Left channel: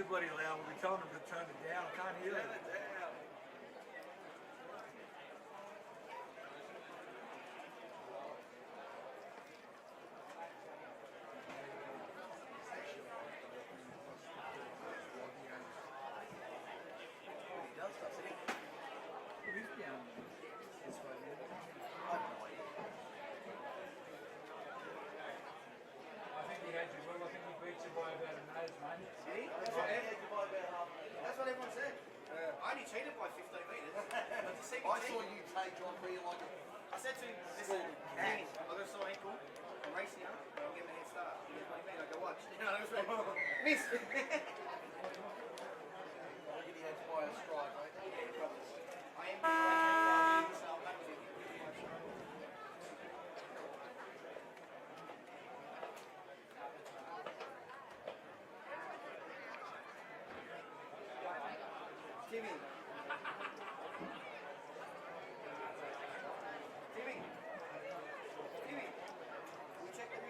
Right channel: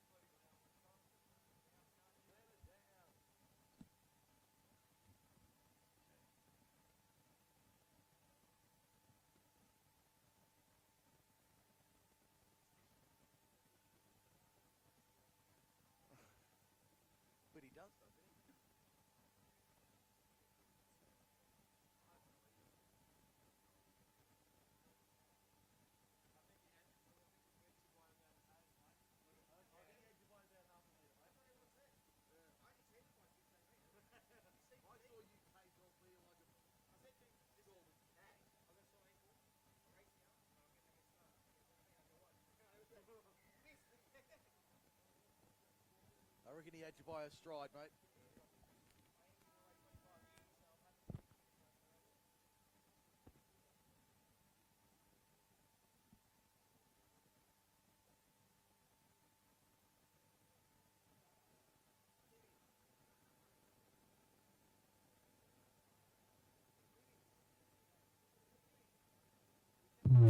too bloody loud. We'll be telling them to turn it down. I can't hear it.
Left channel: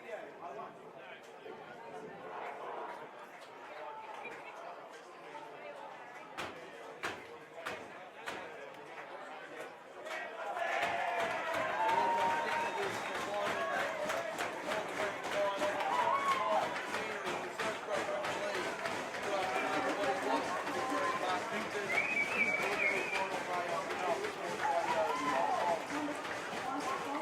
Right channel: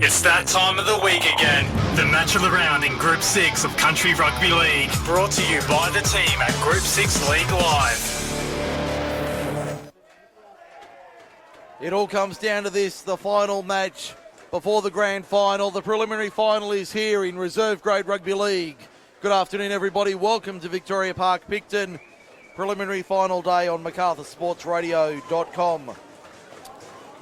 It's that time of the week again. The match of the round in Group 6 of Country Rugby League. Brought to you by the team at Group 6 League Live. It all comes down to this, the final match before the grand final. The preliminary final is here in Reserve Grade Rugby League. Good afternoon, everybody. Welcome to Victoria Park, Picton. Preliminary final day on MacArthurSportsRadio.com.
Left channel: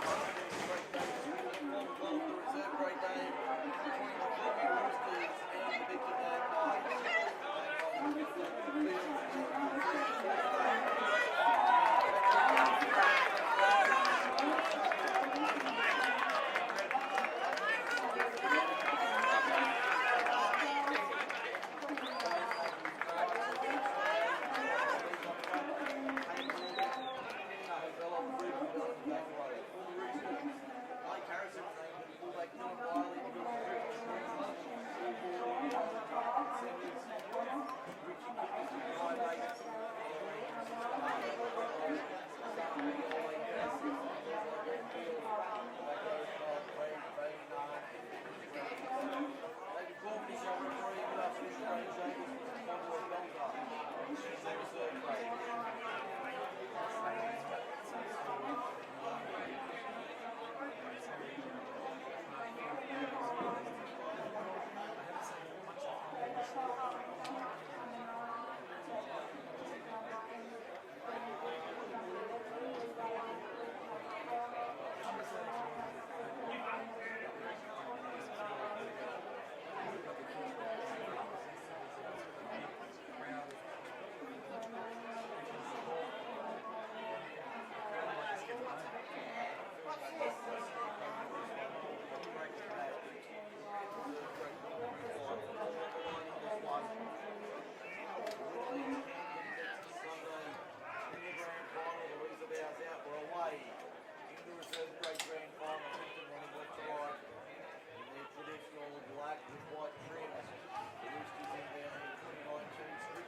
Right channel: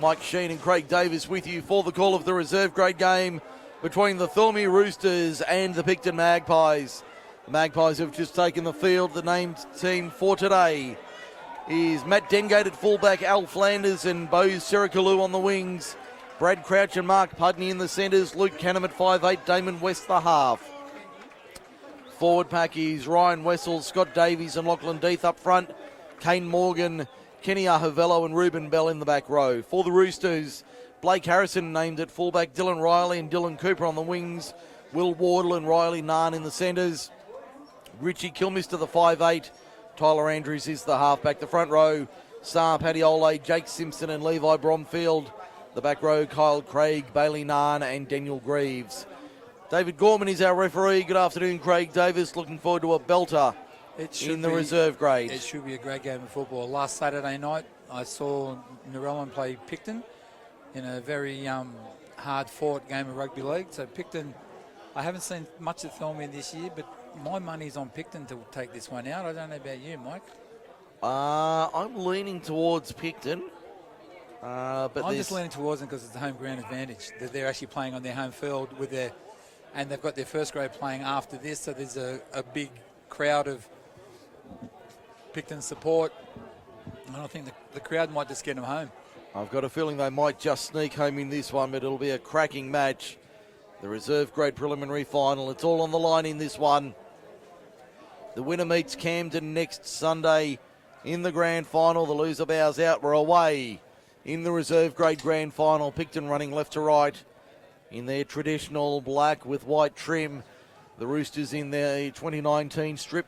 Mike Sheen and Craig Davis with you for the call of the reserve grade game between the Thirlmere Roosters and the Picton Magpies. The Magpies have just taken the field. The named team for today is Matt Dengate at fullback, Al Flanders and Bo Serikulu on the wings, Brad Crouch and Mark Pudney in the centres, Luke Canham at 5'8", Damon West the half. Forward pack is Ryan Wessel, Scott Davies and Lachlan Death up front, Kane Morgan, Kenny Ahavello and Ruben Bell in the back row. For the Roosters, Blake Harrison named at fullback, Dylan Riley and Dylan Cooper on the wings, Will Wardle and Riley Nahn in the centres, Richie Kilmister the 5'8", Tyler Andrews is the halfback. The front row, Star Paddy Ole, Jake Simpson and Levi Bromfield. The back row, Kyle Craig, Bailey Nahn and Daniel Greaves. David Gorman is our referee. Good afternoon, Craig Davis. Looking forward to a belter in the reserve grade. It should be a great game of football. Last Saturday night, I saw Narellan play Picton in a very hard-fought game of rugby league. So Picton, I haven't seen much of Thirlmere this year, but my money's on Picton to take this one out. I don't know about you, Mike. I'm leaning towards Picton. But I'm just leaning towards them because it's the home ground advantage. That they're actually playing on their home field with and they've got their first grade playing after this, so there's a big crowd of Picton support, and I think the crowd might just get them home. I've got a feeling they might just sneak home in this one, but it'll be a cracking match. The reserve grade preliminary final, it's all on the line in this one. The winner meets Camden next Sunday in the grand final. The loser bows out. We're away in the reserve grade grand final. Picton running left to right in their traditional black with white trim. The Roosters in their 2019 strip,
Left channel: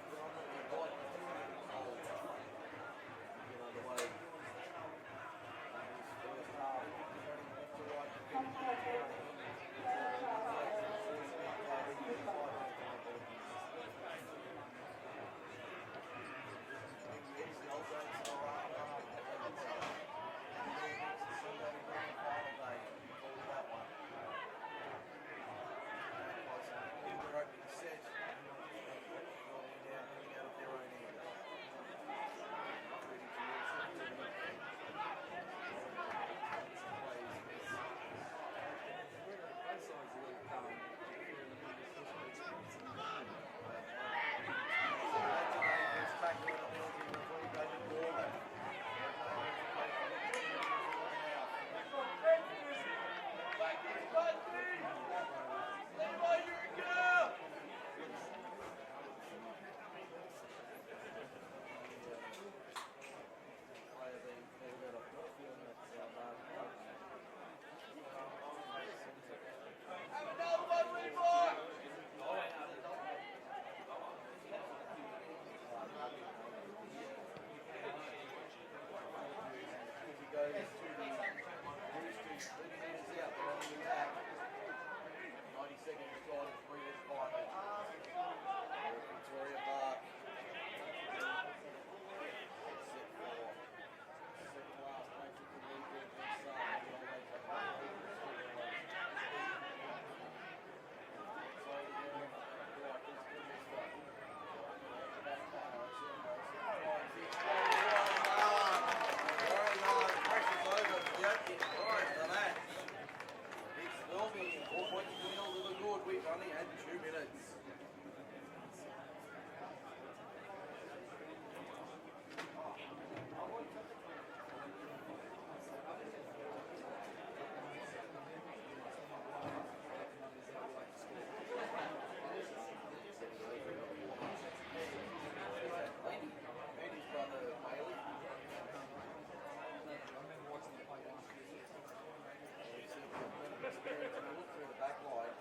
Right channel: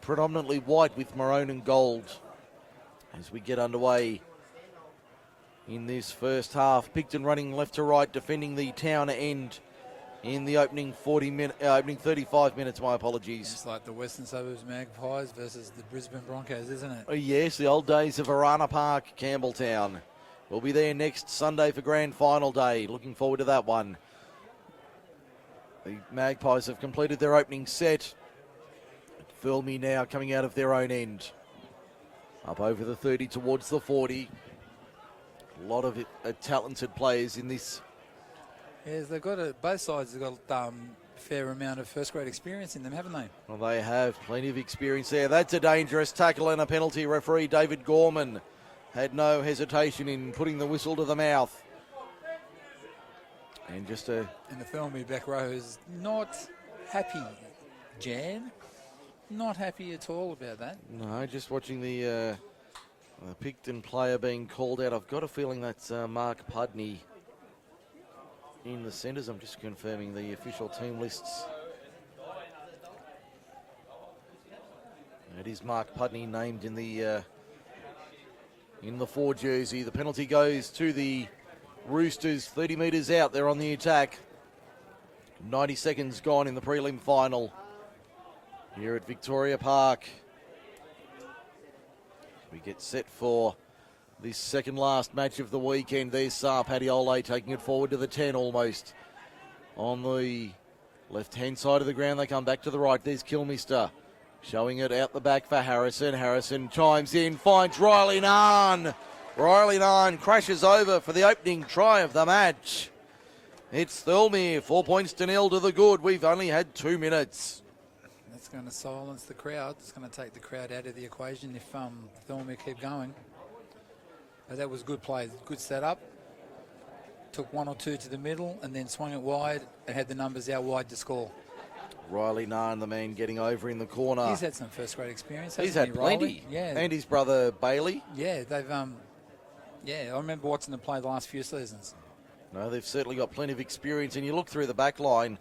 predominantly white with maroon and gold. As we get underway in this first half, Picton running left to right, defending the town end in the opening 35 minutes, my apologies. It's like the Western Suburbs Magpies versus the Brisbane Broncos, isn't it? Oh yes, the old days of Arana Park, Campbelltown. We'll be there next Sunday for grand final day. Looking forward to that one. The Magpies have completed their opening set. Thirlmere now coming out of their own end. Up over the 30 towards the 40. A lot of talented players in this. Yes, they've got both sides have got a fair amount of first grade experience in them, haven't they? Well, they have plenty of experience there. That's a dangerous tackle and a penalty. Referee David Gorman had no hesitation in putting the whistle to the mouth. And and the Thirlmere back row is not happy, Jan. Not happy at all about that. No, just watching the Picton player being called out. I've got a feeling that's Mark Pudney in the centres. I'm just confirming the official team lists. It is Mark Pudney named in the 4 jersey. The penalty goes to the Roosters, 30 metres out. They're on the attack. 90 seconds gone in the prelim final. here at Victoria Park. We get set for this second last match of the weekend. There's Padiole taking it forward to the 10 almost. On the left-hand side of the ground, they come back to the right. There's Kilmister showing it out the back for Harrison. Harrison chimes in, finds Riley Nahn. Riley Nahn crashes over for the opening try of the match. It's Thirlmere, 4 points to 0 to the good. We've only had 2 minutes. That's going to silence the crowd. It's going to take the crowd out of the equation if Thirlmere keep going. But that was good play, good setup. Took 1 or 2 to the middle and then swung it wide and had the numbers out wide to score. Riley Nahn, the man getting over in the corner. He's had some first grade experience. He's had plenty. Riley? Yeah. And his brother Bailey. Yeah, they've I remember watching them play the last few seasons. No, they've certainly got plenty of experience. And you look through the back line,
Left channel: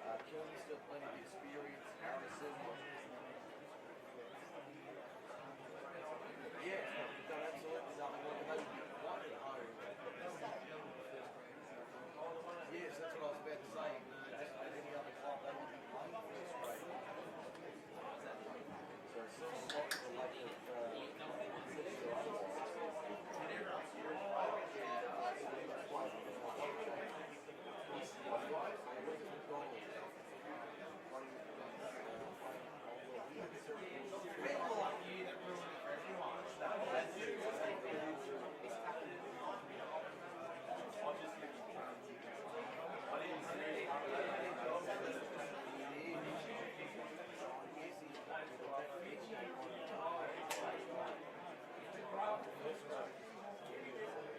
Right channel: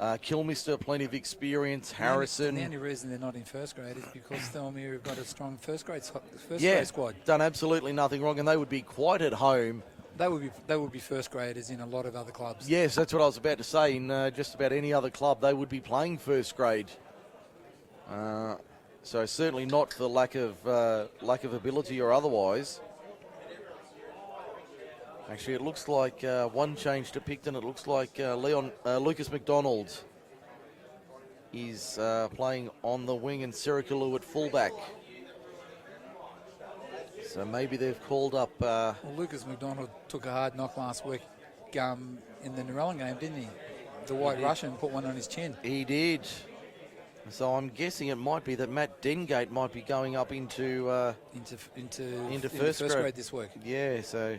Kilmister, plenty of experience. Harrison. The only reason they're not in first grade is because Thirlmere have got a strong first grade squad. Done absolutely nothing wrong, and they would be quite at home. They would be first graders in a lot of other clubs. Yes, that's what I was about to say. In just about any other club, they would be playing first grade. So certainly not for lack of ability or otherwise. Actually, it looks like one change to Picton. It looks like Lucas McDonald is playing on the wing and Siricalu at fullback. So maybe they've called up... Well, Lucas McDonald took a hard knock last week in the Narellan game, didn't he? The White Russian put one on his chin. He did. So I'm guessing it might be that Matt Dengate might be going up into first grade this week. Yeah, so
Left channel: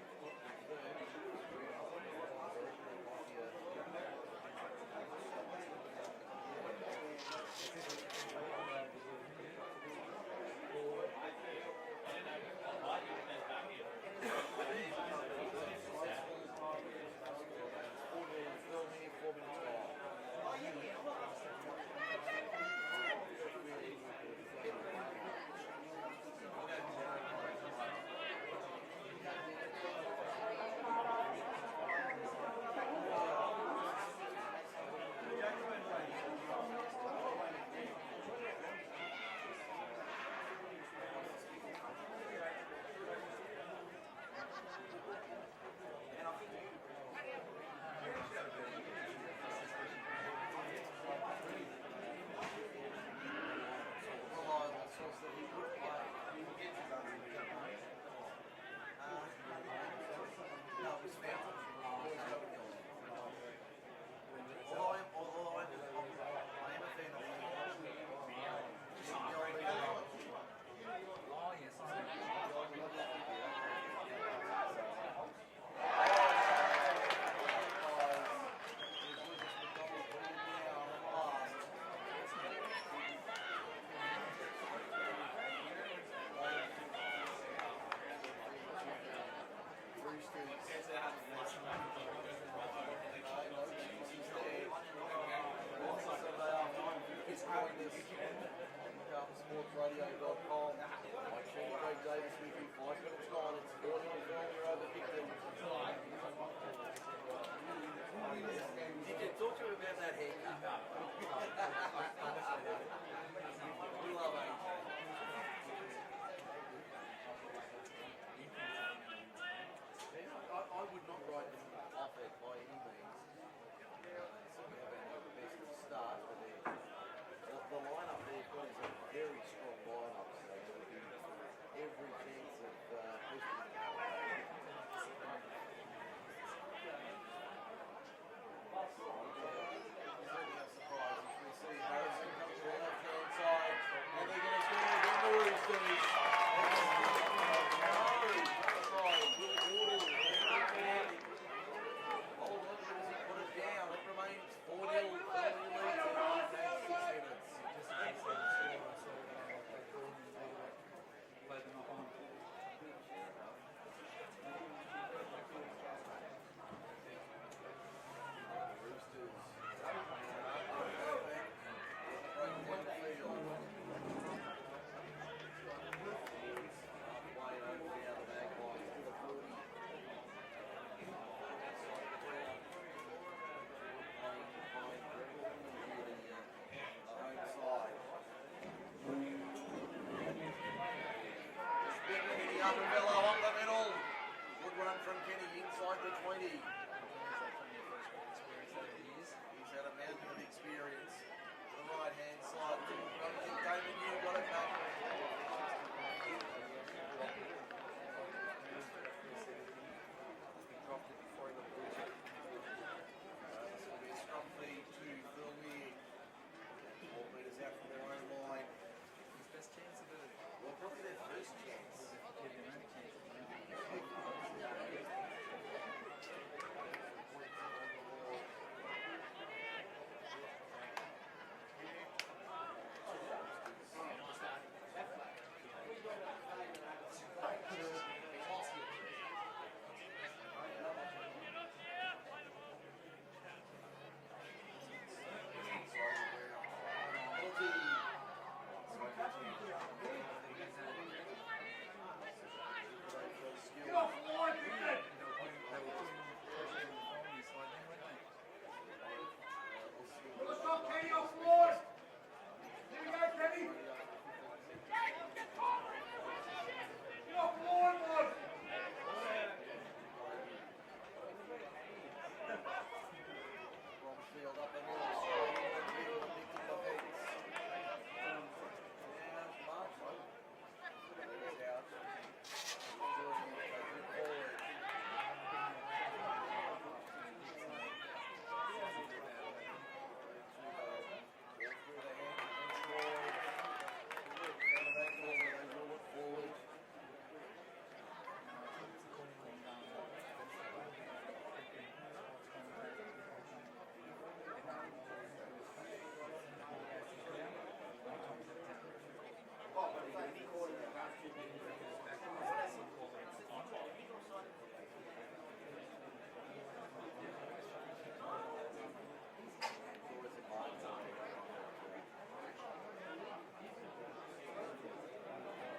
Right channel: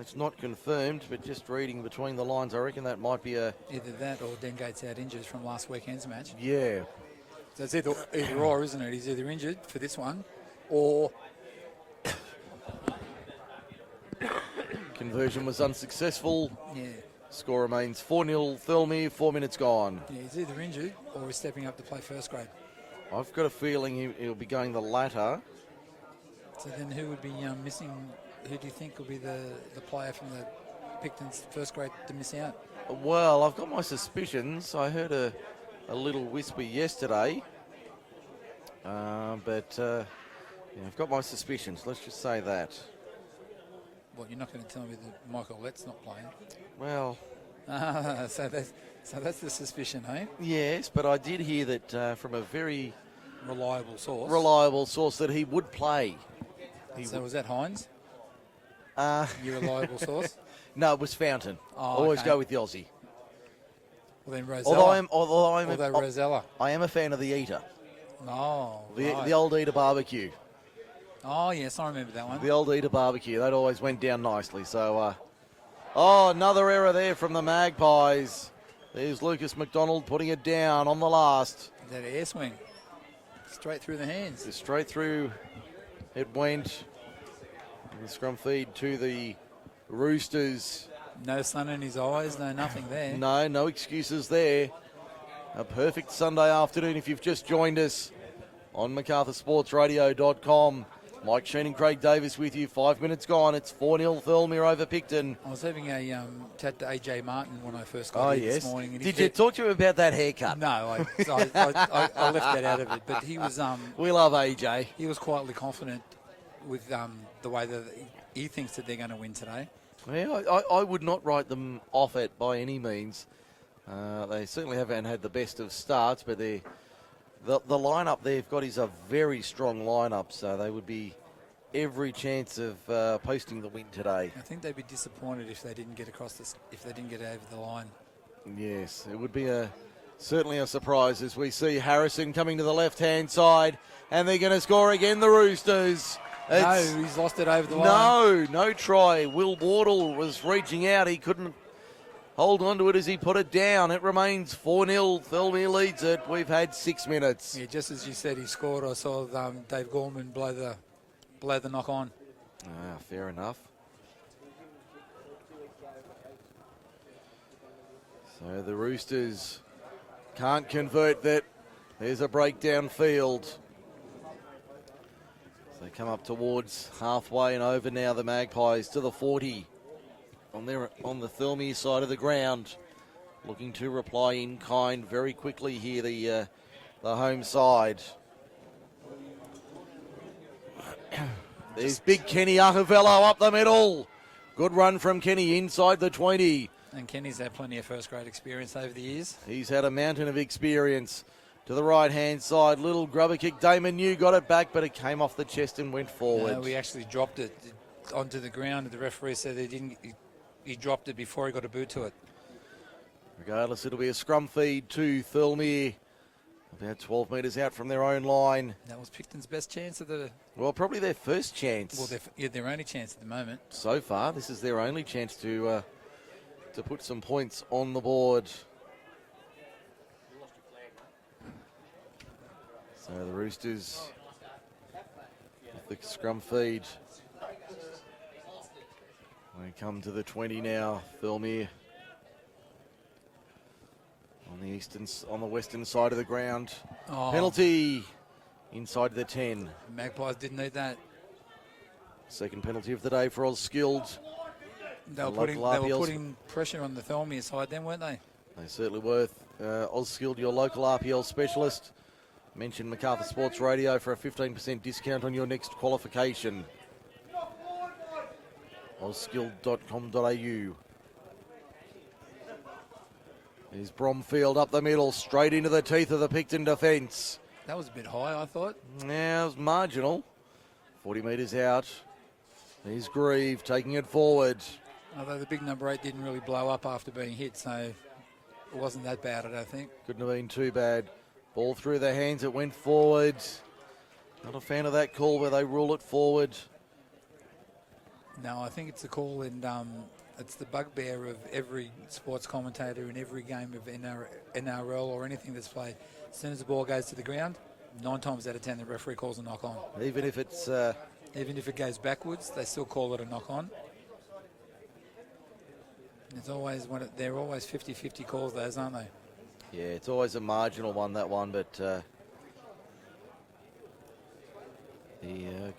it's not confirmed, but just reading between the lines, I reckon that might be either that or Dengate's out injured from last weekend's match. Yeah. So it's either or, isn't it? He's either injured for this one or... Conversion was unsuccessful. Yeah. Score remains 4-0 Thirlmere, 4 minutes gone. Yeah, he's either injured or he's stepping up to play first grade. I've got a feeling he'll be going the latter. So then who would be missing? Who do you think will be the player from the Picton's first grade to miss out? Well, I've got my suspicions. I heard a little whisper yesterday. But I've got my suspicions. Let's just say that. Well, you're not going to tell me that Michael Lett's not playing. Well, so that's the suspicion, eh? Yes, but I did hear that from a very reliable source that he would play. So was that Hines? Your reliable source? No, it was Fountain. Always go with the Aussie. Well, then Rosella. Although Rosella. I am a fan of the Eater. Oh, the old Eater barbecue. Oh, yes, I remember that one. The old Eater barbecue. That always went down nicely. So, another error there from the Magpies. There's Lucas McDonald putting it down on the last. That air swing. Straight through the hands. Straight through it went. The scrum feed to the Roosters. No sun in his eyes, no nothing there. No excuses there. A perfect Sunday afternoon if you've just joined us on MacArthurSportsRadio.com. Mike Sheen and Craig Davis with you. 5 minutes gone. It's 4-0 Thirlmere over Picton. I was having a chat to AJ Martin when I first got here this morning. And Did you talk to him about that haircut? No, I left that out of it. But he was... we love AJ. He was quietly confident with the way that he thinks that they're going to win today. Yeah, I would not write them off it by any means. They certainly haven't had the best of starts, but the lineup they've got is a very strong lineup, so they would be every chance of posting the win today. I think they'd be disappointed if they didn't get across this, if they didn't get over the line. Yes, it would be certainly a surprise as we see Harrison coming to the left-hand side, and they're going to score again, the Roosters. No, he's lost it over the line. No try. Will Wardle was reaching out. He couldn't hold on to it as he put it down. It remains 4-0. Thirlmere leads it. We've had 6 minutes. Yeah, just as you said, he scored. I saw Dave Gorman blow the knock on. Fair enough. So the Roosters can't convert that. There's a breakdown field. They come up towards halfway and over now, the Magpies to the 40 on the Thirlmere side of the ground, looking to reply in kind very quickly here. The the home side. There's big Kenny Ahavello up the middle. Good run from Kenny inside the 20. And Kenny's had plenty of first grade experience over the years. He's had a mountain of experience. To the right-hand side, little grubber kick. Damon New got it back, but it came off the chest and went forward. No, we actually dropped it onto the ground. The referee said he dropped it before he got a boot to it. Regardless, it'll be a scrum feed to Thirlmere. About 12 metres out from their own line. That was Picton's best chance of the... Well, probably their first chance. Well, their only chance at the moment. So far, this is their only chance to put some points on the board. So the Roosters with the scrum feed. They come to the 20 now, Thirlmere. On the western side of the ground. Oh. Penalty inside the 10. Magpies didn't need that. Second penalty of the day for Skilled. They were putting pressure on the Thirlmere side then, weren't they? They certainly were. Skilled, your local RPL specialist. Mention Macarthur Sports Radio for a 15% discount on your next qualification. Ozskilled.com.au. Here's Bromfield up the middle, straight into the teeth of the Picton defence. That was a bit high, I thought. Yeah, it was marginal. 40 metres out. Here's Grieve taking it forward. Although the big number 8 didn't really blow up after being hit, so it wasn't that bad, I don't think. Couldn't have been too bad. Ball through their hands, it went forward. Not a fan of that call where they rule it forward. No, I think it's a call, and it's the bugbear of every sports commentator in every game of NRL or anything that's played. As soon as the ball goes to the ground, 9 times out of 10 the referee calls a knock on. Even if it's... Even if it goes backwards, they still call it a knock on. It's always they're always 50-50 calls, those, aren't they? Yeah, it's always a marginal one, that one, but the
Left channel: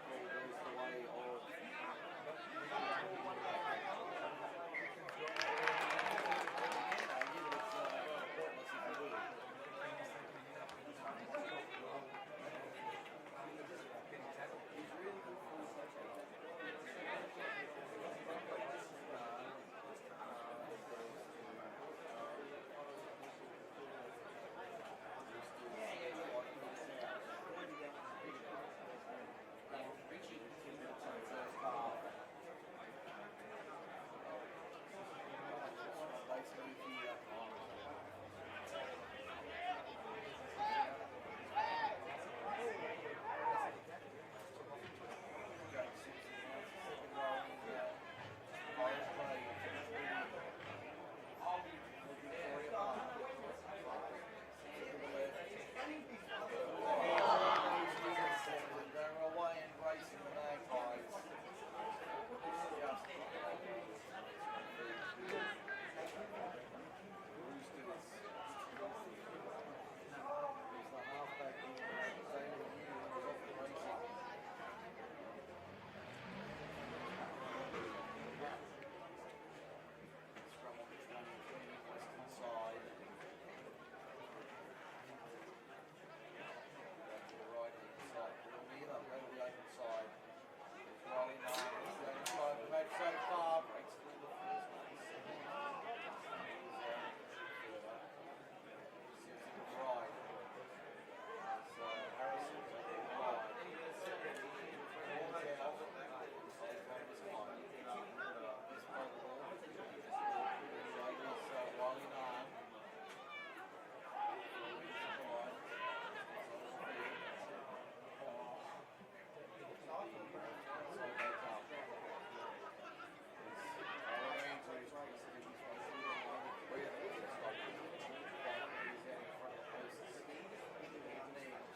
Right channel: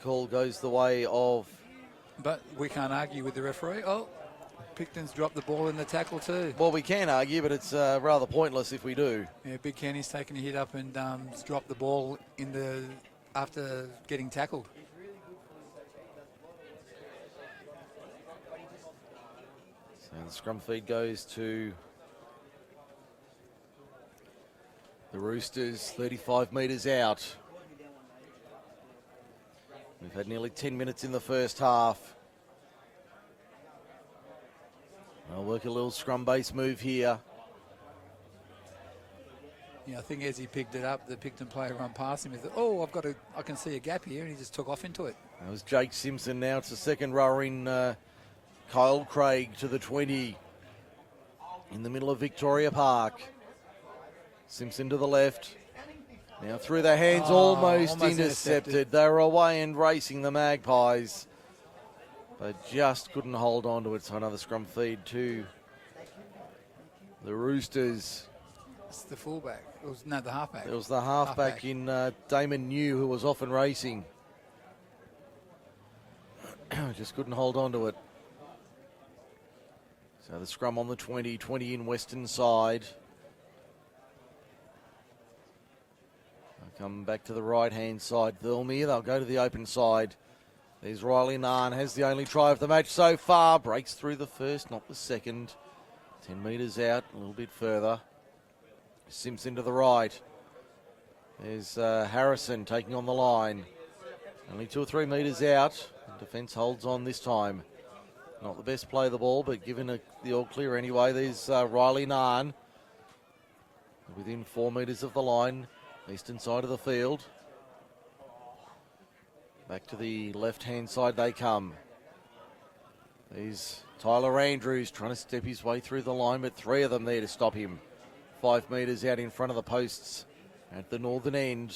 call goes the way of... But we can't argue with the referee. Oh, Picton's dropped the ball in the tackle too. Well, we can argue, but it's rather pointless if we do. Yeah, Big Kenny's taken a hit up and dropped the ball after getting tackled. So the scrum feed goes to the Roosters, 35 metres out. We've had nearly 10 minutes in the first half. I'll work a little scrum base move here. Yeah, I think as he picked it up, the Picton player run past him. He thought, oh, I can see a gap here, and he just took off into it. That was Jake Simpson. Now it's the second rower in Kyle Craig to the 20 in the middle of Victoria Park. Simpson to the left. Now through their hands, almost intercepted. They were away and racing the Magpies. They just couldn't hold on to it. So another scrum feed to the Roosters. It's the fullback. The halfback. It was the halfback in Damon New, who was off and racing. Just couldn't hold on to it. So the scrum on the 20 in western side. Come back to the right-hand side, Thirlmere. They'll go to the open side. There's Riley Narn, has the only try of the match so far. Breaks through the first, not the second. 10 metres out, a little bit further. Simpson to the right. There's Harrison taking on the line. Only 2 or 3 metres out. Defence holds on this time. Not the best play of the ball, but given the all clear anyway. There's Riley Narn. Within 4 metres of the line. Eastern side of the field. Back to the left-hand side they come. There's Tyler Andrews trying to step his way through the line, but 3 of them there to stop him. 5 metres out in front of the posts at the northern end.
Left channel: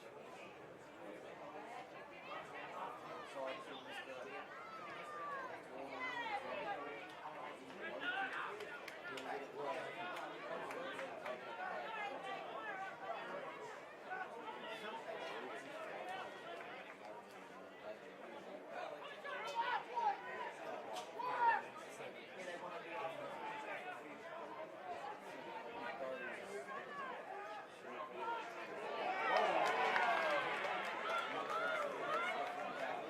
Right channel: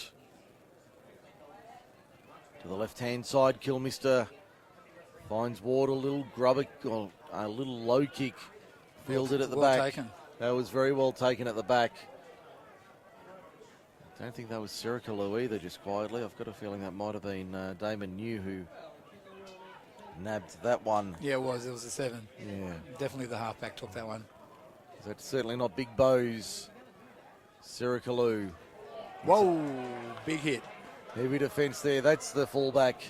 To the left-hand side, Kilmister finds Ward, a little grubber, a little low kick. Fielded at the back. Taken. That was very well taken at the back. I don't think that was Siricalu either, just quietly. I've got a feeling that might have been Damon New who nabbed that one. Yeah, it was. It was a 7. Yeah. Definitely the halfback took that one. That's certainly not Big Bowes. Siricalu. Whoa, big hit. Heavy defence there. That's the fullback.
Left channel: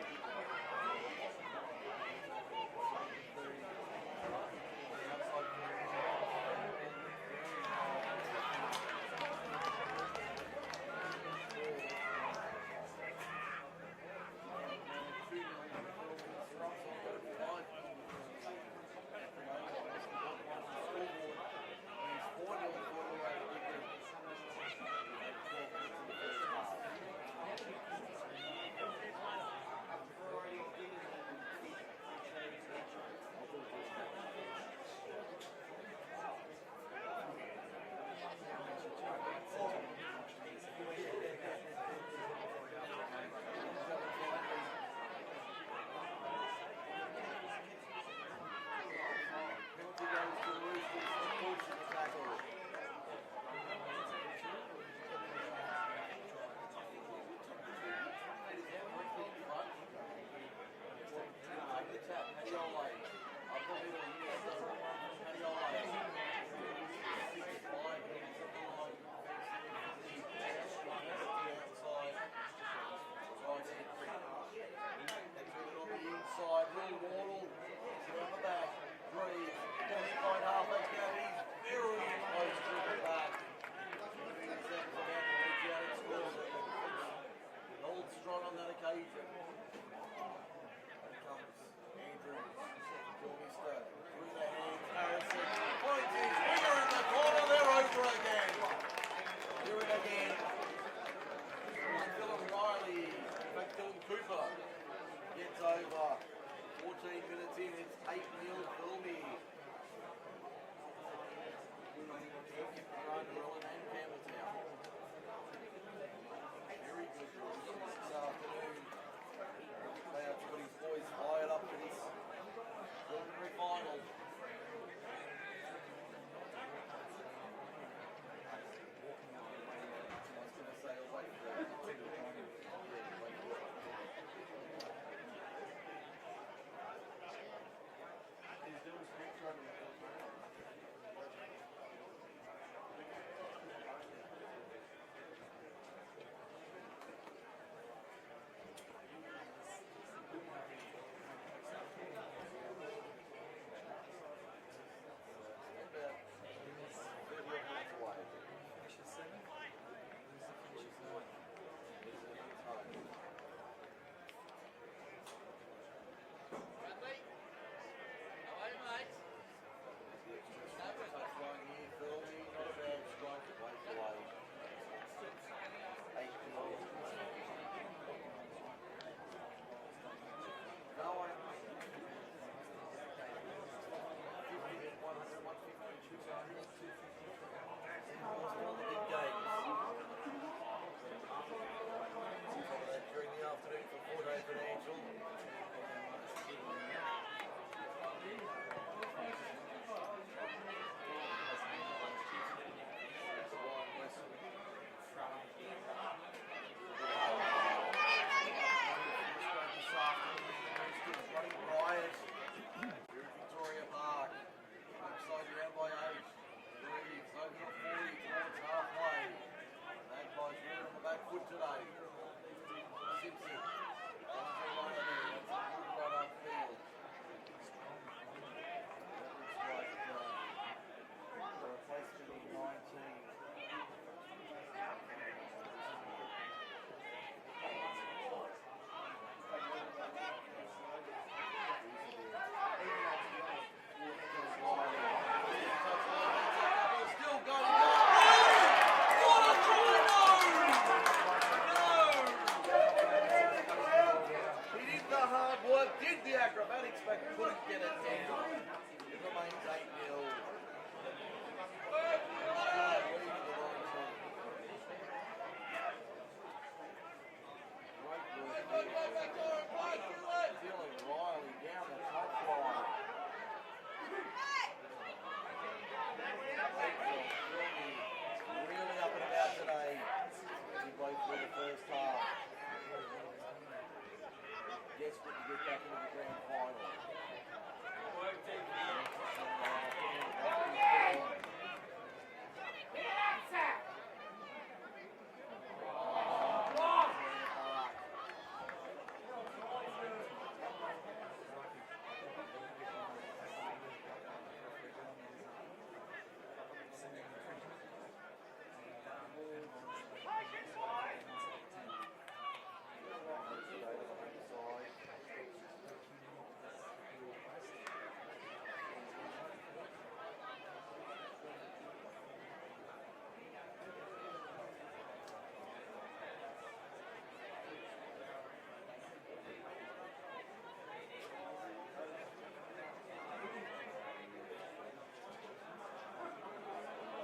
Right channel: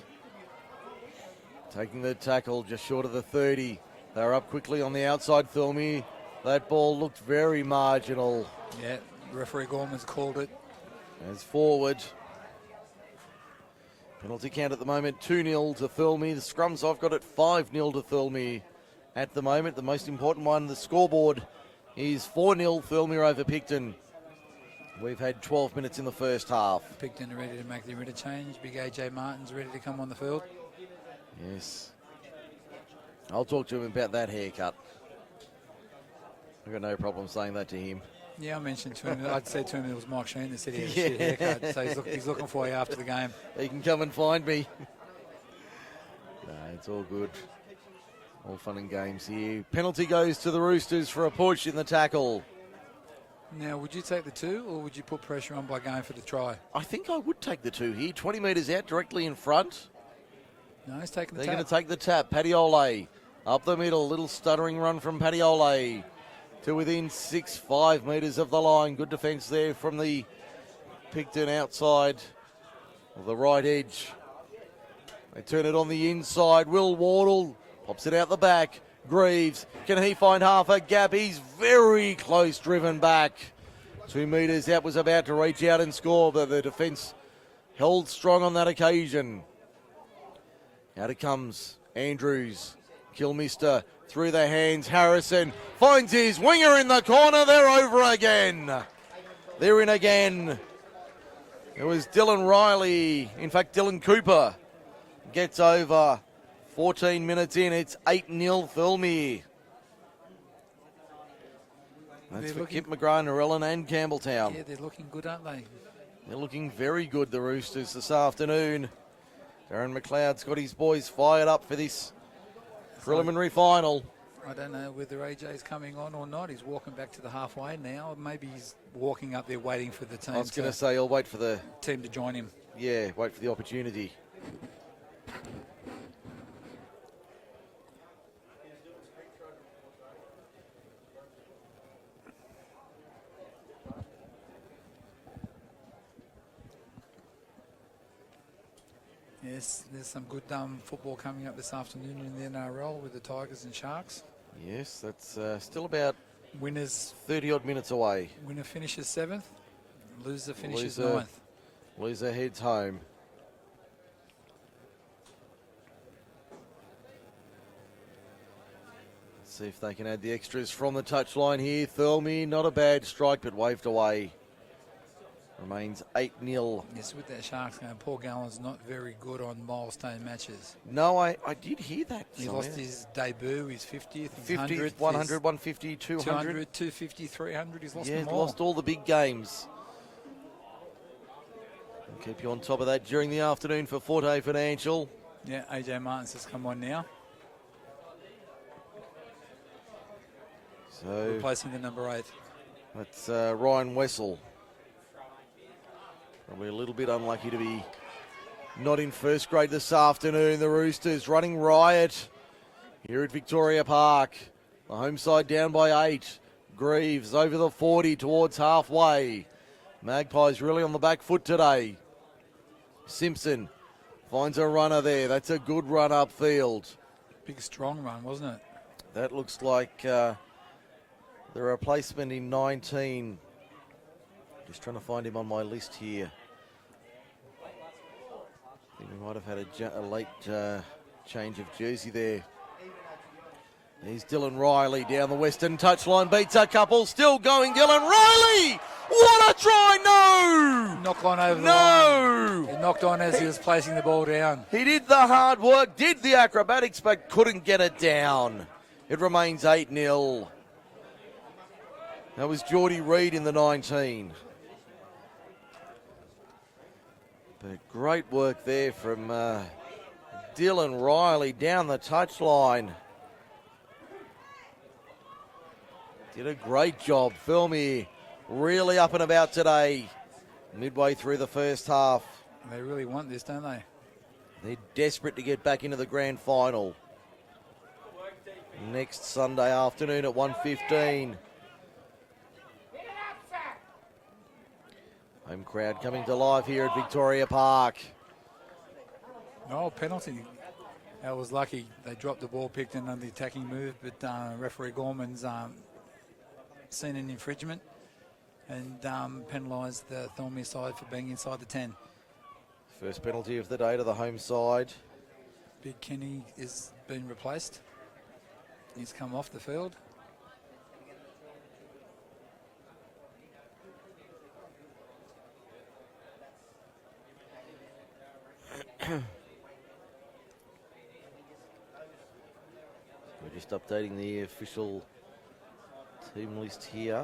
Taking the tackle just short of the 30. They're up quickly on the outside, Thirlmere. That ball looked very marginal. Yeah, referee Gorman's called it. As forward. Penalty count at the moment, 2-0 to Thirlmere. The scrums I've got it 5-0 to Thirlmere at the moment. The most important one, the scoreboard, is 4-0 Thirlmere over Picton. We've had 12 minutes in the first half. Picton ready to make the interchange. Big AJ Martin's ready to come on the field. Yes. I'll talk to him about that haircut. I've got no problem saying that to him. Yeah, I mentioned to him, I'd say to him it was Mike Sheen that said he had a shit haircut. So he's looking for you after the game. He can come and find me. It's all good. All fun and games here. Penalty goes to the Roosters for a push in the tackle. Now, would you take the 2 or would you put pressure on by going for the try? I think I would take the 2 here. 20 metres out, directly in front. No, he's taking the They're tap. going to take the tap. Paddy up the middle. Little stuttering run from Paddy to within 5 metres of the line. Good defence there from the Picton outside of the right edge. They turn it on the inside. Will Wardle pops it out the back. Greaves, can he find half a gap? He's very close, driven back. 2 metres out, was about to reach out and score, but the defence held strong on that occasion. Out it comes Andrews. Kilmister through the hands. Harrison finds his winger in the corner. They're over again. They're in again. It was Dylan Riley. In fact, Dylan Cooper gets over. 14 minutes in. It's 8-0 Thirlmere. That's for Kip McGrath, Narellan and Campbelltown. Yeah, they're looking good, aren't they? They're looking very good, the Roosters, this afternoon. Darren McLeod's got his boys fired up for this preliminary final. I don't know whether AJ's coming on or not. He's walking back to the halfway now. Maybe he's walking up there waiting for the team. I was going to say, I'll wait for the team to join him. Yeah, wait for the opportunity. Yes, there's some good football coming up this afternoon in the NRL with the Tigers and Sharks. Yes, that's still about winners 30-odd minutes away. Winner finishes 7th, loser finishes 9th. Loser heads home. Let's see if they can add the extras from the touchline here. Thirlmere, not a bad strike, but waved away. Remains 8-0. Yes, with that Sharks game, Paul Gallen's not very good on milestone matches. No, I did hear that. He lost his debut, his 50th, 50th, 100, 150, 200. 250, 300, he's lost them all. Yeah, lost all the big games. We'll keep you on top of that during the afternoon for Forte Financial. Yeah, AJ Martin's has come on now. So replacing the number 8. That's Ryan Wessel. Probably a little bit unlucky to be not in first grade this afternoon. The Roosters running riot here at Victoria Park. The home side down by 8. Greaves over the 40 towards halfway. Magpies really on the back foot today. Simpson finds a runner there. That's a good run upfield. Big strong run, wasn't it? That looks like the replacement in 19. Just trying to find him on my list here. He might have had a late change of jersey there. Here's Dylan Riley down the western touchline, beats a couple, still going Dylan Riley! What a try, no! Knocked on over. No! He knocked on as he was placing the ball down. He did the hard work, did the acrobatics, but couldn't get it down. It remains 8-0. That was Geordie Reid in the 19. But great work there from Dylan Riley down the touchline. Did a great job. Thirlmere really up and about today. Midway through the first half. They really want this, don't they? They're desperate to get back into the grand final. Next Sunday afternoon at 1:15. Home crowd coming to life here at Victoria Park. No penalty. That was lucky. They dropped the ball, picked in on the attacking move, but referee Gorman's seen an infringement and penalised the Thirlmere side for being inside the 10. First penalty of the day to the home side. Big Kenny is being replaced. He's come off the field. We're just updating the official team list here.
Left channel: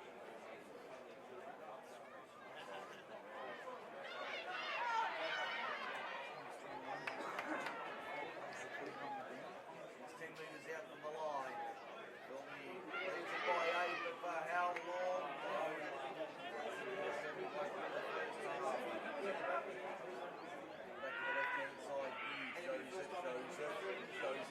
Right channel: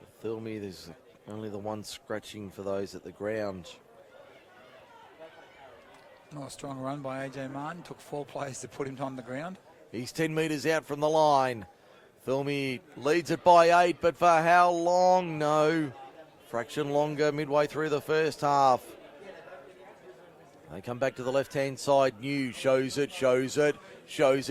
For Thirlmere, there's only the one scratching for those at the ground. Oh, strong run by AJ Martin. Took 4 plays to put him on the ground. He's 10 metres out from the line. Thirlmere leads it by 8, but for how long? No. Fraction longer midway through the first half. They come back to the left-hand side. New shows it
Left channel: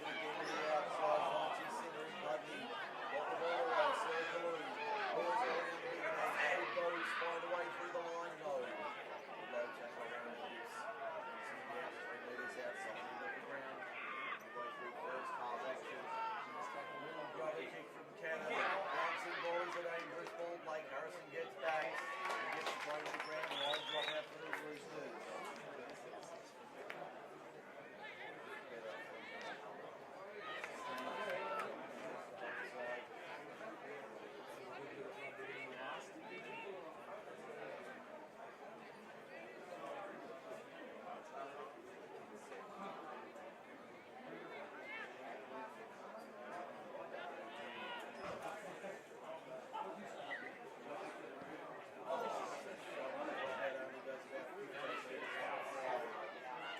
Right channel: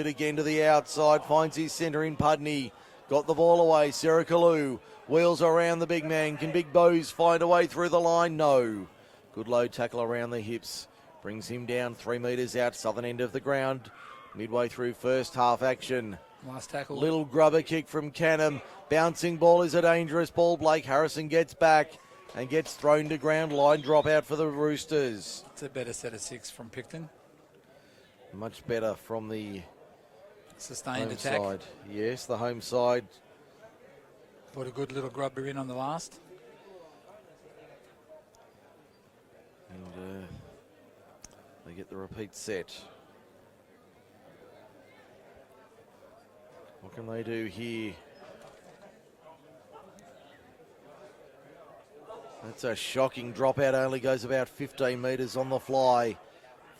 again to the outside. Finds his centre in Pudney. Got the ball away. Sarah Kalu wheels around the big man. Can Big Bows find a way through the line? No. Good low tackle around the hips. Brings him down 3 metres out, southern end of the ground. Midway through first half action. Nice tackle. Little grubber kick from Canham. Bouncing ball is a dangerous ball. Blake Harrison gets back and gets thrown to ground. Line drop out for the Roosters. It's a better set of 6 from Picton. Much better from the Sustained home attack. side. Yes, the home side. Put a good little grubber in on the last. And, they get the repeat set. What can they do here? That's a shocking dropout. Only goes about 15 metres on the fly.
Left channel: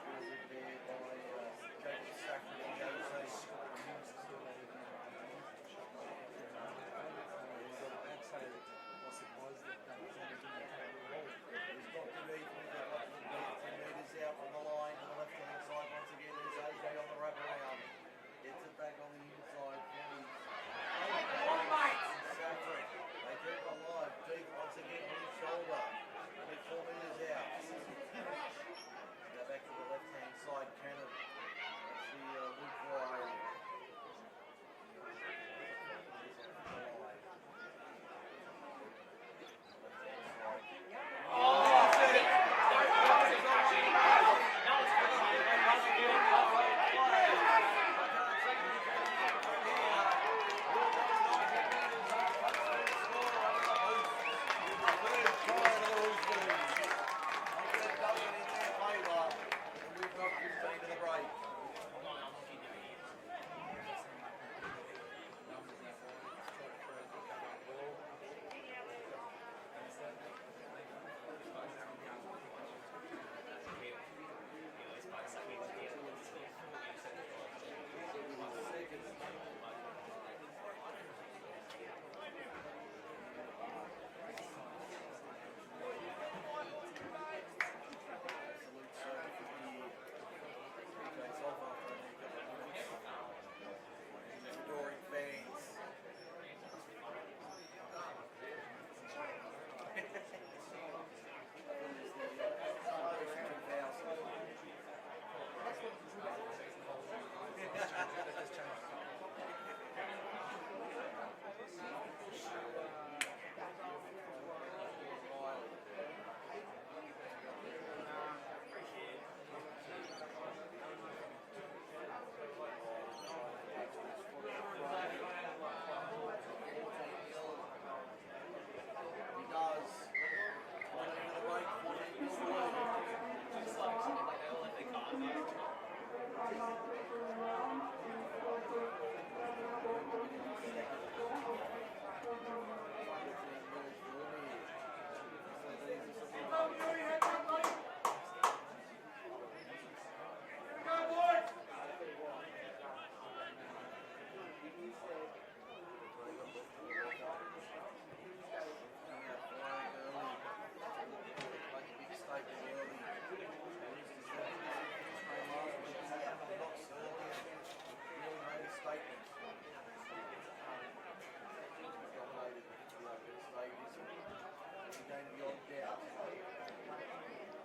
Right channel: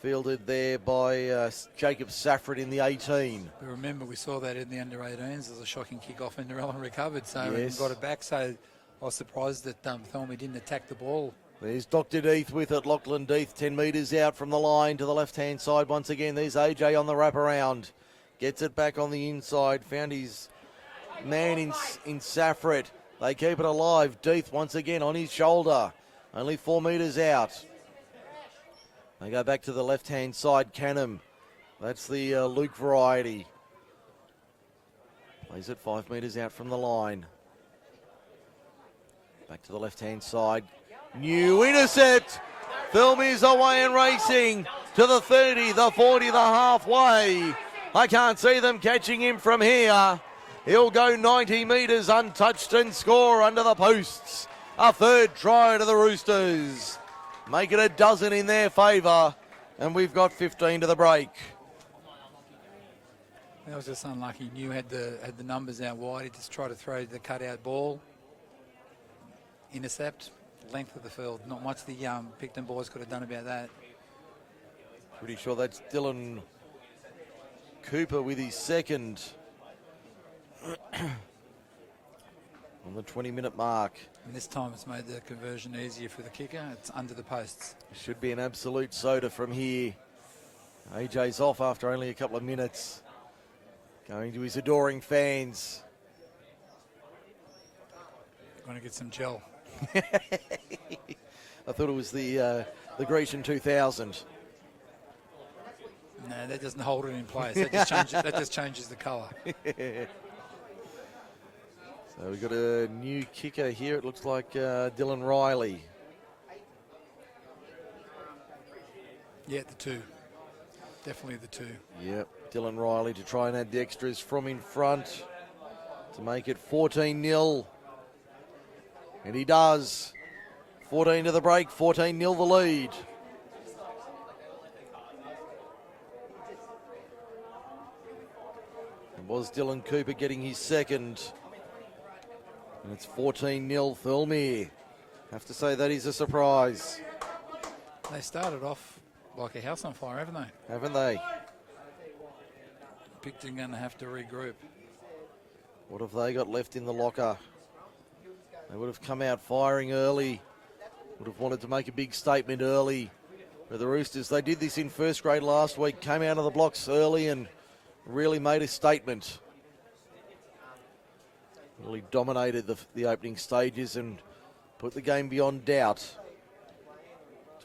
Fielded there by Jacob Safford in the 18. Remember, we saw that in the under-18s. There's a shocking kick-off and Nerellan recovered, so Yes. got it back. So I was surprised that Thirlmere didn't attack the ball. There's Dr. Deeth with it. Lachlan Deeth 10 metres out from the line to the left-hand side. Once again, there's AJ on the wraparound. Gets it back on the inside. Found his man in Safford. They keep it alive. Deeth once again on his shoulder. Only 4 metres out. They go back to the left-hand side. Canham. That's the Luke variety. Plays it 5 metres out from the line. Back to the left-hand side. New intercept. Thirlmere's away and racing to the 30, the 40, the halfway. I can't see them catching him from here. He'll go 90 metres untouched and score under the posts. A third try to the Roosters. Make it a dozen in their favour. And we've got 15 to the break. That was just unlucky. New had the numbers out wide. He just tried to throw the cutout ball. Intercept. Length of the field. Not much the Picton boys could have done about that. Pretty sure that's Dylan Cooper with his second. On the 20-minute mark. And this time it's made the conversion easier for the kicker. It's under the posts. It should be an absolute soda from here. AJ's off after only a couple of minutes. Going to his adoring fans. Trying to get some gel. I thought it was the Grecian 2000. No, that doesn't hold it in place. That just changes the colour. So we've got a new kicker here. It looks like Dylan Riley. Yeah, the 2. Definitely the 2. Yep, Dylan Riley to try and add the extras from in front to make it 14-0. And he does. 14 to the break, 14-0 the lead. It was Dylan Cooper getting his second. And it's 14-0 Thirlmere. Have to say that is a surprise. They started off like a house on fire, haven't they? Haven't they? Picton going to have to regroup. What have they got left in the locker? They would have come out firing early. Would have wanted to make a big statement early. For the Roosters, they did this in first grade last week. Came out of the blocks early and really made a statement. Really dominated the opening stages and put the game beyond doubt.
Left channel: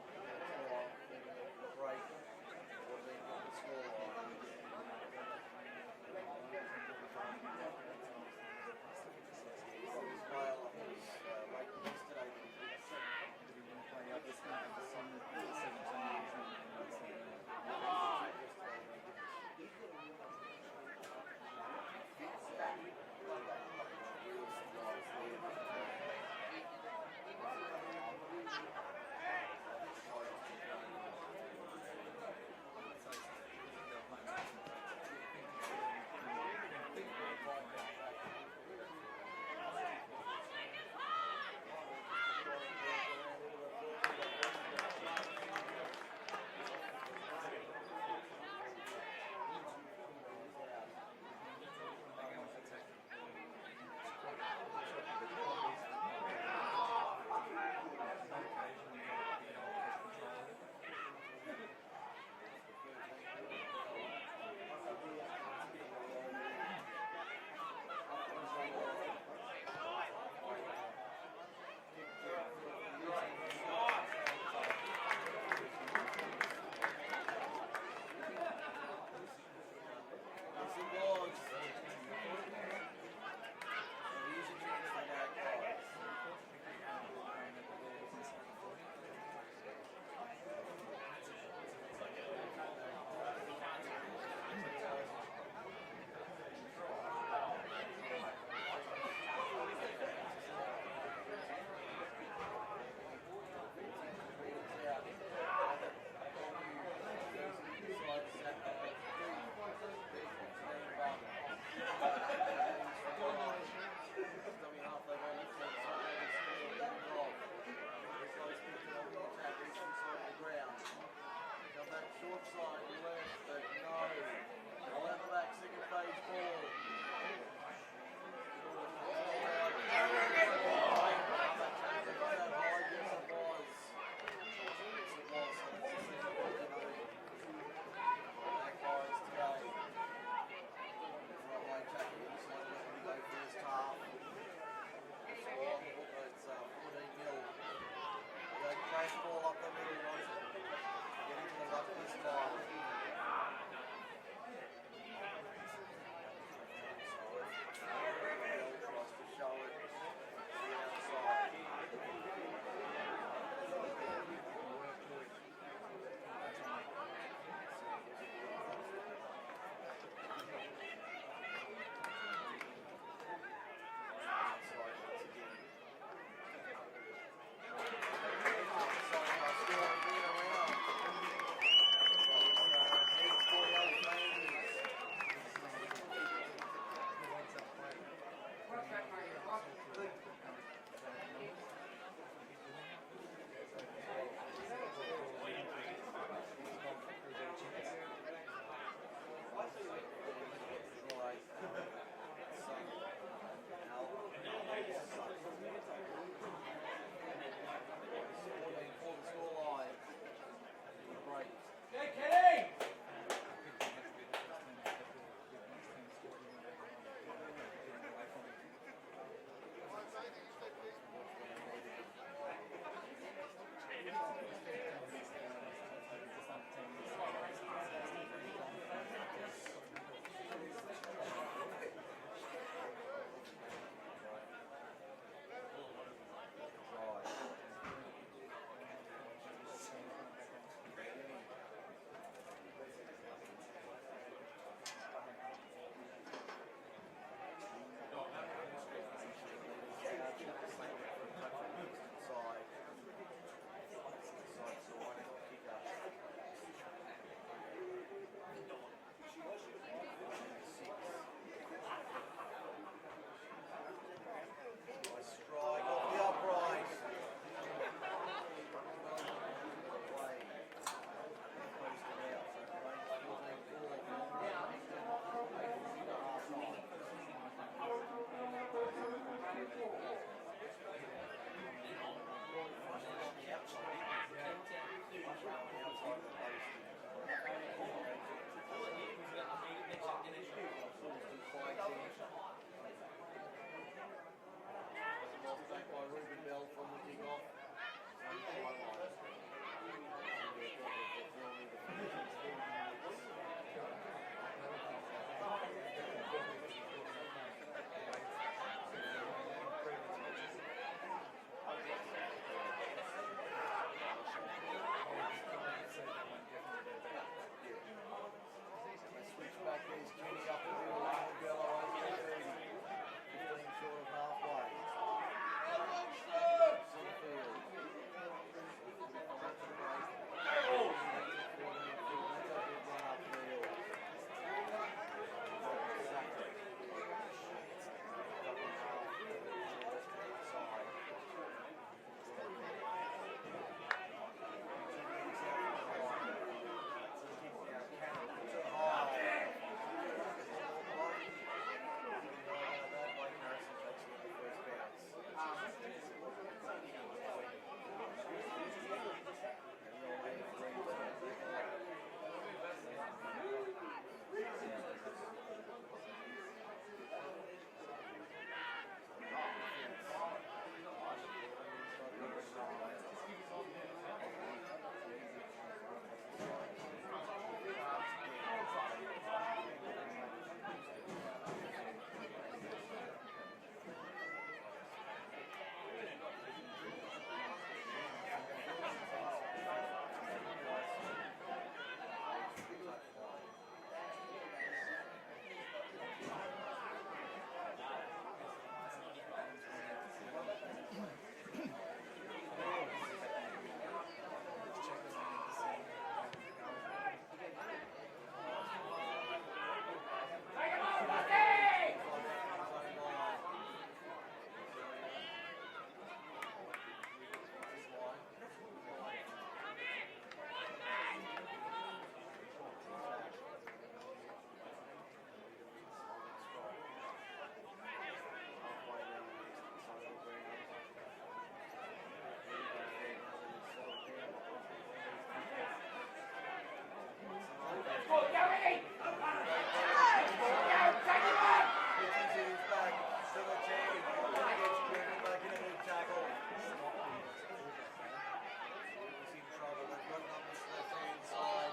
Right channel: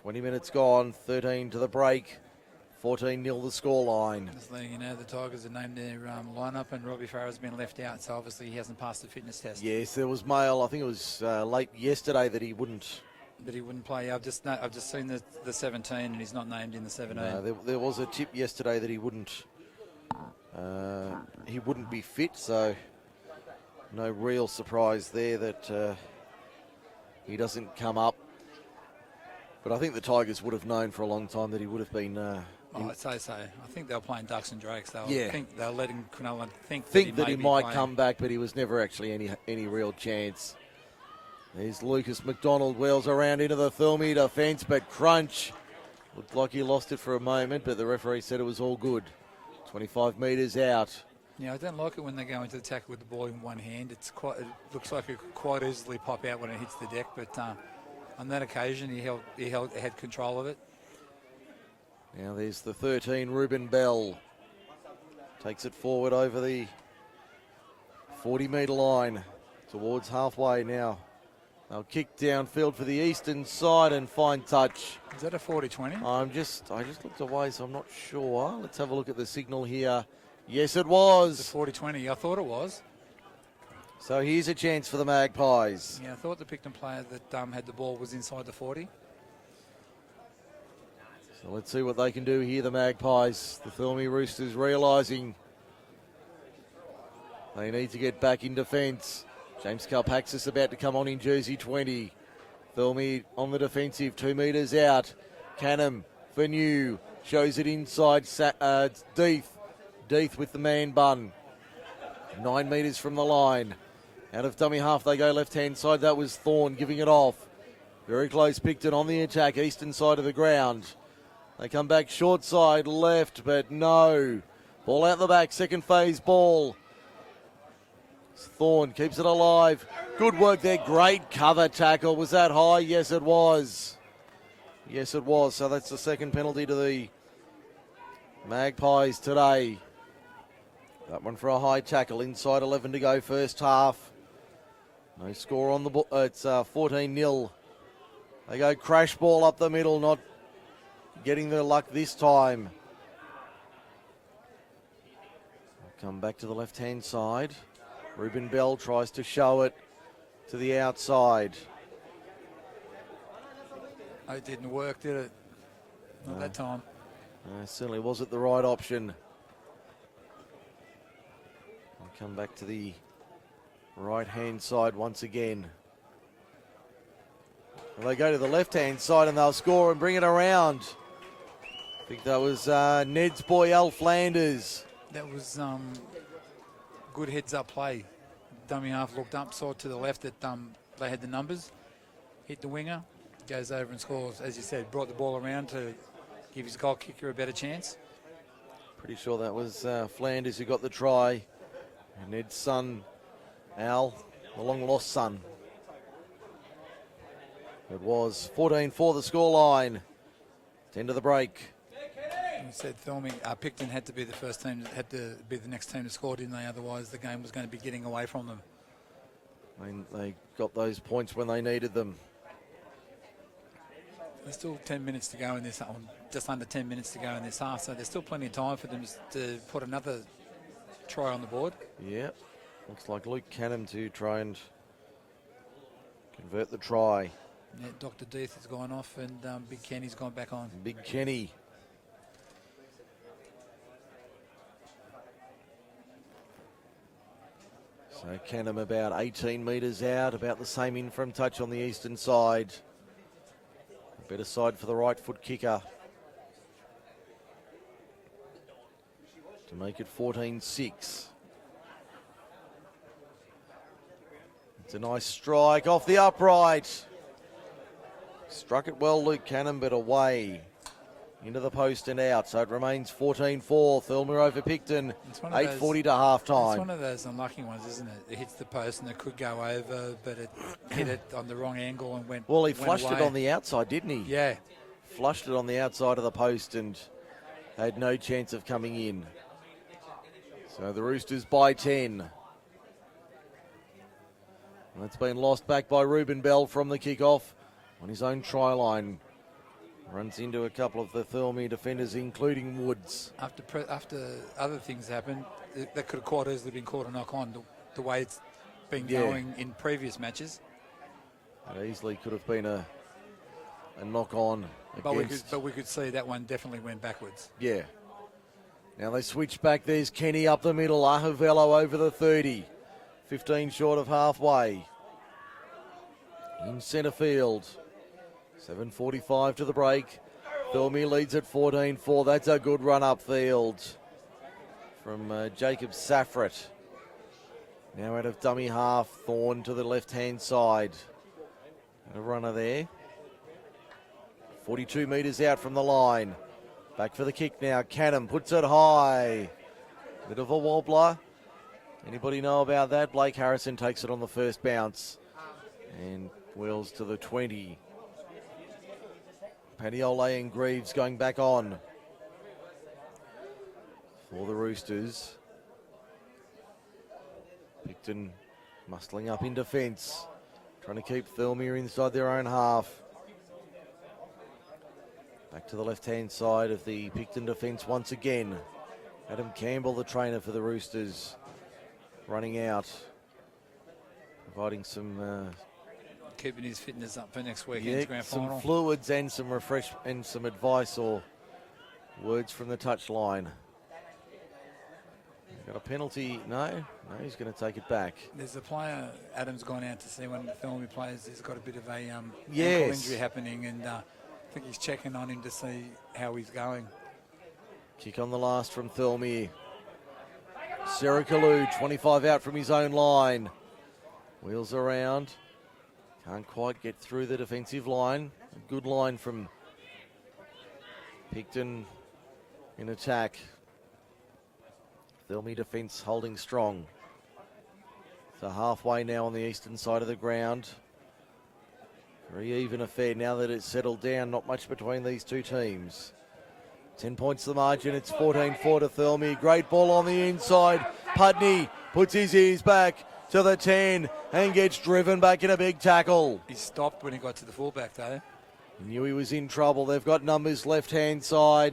20 minutes gone, 13 to the break, 14-0 the scoreline. Just letting you know, the Tigers have named their lineup, and Robbie Farah's been left out, so obviously he hasn't passed the fitness test. Yes, there was mail. I think it was late yesterday that he wouldn't. But he wouldn't play. I've just seen the 17, and he's not named in the 17. There was a tip yesterday that he wouldn't be fit, so no real surprise there that he doesn't come up. But I think the Tigers would have known for a long time that he would have been. I'd say so. I think they were playing Ducks and Drakes. They'll let him think that he might come back, but he was never actually any real chance. There's Lucas McDonald, wheels around into the Thirlmere defence, but crunch. Looked like he lost it for a moment, but the referee said it was all good. 25 metres out. Yeah, I don't like it when they go into the tackle with the ball in one hand. It looks like it could quite easily pop out when it hits the deck, but on that occasion he had control of it. Now there's the 13, Ruben Bell. Takes it forward over the 40-metre line towards halfway now. They'll kick downfield for the eastern side and fine touch. Is that a 40-20? I just looked away, so I'm not sure. Let's have a look at the signal here. Yes, it was. It's a 40-20. I thought it was. So here's a chance for the Magpies. Yeah, I thought the Picton player that had the ball was inside the 40. So let's see what they can do here, the Magpies. The Thirlmere Roosters realising they need to get back in defence. James Kalpaxis about to come on in jersey 20. Thirlmere on the defensive, 2 metres out. Canham for New, shows it inside. Deeth with the man bun. 9 metres from the line. Out of dummy half they go left-hand side. That was Thorne giving it off. Very close, Picton on the attack, eastern side of the ground. They come back short side left, but no. Ball out the back, second phase ball. Thorne keeps it alive. Good work there, great cover tackle. Was that high? Yes, it was. Yes, it was. So that's the second penalty to the Magpies today. That one for a high tackle. Inside 11 to go, first half. No score on the ball. It's 14-0. They go crash ball up the middle, not getting the luck this time. Come back to the left-hand side. Ruben Bell tries to show it to the outside. It didn't work, did it? Not that time. No, certainly wasn't the right option. Come back to the right-hand side once again. Well, they go to the left-hand side and they'll score and bring it around. I think that was Ned's boy, Al Flanders. That was good heads-up play. Dummy half looked up, saw to the left that they had the numbers. Hit the winger, goes over and scores. As you said, brought the ball around to give his goal kicker a better chance. Pretty sure that was Flanders who got the try. Ned's son, Al, a long-lost son. It was 14-4 the scoreline. 10 to the break. You said Picton had to be the first team, had to be the next team to score, didn't they? Otherwise, the game was going to be getting away from them. I mean, they got those points when they needed them. There's still 10 minutes to go in this, just under 10 minutes to go in this half, so there's still plenty of time for them to put another try on the board. Yeah, looks like Luke Canham to try and convert the try. Yeah, Dr. Deeth has gone off and Big Kenny's gone back on. Big Kenny. So Canham about 18 metres out, about the same in from touch on the eastern side. Better side for the right foot kicker. To make it 14-6. It's a nice strike off the upright. Struck it well, Luke Canham, but away. Into the post and out, so it remains 14-4. Thirlmere over Picton, 8:40 to half-time. It's one of those unlucky ones, isn't it? It hits the post and it could go over, but it hit it on the wrong angle and went. Well, he flushed it on the outside, didn't he? Yeah. Flushed it on the outside of the post and had no chance of coming in. So the Roosters by 10. And it's been lost back by Ruben Bell from the kickoff on his own try line. Runs into a couple of the Thirlmere defenders, including Woods. After other things happened, that could have quite easily been called a knock on the way it's been going in previous matches. It easily could have been a knock on. But we could see that one definitely went backwards. Yeah. Now they switch back. There's Kenny up the middle. Ahavello over the 30. 15 short of halfway. In centre field. 7:45 to the break. Thirlmere leads at 14-4. That's a good run upfield from Jacob Safrat. Now out of dummy half. Thorne to the left-hand side. A runner there. 42 metres out from the line. Back for the kick now. Canham puts it high. Bit of a wobbler. Anybody know about that? Blake Harrison takes it on the first bounce. And wheels to the 20. Padiola and Greaves going back on. For the Roosters. Picton muscling up in defence. Trying to keep Thirlmere inside their own half. Back to the left-hand side of the Picton defence once again. Adam Campbell, the trainer for the Roosters, running out, providing some... keeping his fitness up for next weekend's yeah, grand some final. fluids and some and some advice or words from the touchline. Got a penalty? No, he's going to take it back. There's a player, Adam's gone out to see when the Thirlmere plays. He's got a bit of a yes. ankle injury happening, and I think he's checking on him to see how he's going. Kick on the last from Thirlmere. Serikalu, 25 out from his own line. Wheels around. Can't quite get through the defensive line. Good line from Picton in attack. Thirlmere defence holding strong. So halfway now on the eastern side of the ground. Very even affair now that it's settled down. Not much between these two teams. 10 points the margin. It's 14-4 to Thirlmere. Great ball on the inside. Putney puts his ears back to the 10 and gets driven back in a big tackle. He stopped when he got to the fullback though. Knew he was in trouble. They've got numbers left-hand side.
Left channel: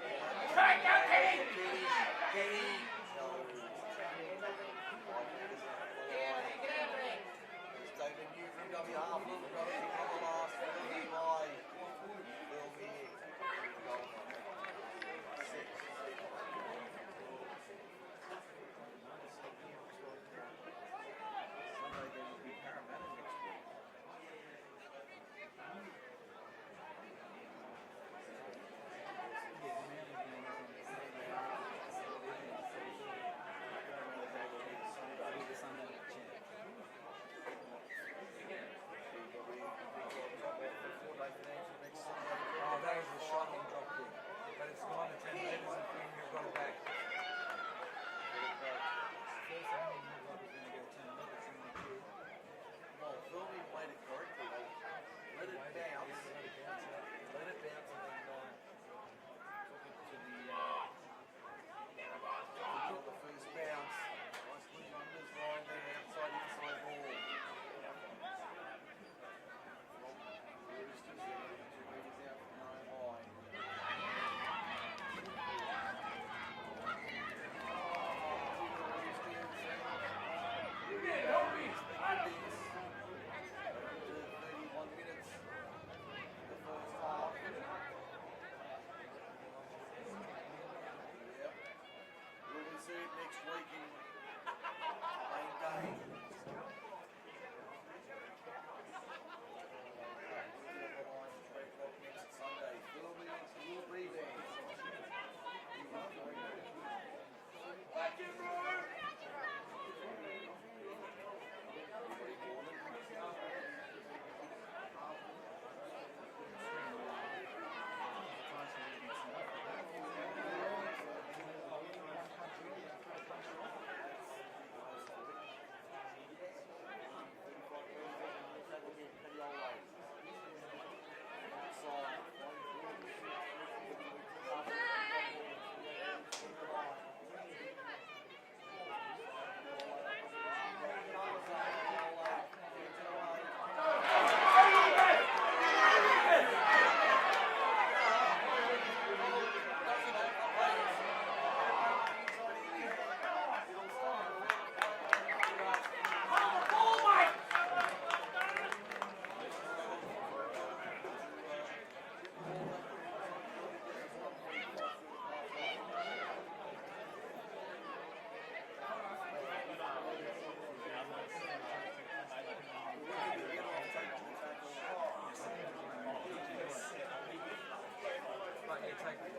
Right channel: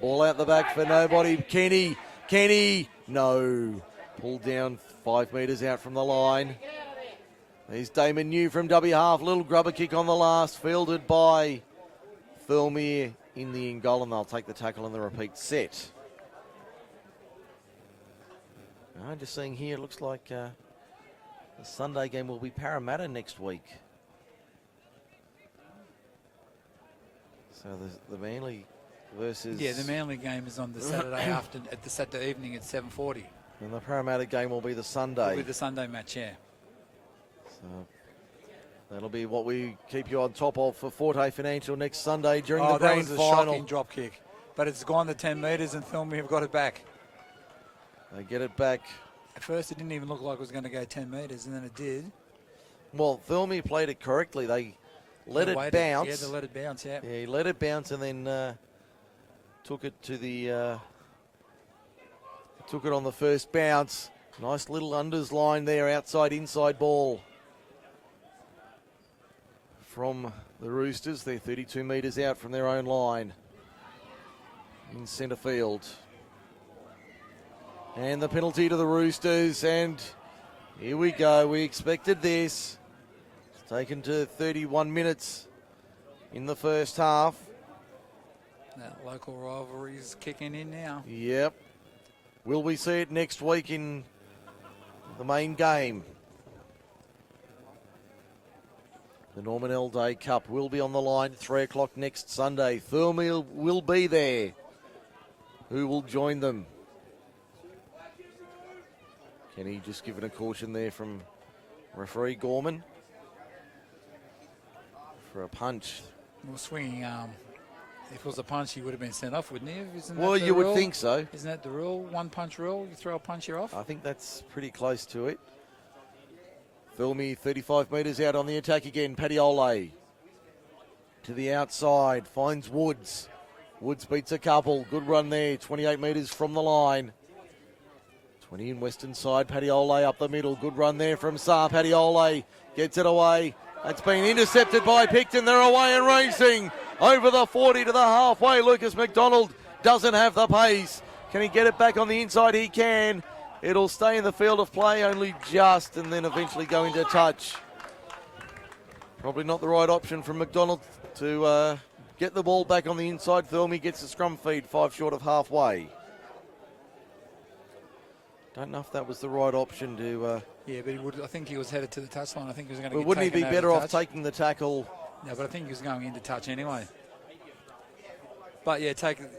Ball out the back for nobody. Kenny, no. Pulled down 5 metres out from the line. There's Damon New from W half. Little grubber kick on the last. Fielded by Thirlmere in the in goal, and they'll take the tackle on the repeat set. I'm just seeing here, it looks like the Sunday game will be Parramatta next week. So the Manly versus... Yeah, the Manly game is on the Saturday at the Saturday evening at 7:40. And the Parramatta game will be the Sunday. It'll be the Sunday match, yeah. So that'll be what we keep you on top of for Forte Financial next Sunday during the grand that was final. a shocking drop kick. But it's gone the 10 metres and Thirlmere have got it back. They get it back. At first it didn't even look like it was going to go 10 metres, and then it did. Well, Thirlmere played it correctly. They let it bounce. Yeah, they let it bounce, yeah. Yeah, he let it bounce and then took it to the... took it on the first bounce. Nice little unders line there, outside-inside ball from the Roosters. They're 32 metres out from their own line in centre field. And the penalty to the Roosters, and here we go. We expected this. It's taken to 31 minutes in the first half. That local rivalry is kicking in now. Yep. Will we see it next week in the main game? The Norman L. Day Cup will be on the line 3 o'clock next Sunday. Thirlmere will be there. Who will join them? Kenny just given a caution there from referee Gorman for a punch. He was swinging. If it was a punch, he would have been sent off, wouldn't he? Isn't Well, you would think so. Isn't that the rule? One punch rule? You throw a punch, you're off? I think that's pretty close to it. Thirlmere 35 metres out on the attack again. Padiola to the outside, finds Woods. Woods beats a couple. Good run there, 28 metres from the line. 20 in western side, Paddy up the middle. Good run there from Saar. Paddy gets it away. That's been intercepted by Picton. They're away and racing over the 40 to the halfway. Lucas McDonald doesn't have the pace. Can he get it back on the inside? He can. It'll stay in the field of play only just, and then eventually go into touch. Probably not the right option from McDonald to get the ball back on the inside. Thirlmere gets the scrum feed 5 short of halfway. Don't know if that was the right option to... Yeah, but I think he was headed to the touchline. I think he was going to but wouldn't he be better off taking the tackle? No, but I think he was going into touch anyway. But yeah,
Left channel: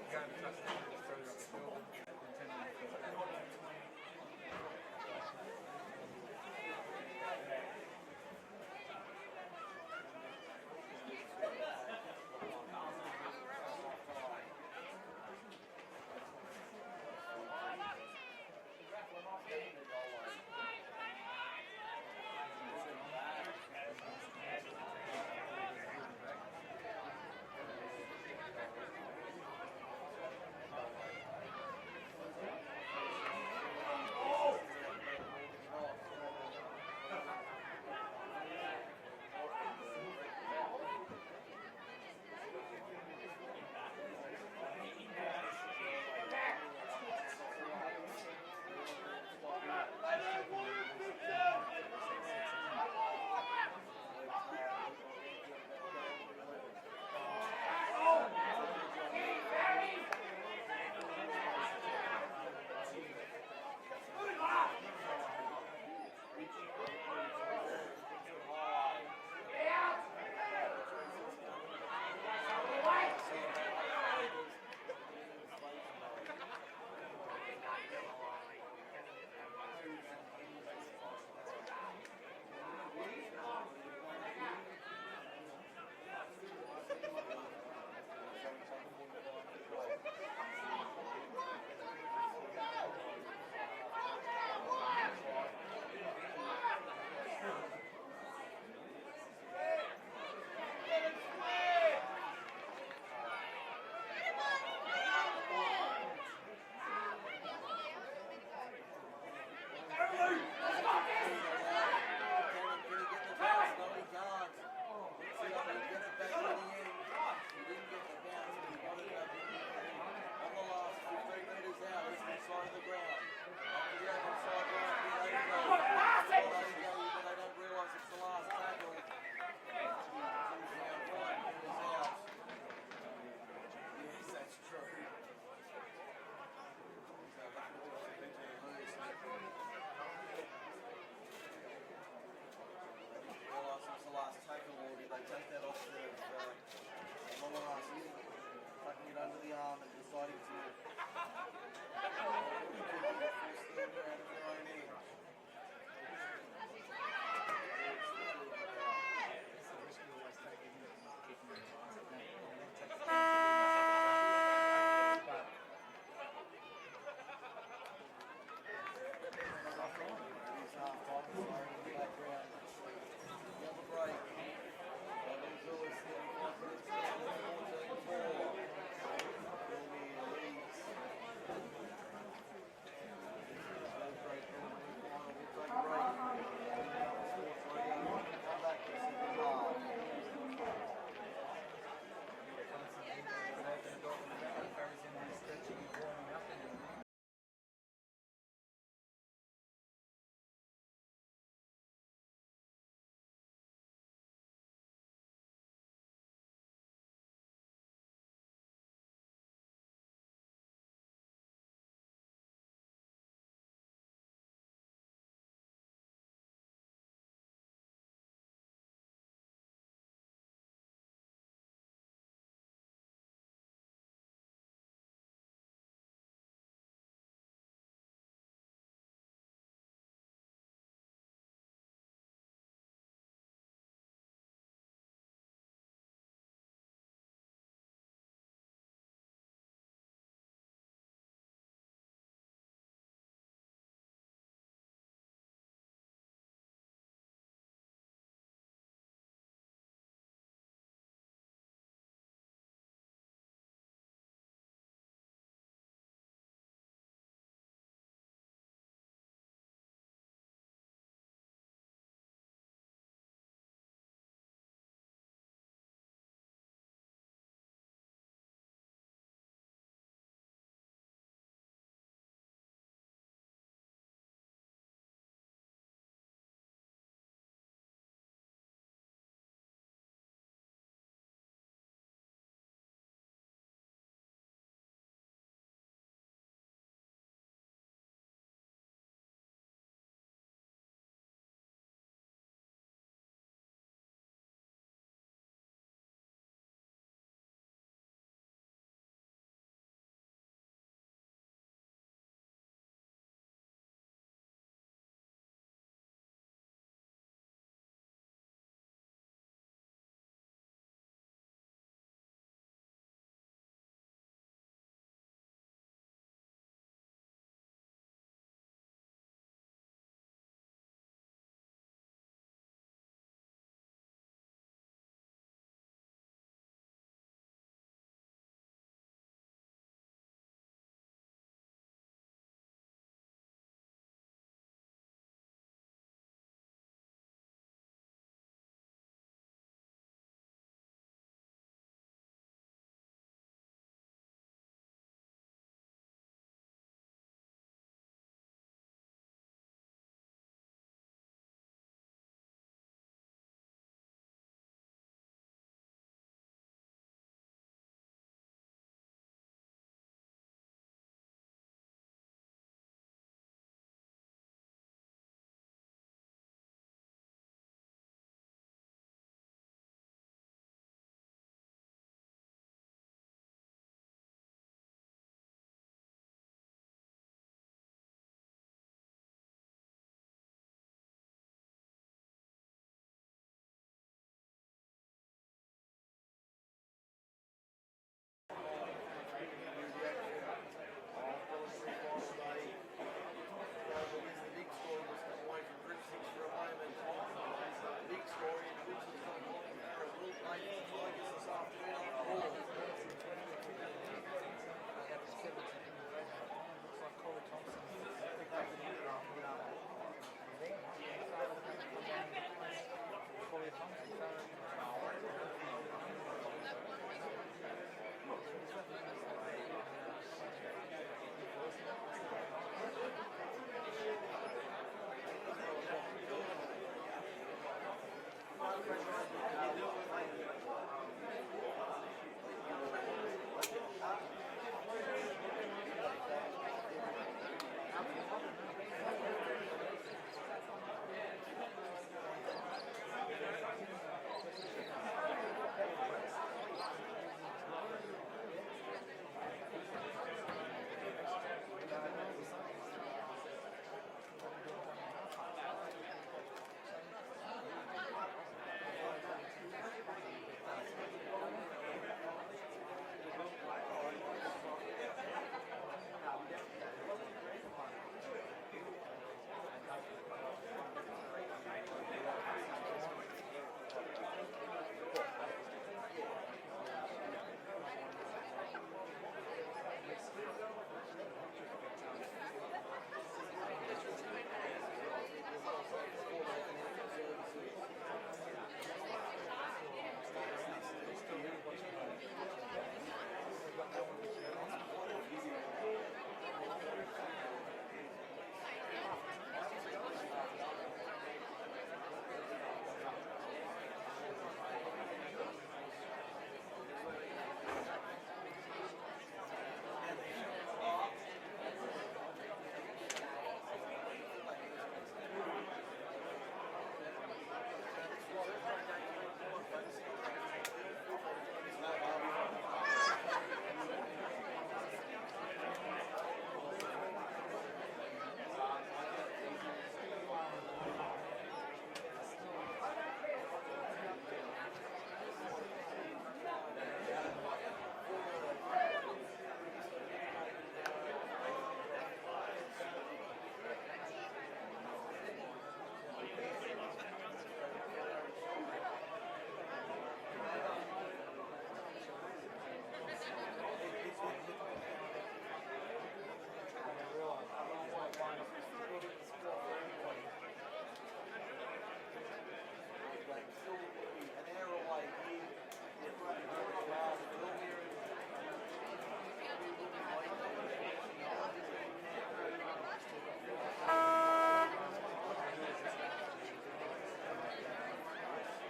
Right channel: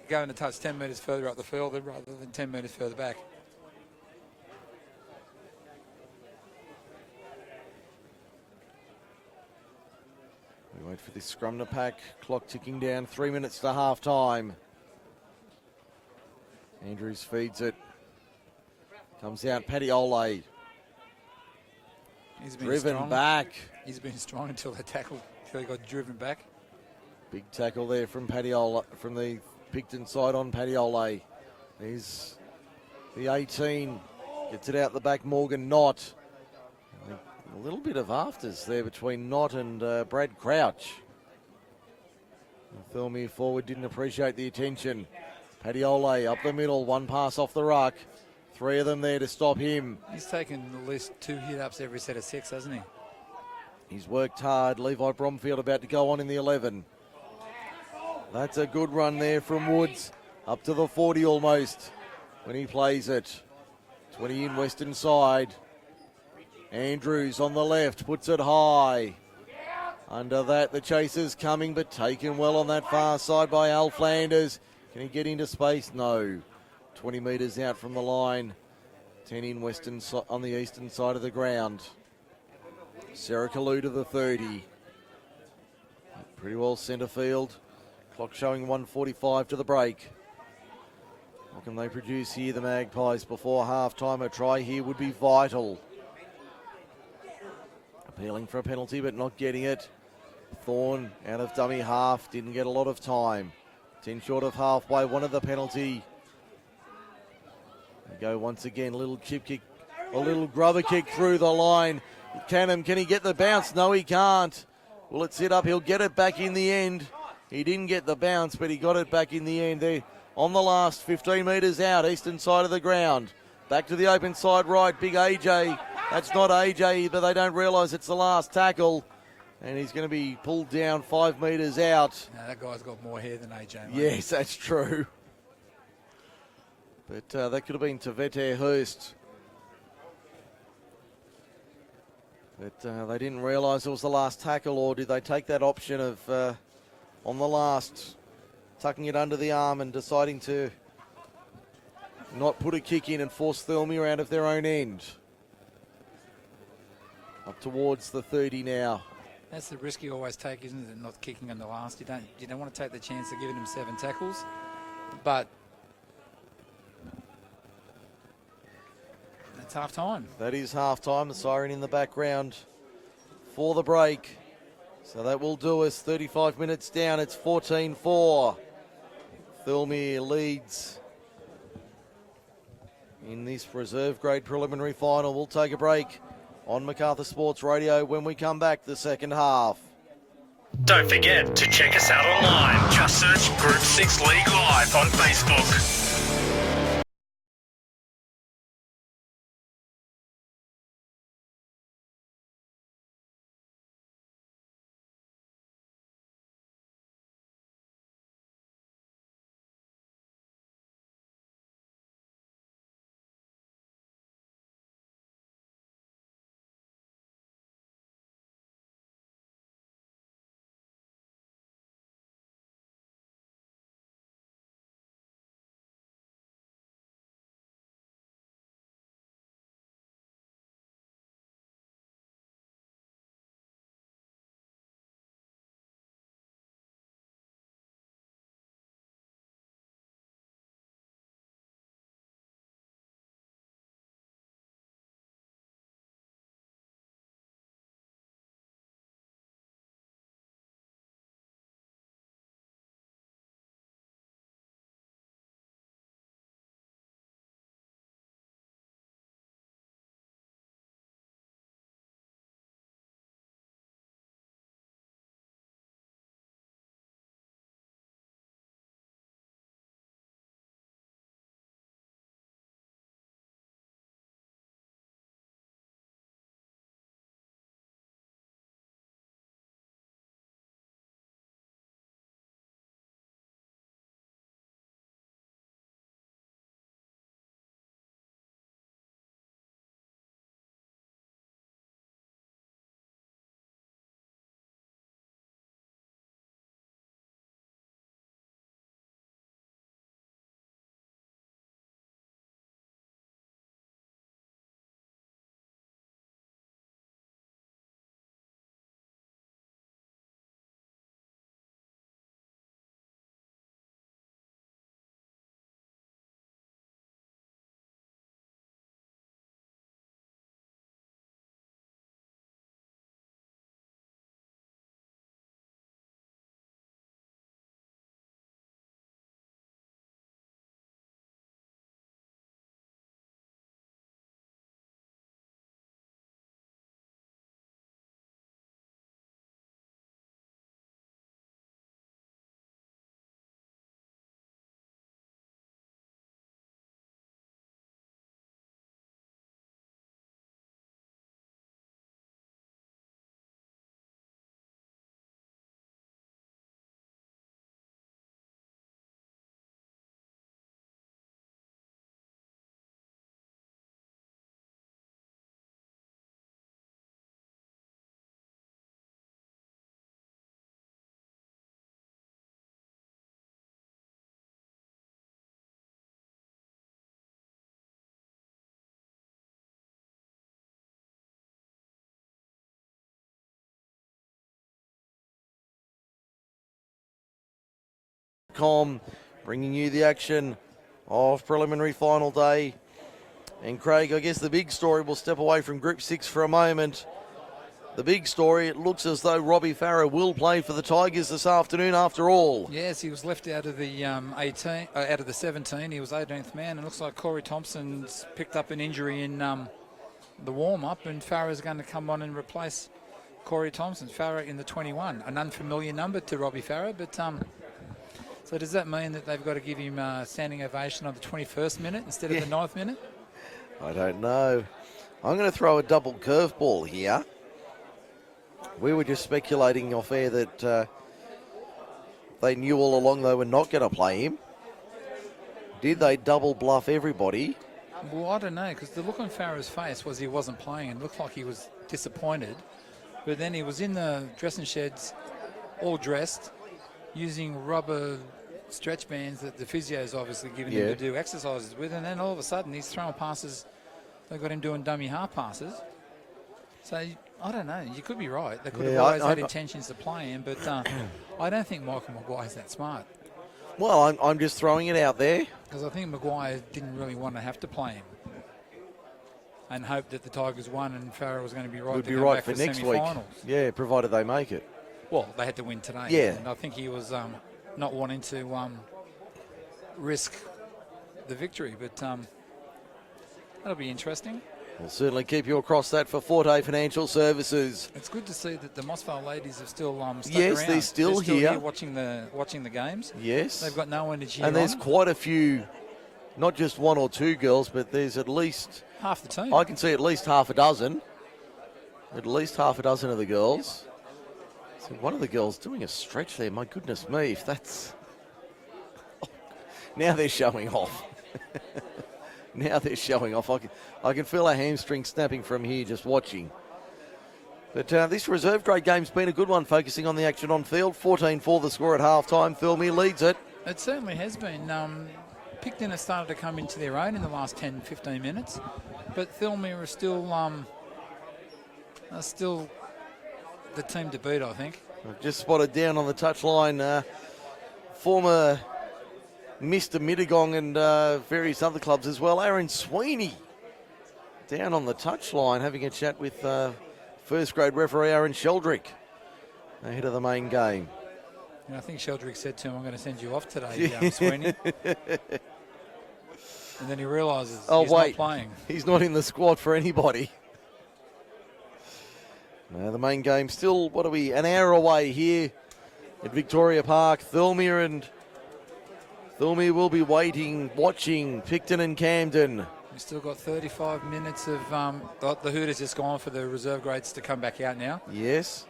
going to touch 10 metres further up the field rather than 10 metres further back. We wait for this scrum to pack. Clock ticking down. 3 minutes to half time. Andrews feeds it. Comes out, Paddy He's been driven strong. back. He's been strong until the tackle, until he got driven back. Big tackle there from from the Picton side on Paddy. Here's the 18. Gets it out the back, Morgan Knott. A little bit of afters there between Knott and Brad Crouch. Thirlmere forward didn't appreciate the attention. Paddy up the middle, one pass off the ruck. 3 of them there to stop him. He's taken at least 2 hit-ups every set of 6, hasn't he? He's worked hard. Levi Bromfield about to go on in the 11. That's a good run there from Woods. Up to the 40 almost when he plays it. 20 in western side. Andrews on the left, puts it high. Under that, the chaser's coming, but taken well on that far side by Al Flanders. Can he get into space? No. 20 metres out from the line. 10 in western on the eastern side of the ground. Sarah Kalu to the 30. Pretty well centre field. Clock showing 1:45 to the break. What can they produce here, the Magpies, before half-time? A try here would be vital. Appealing for a penalty, but not getting it. Thorne out of dummy half, didn't get a lot of time. 10 short of halfway, wanted the penalty. Go once again, a little chip kick, a little grubber kick through the line. Can he get the bounce? No, he can't. Will it sit up? He'll get it back in the end. He didn't get the bounce, but he got it back in the end there. On the last 15 metres out, eastern side of the ground. Back to the open side right, big AJ. That's not AJ, but they don't realise it's the last tackle. And he's going to be pulled down 5 metres out. Now that guy's got more hair than AJ. Mate. Yes, that's true. But that could have been Tavete Hurst. But they didn't realise it was the last tackle, or did they take that option of, on the last, tucking it under the arm and deciding to not put a kick in and force Thirlmere out of their own end? Up towards the 30 now. That's the risk you always take, isn't it? Not kicking on the last. You don't want to take the chance of giving him 7 tackles, but it's half time. That is half time. The siren in the background for the break. So that will do us. 35 minutes down. It's 14-4. Thirlmere leads in this reserve grade preliminary final. We'll take a break on Macarthur Sports Radio when we come back the second half. Don't forget to check us out online. Just search Group 6 League Live on Facebook. livestreamed.com, bringing you the action of preliminary final day. And Craig, I guess the big story, we'll step away from Group 6 for a moment. The big story, it looks as though Robbie Farah will play for the Tigers this afternoon after all. Yes, he was left out of the 18, out of the 17. He was 18th man. It looks like Corey Thompson's picked up an injury in the warm-up, and Farah's going to come on and replace Corey Thompson. Farah in the 21, an unfamiliar number to Robbie Farah, but so does that mean that they've got to give him a standing ovation on the 21st minute instead of the 9th minute? I don't know. I'm going to throw a double curveball here. We were just speculating off air that they knew all along they were not going to play him. Did they double bluff everybody? Well, I don't know, because the look on Farah's face was he wasn't playing and looked like he was disappointed. But then he was in the dressing sheds, all dressed, using rubber stretch bands that the physio's obviously given him to do exercises with, and then all of a sudden he's throwing passes. They got him doing dummy half passes. So I don't know. You could be right. They could have always had intentions to play him, but I don't think Michael Maguire's that smart. Well, I'm just throwing it out there. Because I think Maguire didn't really want to have to play him, and hoped that the Tigers won and Farah was going to be right. Would to be go right back for for next week. semi-finals. Yeah, provided they make it. Well, they had to win today. Yeah. And I think he was not wanting to risk the victory, but that'll be interesting. We'll certainly keep you across that for Forte Financial Services. It's good to see that the Mossvale ladies have still stuck Yes, around. they're still here. watching the games. Yes. They've got no one to cheer And there's on. quite a few, not just one or two girls, but there's at least, Half the team. I can see at least half a dozen. At least half a dozen of the girls. So one of the girls doing a stretch there. My goodness me, if that's... Now they're showing off. Now they're showing off. I can feel a hamstring snapping from here just watching. But this reserve grade game's been a good one, focusing on the action on field. 14-4 the score at half-time. Thirlmere leads it. It certainly has been. Picton has started to come into their own in the last 10-15 minutes, but Thirlmere are still the team to beat, I think. I've just spotted down on the touchline former Mr. Mittagong and various other clubs as well. Aaron Sweeney down on the touchline having a chat with first grade referee Aaron Sheldrick ahead of the main game. And I think Sheldrick said to him, I'm going to send you off today, Sweeney. And then he realises he's not playing. He's not in the squad for anybody. The main game still, an hour away here at Victoria Park. Thirlmere will be watching Picton and Camden. We've still got 35 minutes of the Hooters just gone for the reserve grades to come back out now. Yes.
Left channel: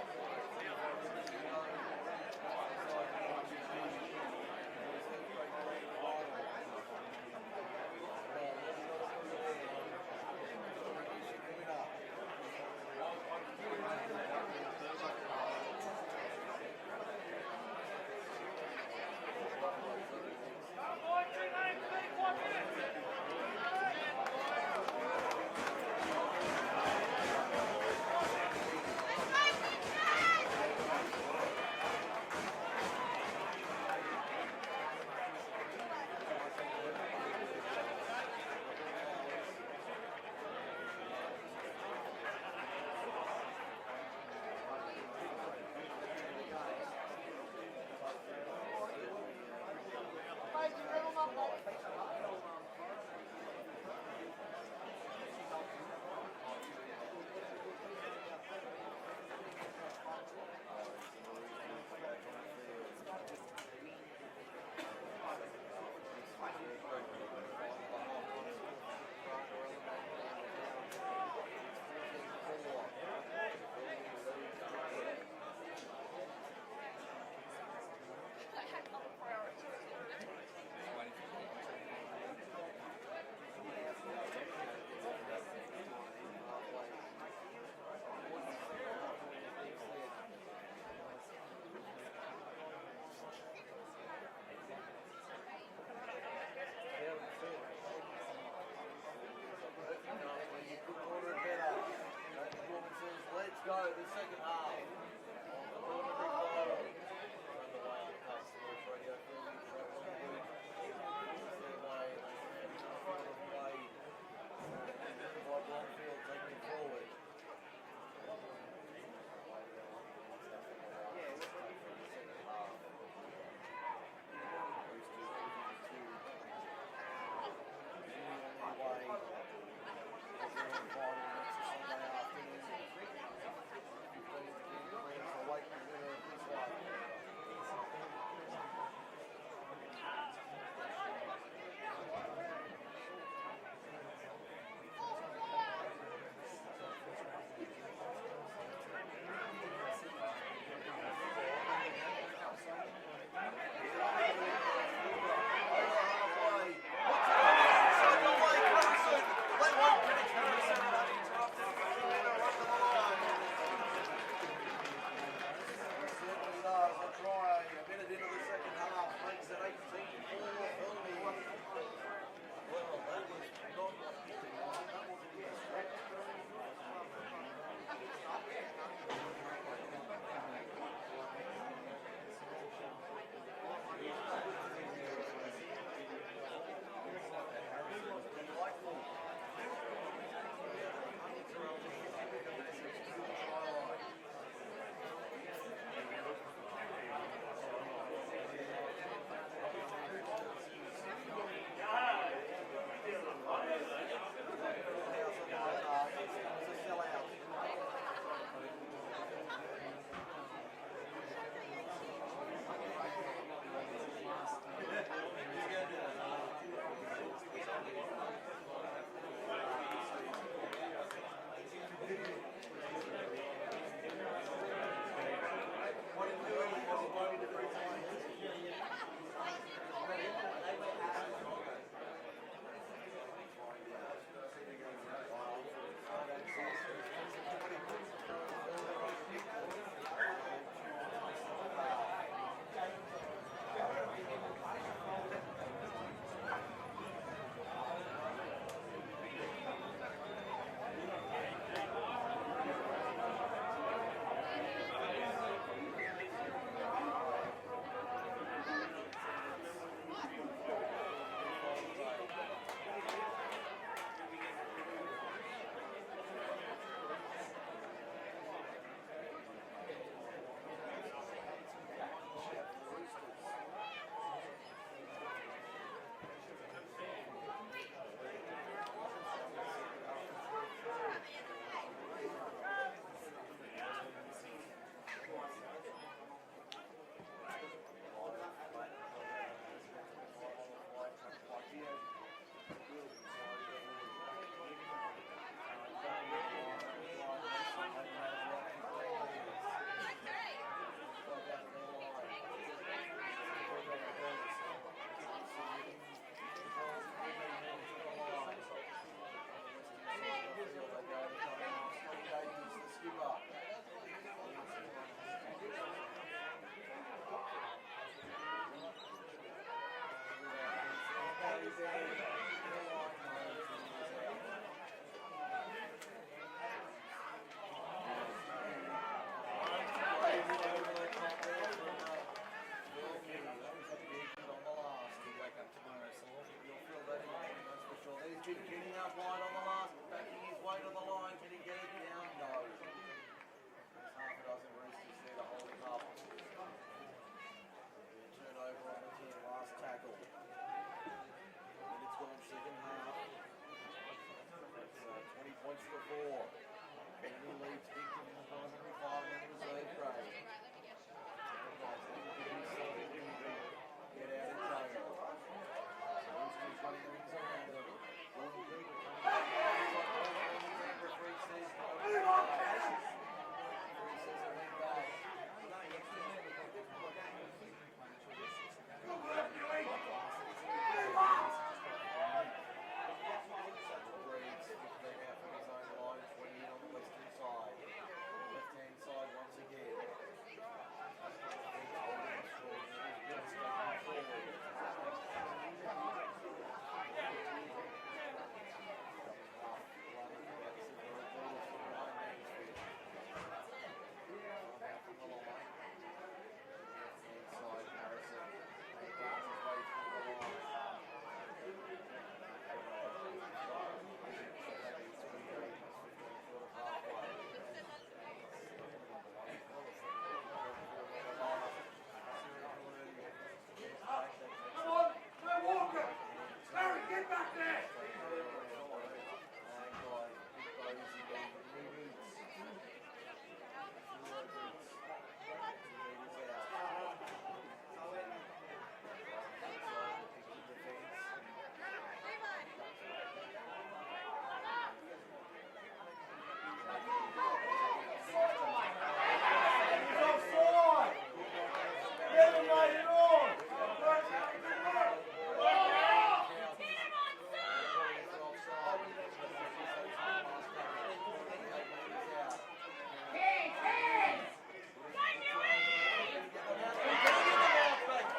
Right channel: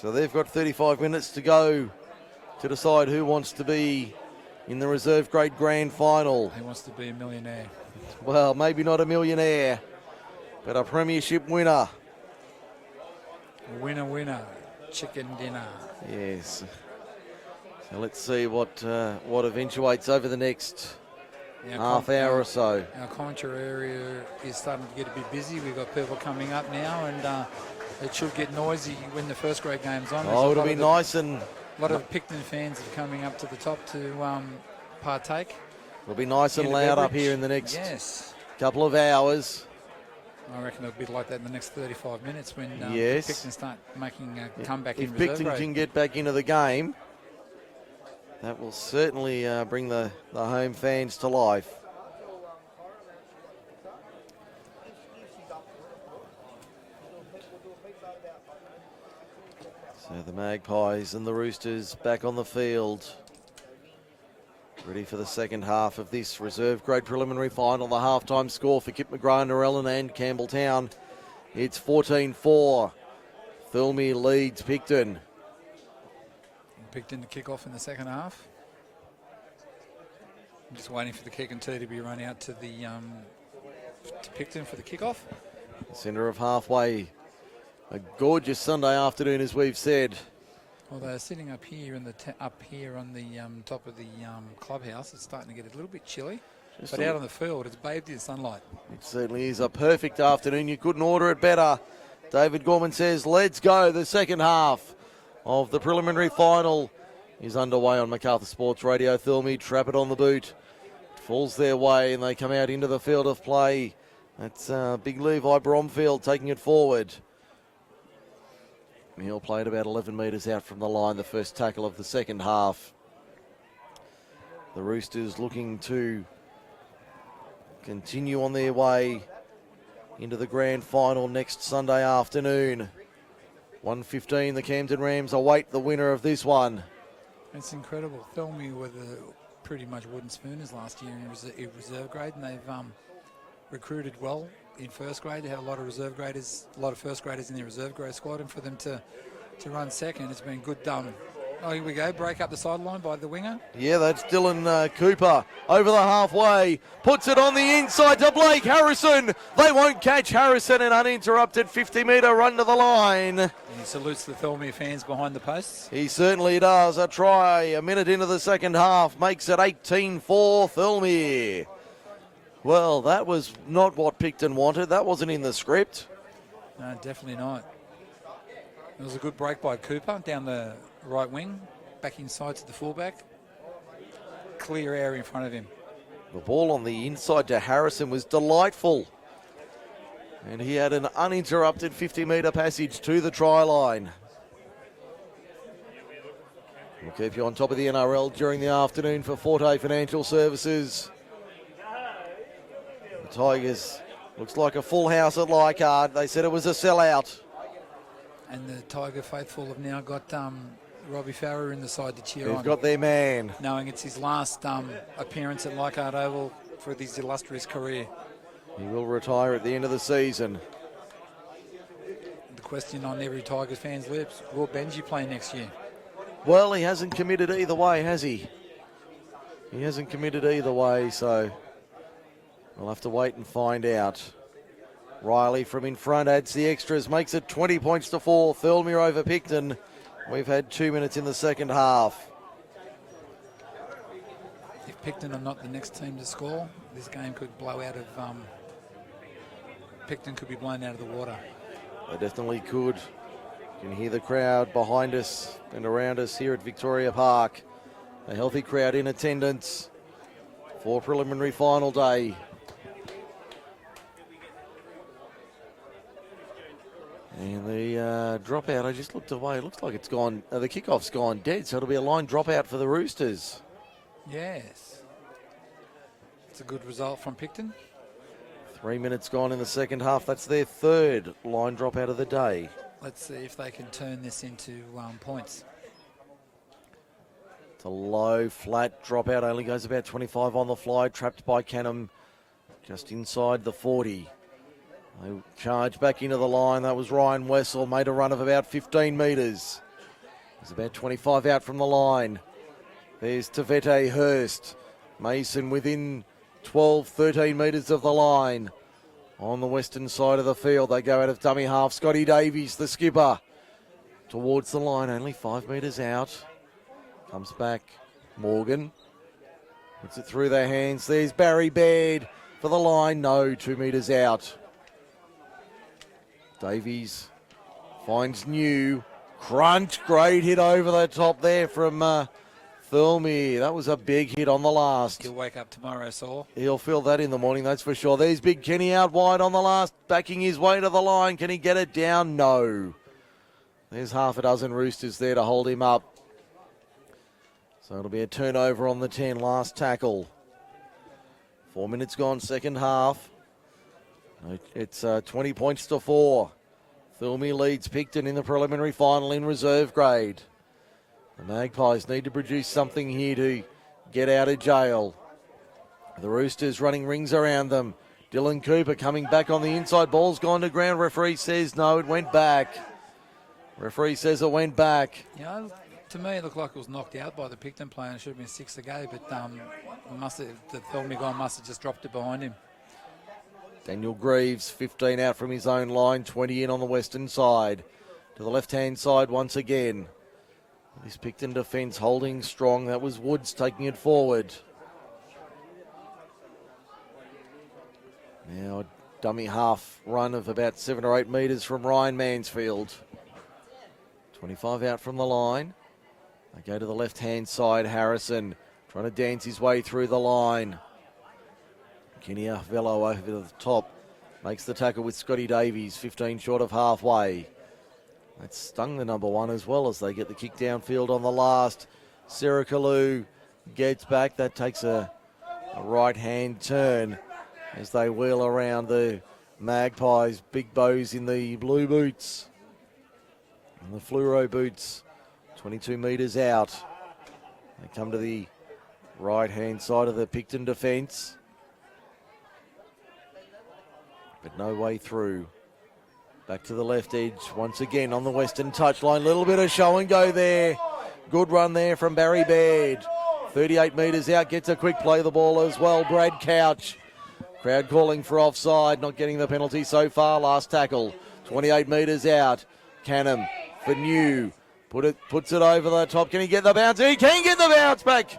So they've got 35 minutes to go to decide who wants to be in the reserve grade grand final. Who wants to be a millionaire? Well, maybe not a millionaire, but a premiership winner. Winner, chicken dinner. Yes. So let's see what eventuates over the next half hour or so. Our commentary area is starting to get a bit busy. We've got people coming up now, and it should get noisy when the first grade game's on. Oh, it'll be nice, and a lot of Picton fans are coming up to the top to partake. It'll be nice and loud up here in the next couple of hours. I reckon it'll be like that in the next 35 minutes when Picton start making a comeback in reserve grade. If Picton can get back into the game, that will certainly bring the home fans to life. So the Magpies and the Roosters back on the field, ready for the second half of this reserve grade preliminary final. The halftime score for Kip McGrath, Narellan and Campbelltown. It's 14-4. Thirlmere leads Picton. Picton to kick off in the second half. I'm just waiting for the kick and tee to be run out to the to Picton for the kickoff. Centre of halfway. A gorgeous Sunday afternoon, as we've said. Well, they're sitting up here in the up here on the top of the clubhouse. It's starting to get a little bit chilly, but out on the field, it's bathed in sunlight. It certainly is a perfect afternoon. You couldn't order it better. David Gorman says, let's go. The second half of the preliminary final is underway on Macarthur Sports Radio. Thirlmere trap it on the boot. Falls their way and they come out into the field of play. That's big Levi Bromfield taking it forward. He'll play it about 11 metres out from the line, the first tackle of the second half. The Roosters looking to continue on their way into the grand final next Sunday afternoon. 1:15, the Camden Rams await the winner of this one. It's incredible. Thirlmere were pretty much wooden spooners last year in reserve grade, and they've recruited well in first grade. They had a lot of reserve graders, a lot of first graders in their reserve grade squad, and for them to run second, it's been good done. Oh, here we go, break up the sideline by the winger. Yeah, that's Dylan Cooper over the halfway, puts it on the inside to Blake Harrison. They won't catch Harrison, an uninterrupted 50-metre run to the line. And he salutes the Thirlmere fans behind the posts. He certainly does. A try a minute into the second half makes it 18-4 Thirlmere. Well, that was not what Picton wanted. That wasn't in the script. No, definitely not. It was a good break by Cooper down the right wing, back inside to the fullback. Clear area in front of him. The ball on the inside to Harrison was delightful. And he had an uninterrupted 50-metre passage to the try line. We'll keep you on top of the NRL during the afternoon for Forte Financial Services. The Tigers, looks like a full house at Leichhardt. They said it was a sellout. And the Tiger faithful have now got Robbie Farrer in the side to cheer on. They've got their man. Knowing it's his last appearance at Leichhardt Oval for his illustrious career. He will retire at the end of the season. The question on every Tigers fan's lips, will Benji play next year? Well, he hasn't committed either way, has he? He hasn't committed either way, so we'll have to wait and find out. Riley from in front adds the extras, makes it 20 points to 4. Thirlmere over Picton. We've had 2 minutes in the second half. If Picton are not the next team to score, this game could blow out of... Picton could be blown out of the water. They definitely could. You can hear the crowd behind us and around us here at Victoria Park. A healthy crowd in attendance for preliminary final day. And the dropout, I just looked away. It looks like it's gone. The kickoff's gone dead, so it'll be a line dropout for the Roosters. Yes. It's a good result from Picton. 3 minutes gone in the second half. That's their third line dropout of the day. Let's see if they can turn this into points. It's a low, flat dropout. Only goes about 25 on the fly. Trapped by Canham just inside the 40. They charge back into the line. That was Ryan Wessel. Made a run of about 15 metres. He's about 25 out from the line. There's Tavete Hurst. Mason within 12, 13 metres of the line. On the western side of the field, they go out of dummy half. Scotty Davies, the skipper, towards the line, only 5 metres out. Comes back, Morgan. Puts it through their hands. There's Barry Baird for the line. No, 2 metres out. Davies finds New. Crunch, great hit over the top there from Thirlmere. That was a big hit on the last. He'll wake up tomorrow, Saul. He'll feel that in the morning, that's for sure. There's Big Kenny out wide on the last, backing his way to the line. Can he get it down? No. There's half a dozen Roosters there to hold him up. So it'll be a turnover on the 10, last tackle. 4 minutes gone, second half. It's 20 points to 4. Thirlmere leads Picton in the preliminary final in reserve grade. The Magpies need to produce something here to get out of jail. The Roosters running rings around them. Dylan Cooper coming back on the inside. Ball's gone to ground. Referee says no, it went back. Referee says it went back. Yeah, to me it looked like it was knocked out by the Picton player. It should have been 6 to go, but the Thirlmere guy must have just dropped it behind him. Daniel Greaves, 15 out from his own line, 20 in on the western side. To the left-hand side once again. This Picton defence holding strong. That was Woods taking it forward. Now a dummy half run of about 7 or 8 metres from Ryan Mansfield. 25 out from the line. They go to the left-hand side. Harrison trying to dance his way through the line. Kinia Velo over the top. Makes the tackle with Scotty Davies, 15 short of halfway. That stung the number one as well as they get the kick downfield on the last. Sarah Kalu gets back. That takes a right-hand turn as they wheel around the Magpies. Big bows in the blue boots and the fluoro boots. 22 metres out. They come to the right-hand side of the Picton defence. But no way through. Back to the left edge once again on the western touchline. Little bit of show and go there. Good run there from Barry Baird. 38 metres out, gets a quick play the ball as well. Brad Couch. Crowd calling for offside, not getting the penalty so far. Last tackle, 28 metres out. Canham for New. Puts it over the top. Can he get the bounce? He can get the bounce back.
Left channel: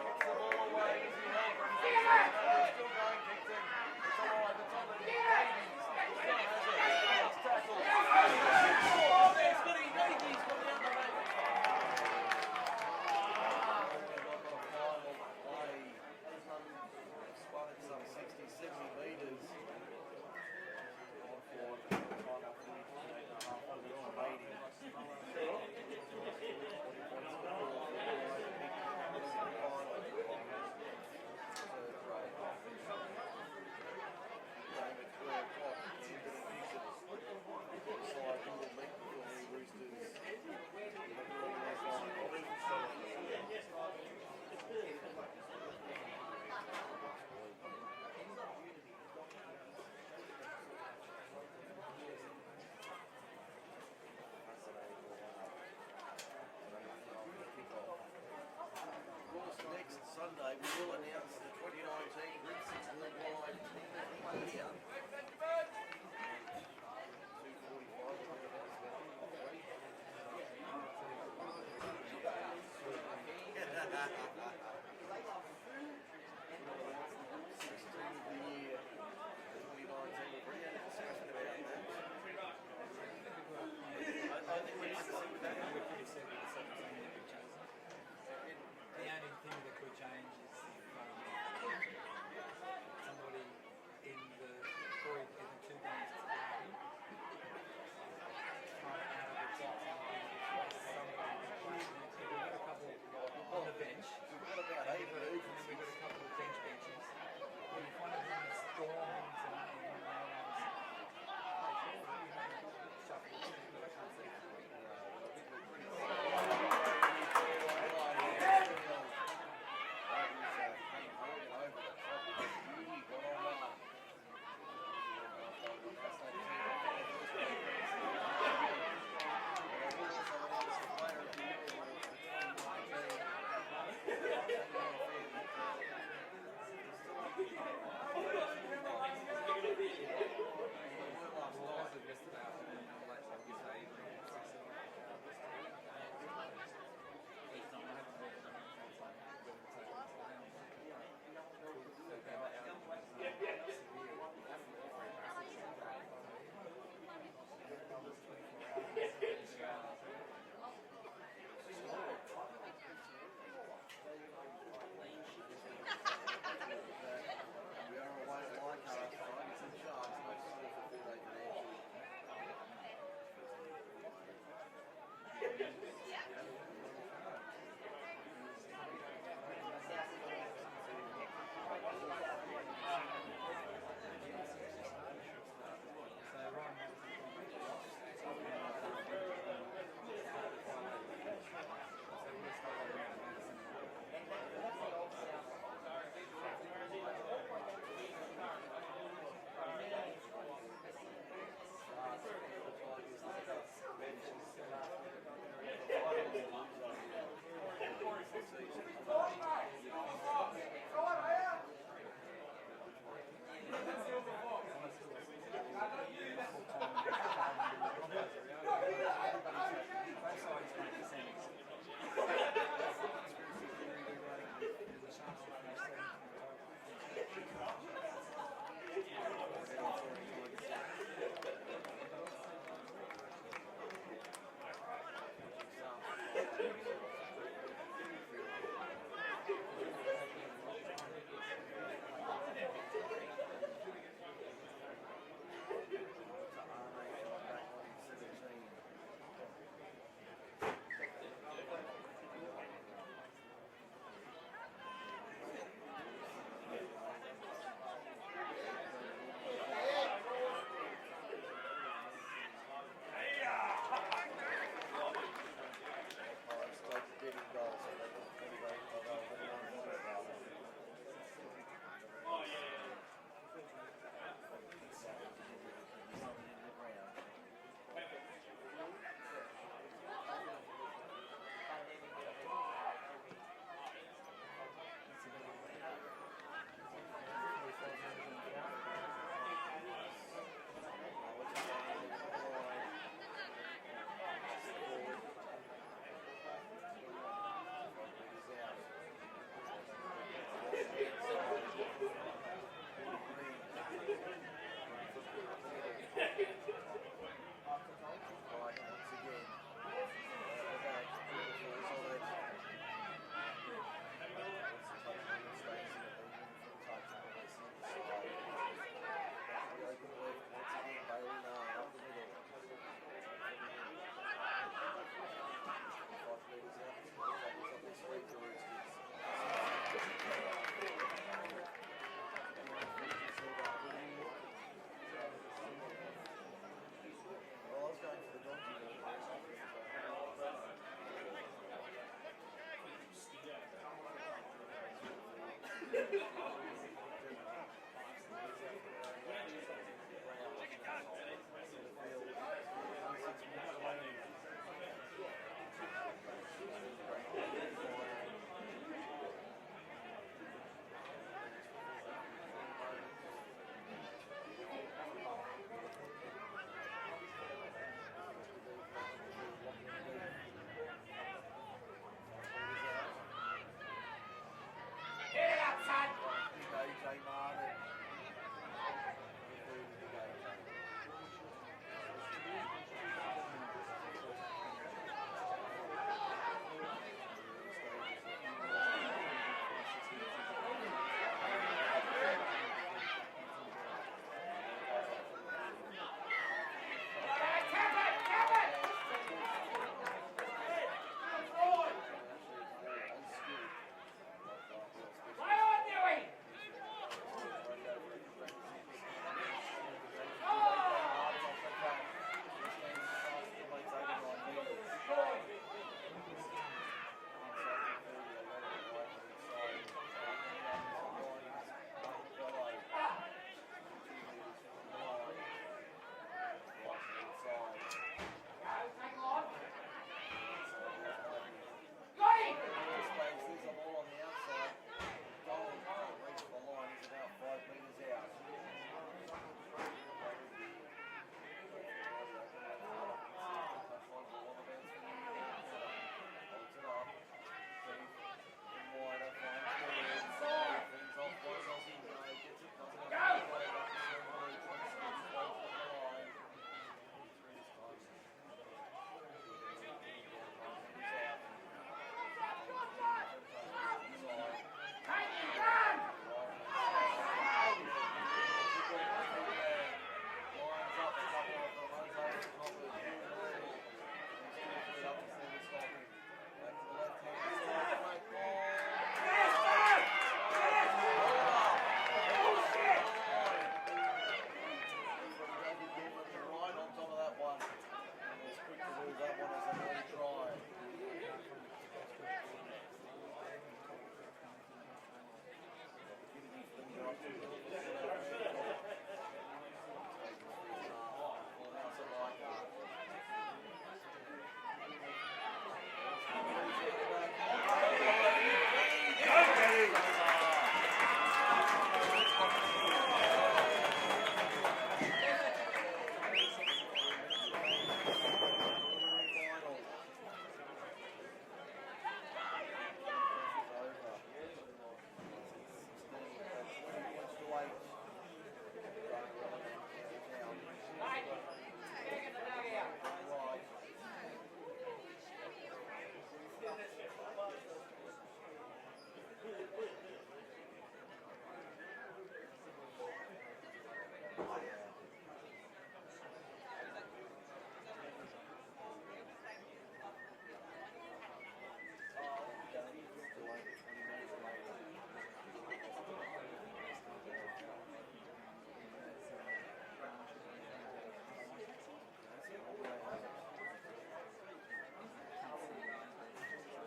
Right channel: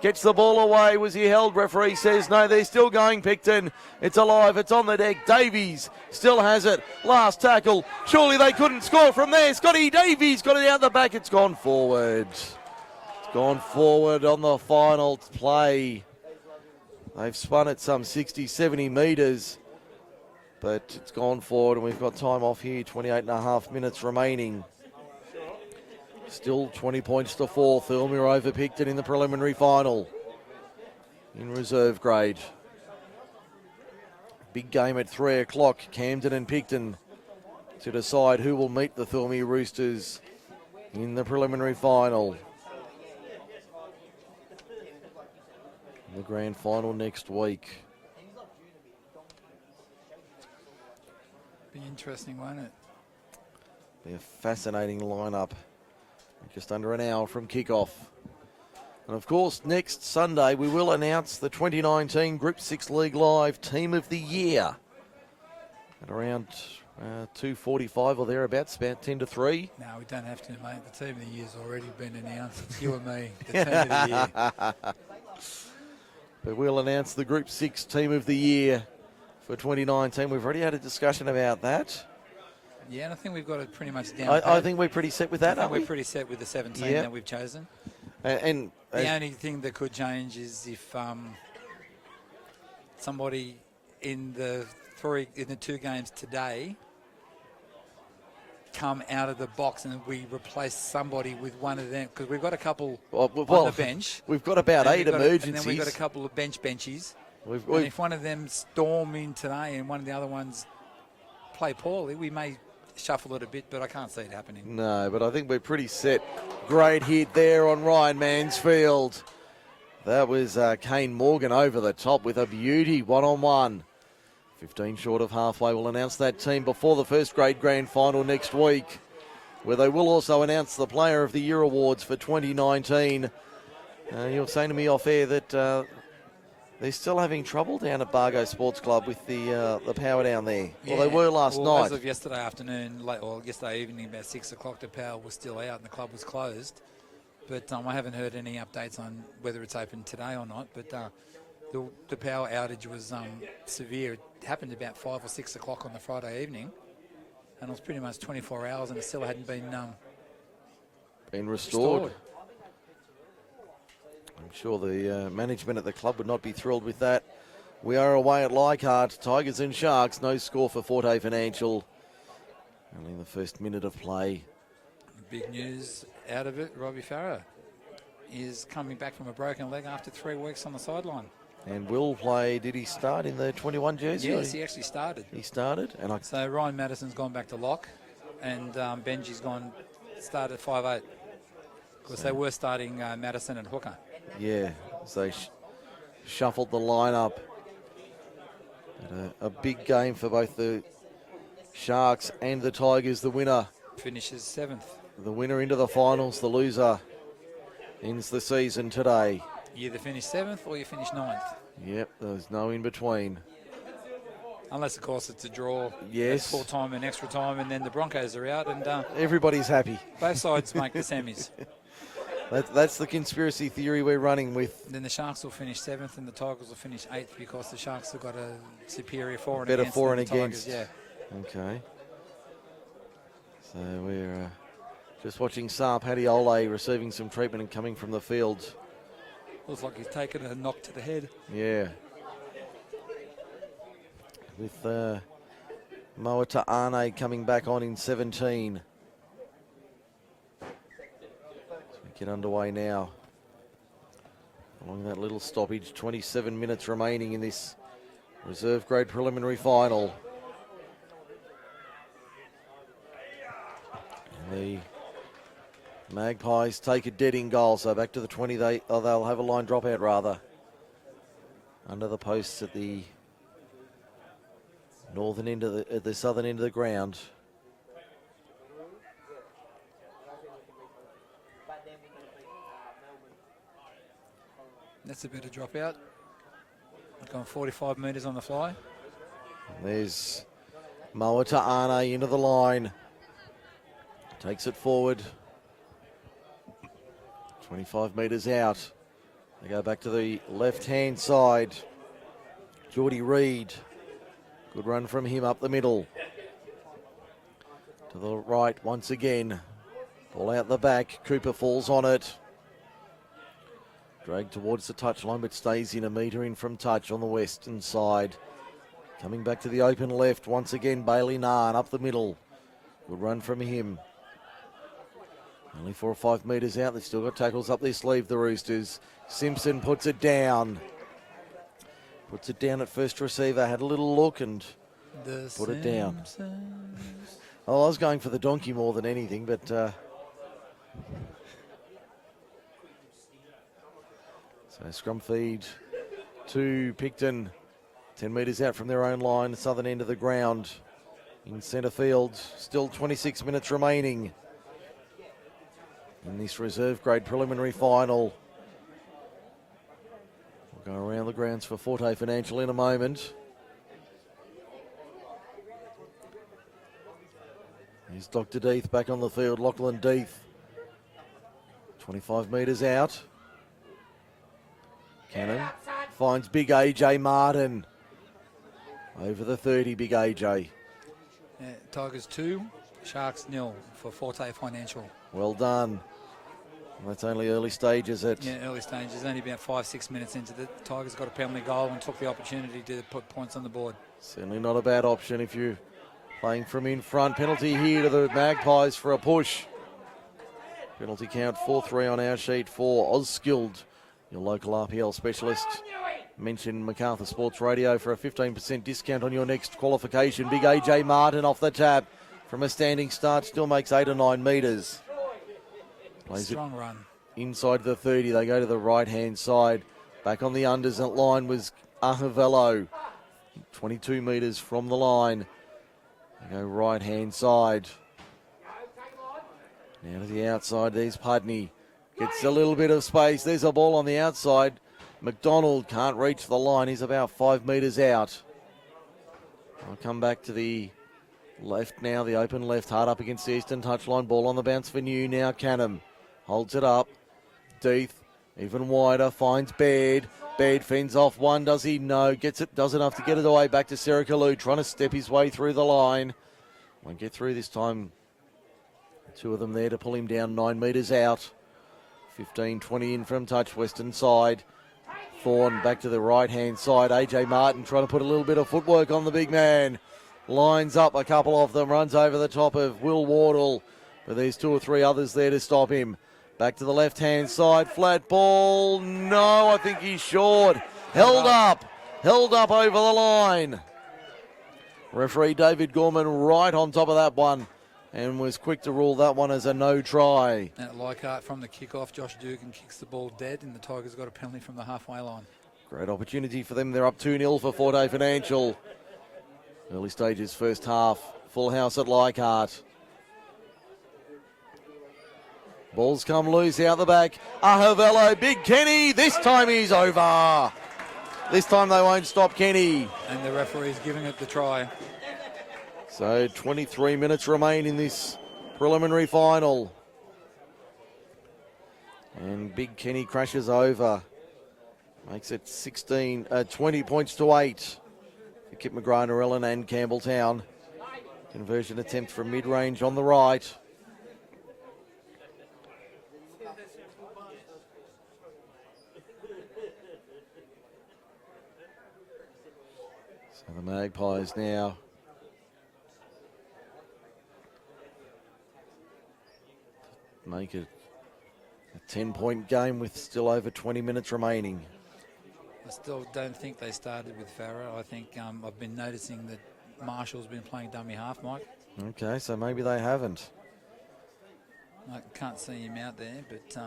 Gets the ball away. Was he held? Referee says no. They're still going, Picton. It's alive. It's on the deck. Davies still has it. Last tackle. Surely they couldn't score from there. Scotty Davies got it out the back. It's gone forward. It's gone forward on the final play. They've spun it some 60, 70 metres. But it's gone forward and we've got time off here. 28 and a half minutes remaining. Still 20 points to 4. Thirlmere over Picton in the preliminary final. In reserve grade. Big game at 3 o'clock. Camden and Picton to decide who will meet the Thirlmere Roosters in the preliminary final. The grand final next week. Be interesting, won't it? A fascinating lineup. Just under an hour from kickoff. And of course, next Sunday we will announce the 2019 Group 6 League Live Team of the Year. At around 2:45 or thereabouts, about 10 to 3. No, we don't have to, mate. The Team of the Year's already been announced. It's you and me, the Team of the Year. But we'll announce the Group 6 Team of the Year for 2019. We've already had a discussion about that. Yeah, and I think we've got it pretty much down. I think we're pretty set with that, aren't we? We're pretty set with the 17 Yep. that we've chosen. And The only thing that could change is if somebody in the two games today come out of the box and we replace somebody with one of them, because we've got a couple on the bench. We've got about 8 emergencies. And then we've got a couple of benchies. We've, and if one of them storm in today and one of the other ones play poorly, we may shuffle it a bit, but I can't see it happening. No, but I think we're pretty set. Great hit there on Ryan Mansfield. That was Kane Morgan over the top with a beauty, one-on-one. 15 short of halfway. We'll announce that team before the first grade grand final next week, where they will also announce the Player of the Year awards for 2019. You were saying to me off air that they're still having trouble down at Bargo Sports Club with the power down there. Yeah. Well, they were last night. As of yesterday afternoon, or yesterday evening, about 6 o'clock, the power was still out and the club was closed. But I haven't heard any updates on whether it's open today or not. But the power outage was severe. It happened about 5 or 6 o'clock on the Friday evening, and it was pretty much 24 hours, and it still hadn't been restored. I'm sure the management at the club would not be thrilled with that. We are away at Leichhardt. Tigers and Sharks. No score for Forte Financial. And in the first minute of play. Big news out of it. Robbie Farah is coming back from a broken leg after 3 weeks on the sideline. And will play. Did he start in the 21 jersey? Yes, he actually started. He started. And so Ryan Madison's gone back to lock, and Benji's started at 5'8", because they were starting Madison and hooker. Yeah, so they shuffled the lineup. A big game for both the Sharks and the Tigers. The winner finishes 7th. The winner into the finals. The loser ends the season today. You either finish 7th or you finish 9th. Yep, there's no in between. Unless, of course, it's a draw. Yes. Full time and extra time, and then the Broncos are out, and everybody's happy. Both sides make the semis. That's the conspiracy theory we're running with. And then the Sharks will finish 7th and the Tigers will finish 8th, because the Sharks have got a superior for and better against. For and Tigers, against. yeah. Okay. So we're Just watching Saar Padiole receiving some treatment and coming from the field. Looks like he's taken a knock to the head. Yeah. With Moata Arne coming back on in 17. Get underway now. Along that little stoppage, 27 minutes remaining in this reserve grade preliminary final. And the Magpies take a dead in goal, so back to the 20. They'll have a line dropout rather. Under the posts at the northern end of the southern end of the ground. That's a bit of dropout. Going 45 metres on the fly. There's Moata Arne into the line. Takes it forward. 25 metres out. They go back to the left-hand side. Geordie Reid. Good run from him up the middle. To the right once again. Ball out the back. Cooper falls on it. Dragged towards the touchline, but stays in a metre in from touch on the western side. Coming back to the open left once again. Bailey Narn up the middle. Good run from him. Only 4 or 5 metres out. They've still got tackles up their sleeve, the Roosters. Simpson puts it down. Puts it down at first receiver. Had a little look and put it down. Oh, I was going for the donkey more than anything, but so scrum feed to Picton. 10 metres out from their own line, southern end of the ground. In centre field, still 26 minutes remaining in this reserve grade preliminary final. We'll go around the grounds for Forte Financial in a moment. Here's Dr. Deeth back on the field. Lachlan Deeth, 25 metres out. Cannon finds big AJ Martin. Over the 30, big AJ. Yeah, Tigers 2, Sharks 0 for Forte Financial. Well done. That's only early stages. Yeah, early stages. Only about 5-6 minutes into the Tigers got a penalty goal and took the opportunity to put points on the board. Certainly not a bad option if you're playing from in front. Penalty here to the Magpies for a push. Penalty count 4-3 on our sheet for Ozskild, your local RPL specialist. Mention MacArthur Sports Radio for a 15% discount on your next qualification. Big AJ Martin off the tap from a standing start, still makes 8 or 9 metres. Plays Strong run. Inside the 30, they go to the right-hand side. Back on the unders at line was Ahavello, 22 metres from the line. They go right-hand side. Now to the outside, there's Pudney. Gets a little bit of space. There's a ball on the outside. McDonald can't reach the line. He's about 5 metres out. I'll come back to the left now, the open left, hard up against the eastern touchline. Ball on the bounce for New. Now Canham holds it up. Deeth even wider, finds Baird. Baird fends off one, does he? No. Gets it, does enough to get it away back to Serikalu, trying to step his way through the line. Won't get through this time. 2 of them there to pull him down 9 metres out. 15-20 in from touch, western side. Fawn back to the right-hand side. AJ Martin trying to put a little bit of footwork on the big man. Lines up a couple of them, runs over the top of Will Wardle, with these 2 or 3 others there to stop him. Back to the left-hand side, flat ball. No, I think he's short. Held up over the line. Referee David Gorman right on top of that one and was quick to rule that one as a no try. At Leichhardt from the kickoff, Josh Dugan kicks the ball dead and the Tigers got a penalty from the halfway line. Great opportunity for them. They're up 2-0 for Forte Financial. Early stages, first half. Full house at Leichhardt. Balls come loose out the back. Ahavello, Big Kenny. This time he's over. This time they won't stop Kenny. And the referee's giving it the try. So 23 minutes remain in this preliminary final. And Big Kenny crashes over. Makes it 20 points to 8 for Kip McGrath, Narellan and Campbelltown. Conversion attempt from mid-range on the right. Magpies now. Make it a 10-point game with still over 20 minutes remaining. I still don't think they started with Farah. I think I've been noticing that Marshall's been playing dummy half, Mike. Okay, so maybe they haven't. I can't see him out there, but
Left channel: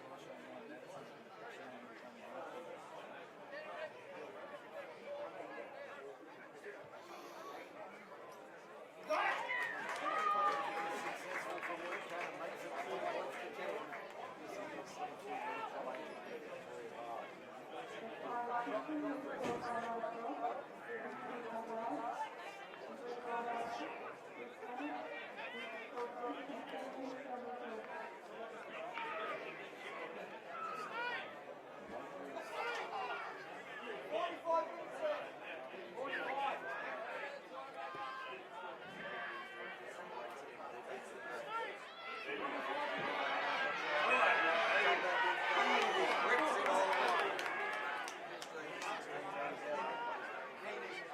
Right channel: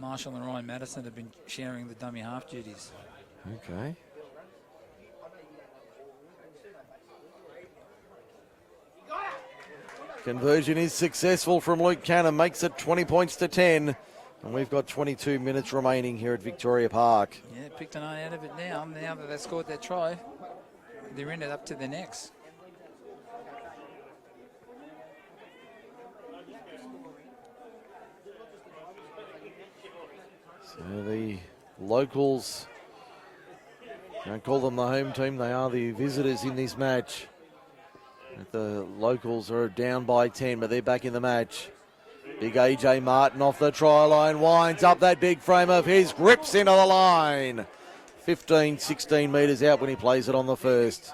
Marshall and Ryan Madison have been sharing the dummy half duties. Okay. Conversion is successful from Luke Cannon, makes it 20 points to 10. And we've got 22 minutes remaining here at Victoria Park. Yeah, Picton are out of it now. Now that they scored that try, they're in it up to the next. So the locals, don't call them the home team, they are the visitors in this match. The locals are down by 10, but they're back in the match. Big AJ Martin off the try line, winds up that big frame of his, grips into the line. 15, 16 metres out when he plays it on the first.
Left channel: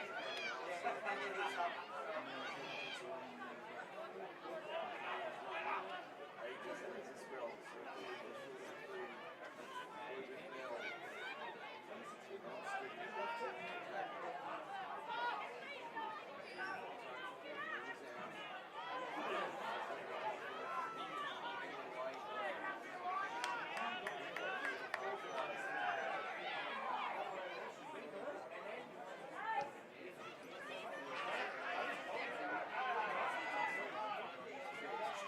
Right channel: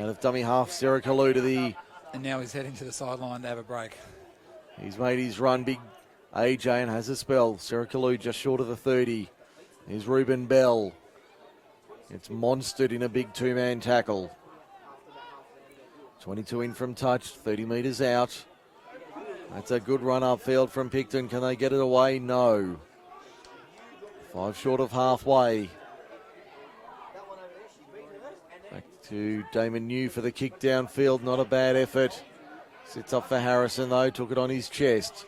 Out of dummy half, Sarah Kalu to the... And now he's heading to the sideline to have a break. He's made his run, big AJ, and has a spell. Sarah Kalu just short of the 30. Here's Ruben Bell. It's monstered in a big two-man tackle. 22 in from touch, 30 metres out. That's a good run upfield from Picton. Can they get it away? No. 5 short of halfway. Back to Damon New for the kick downfield. Not a bad effort. Sits up for Harrison though. Took it on his chest.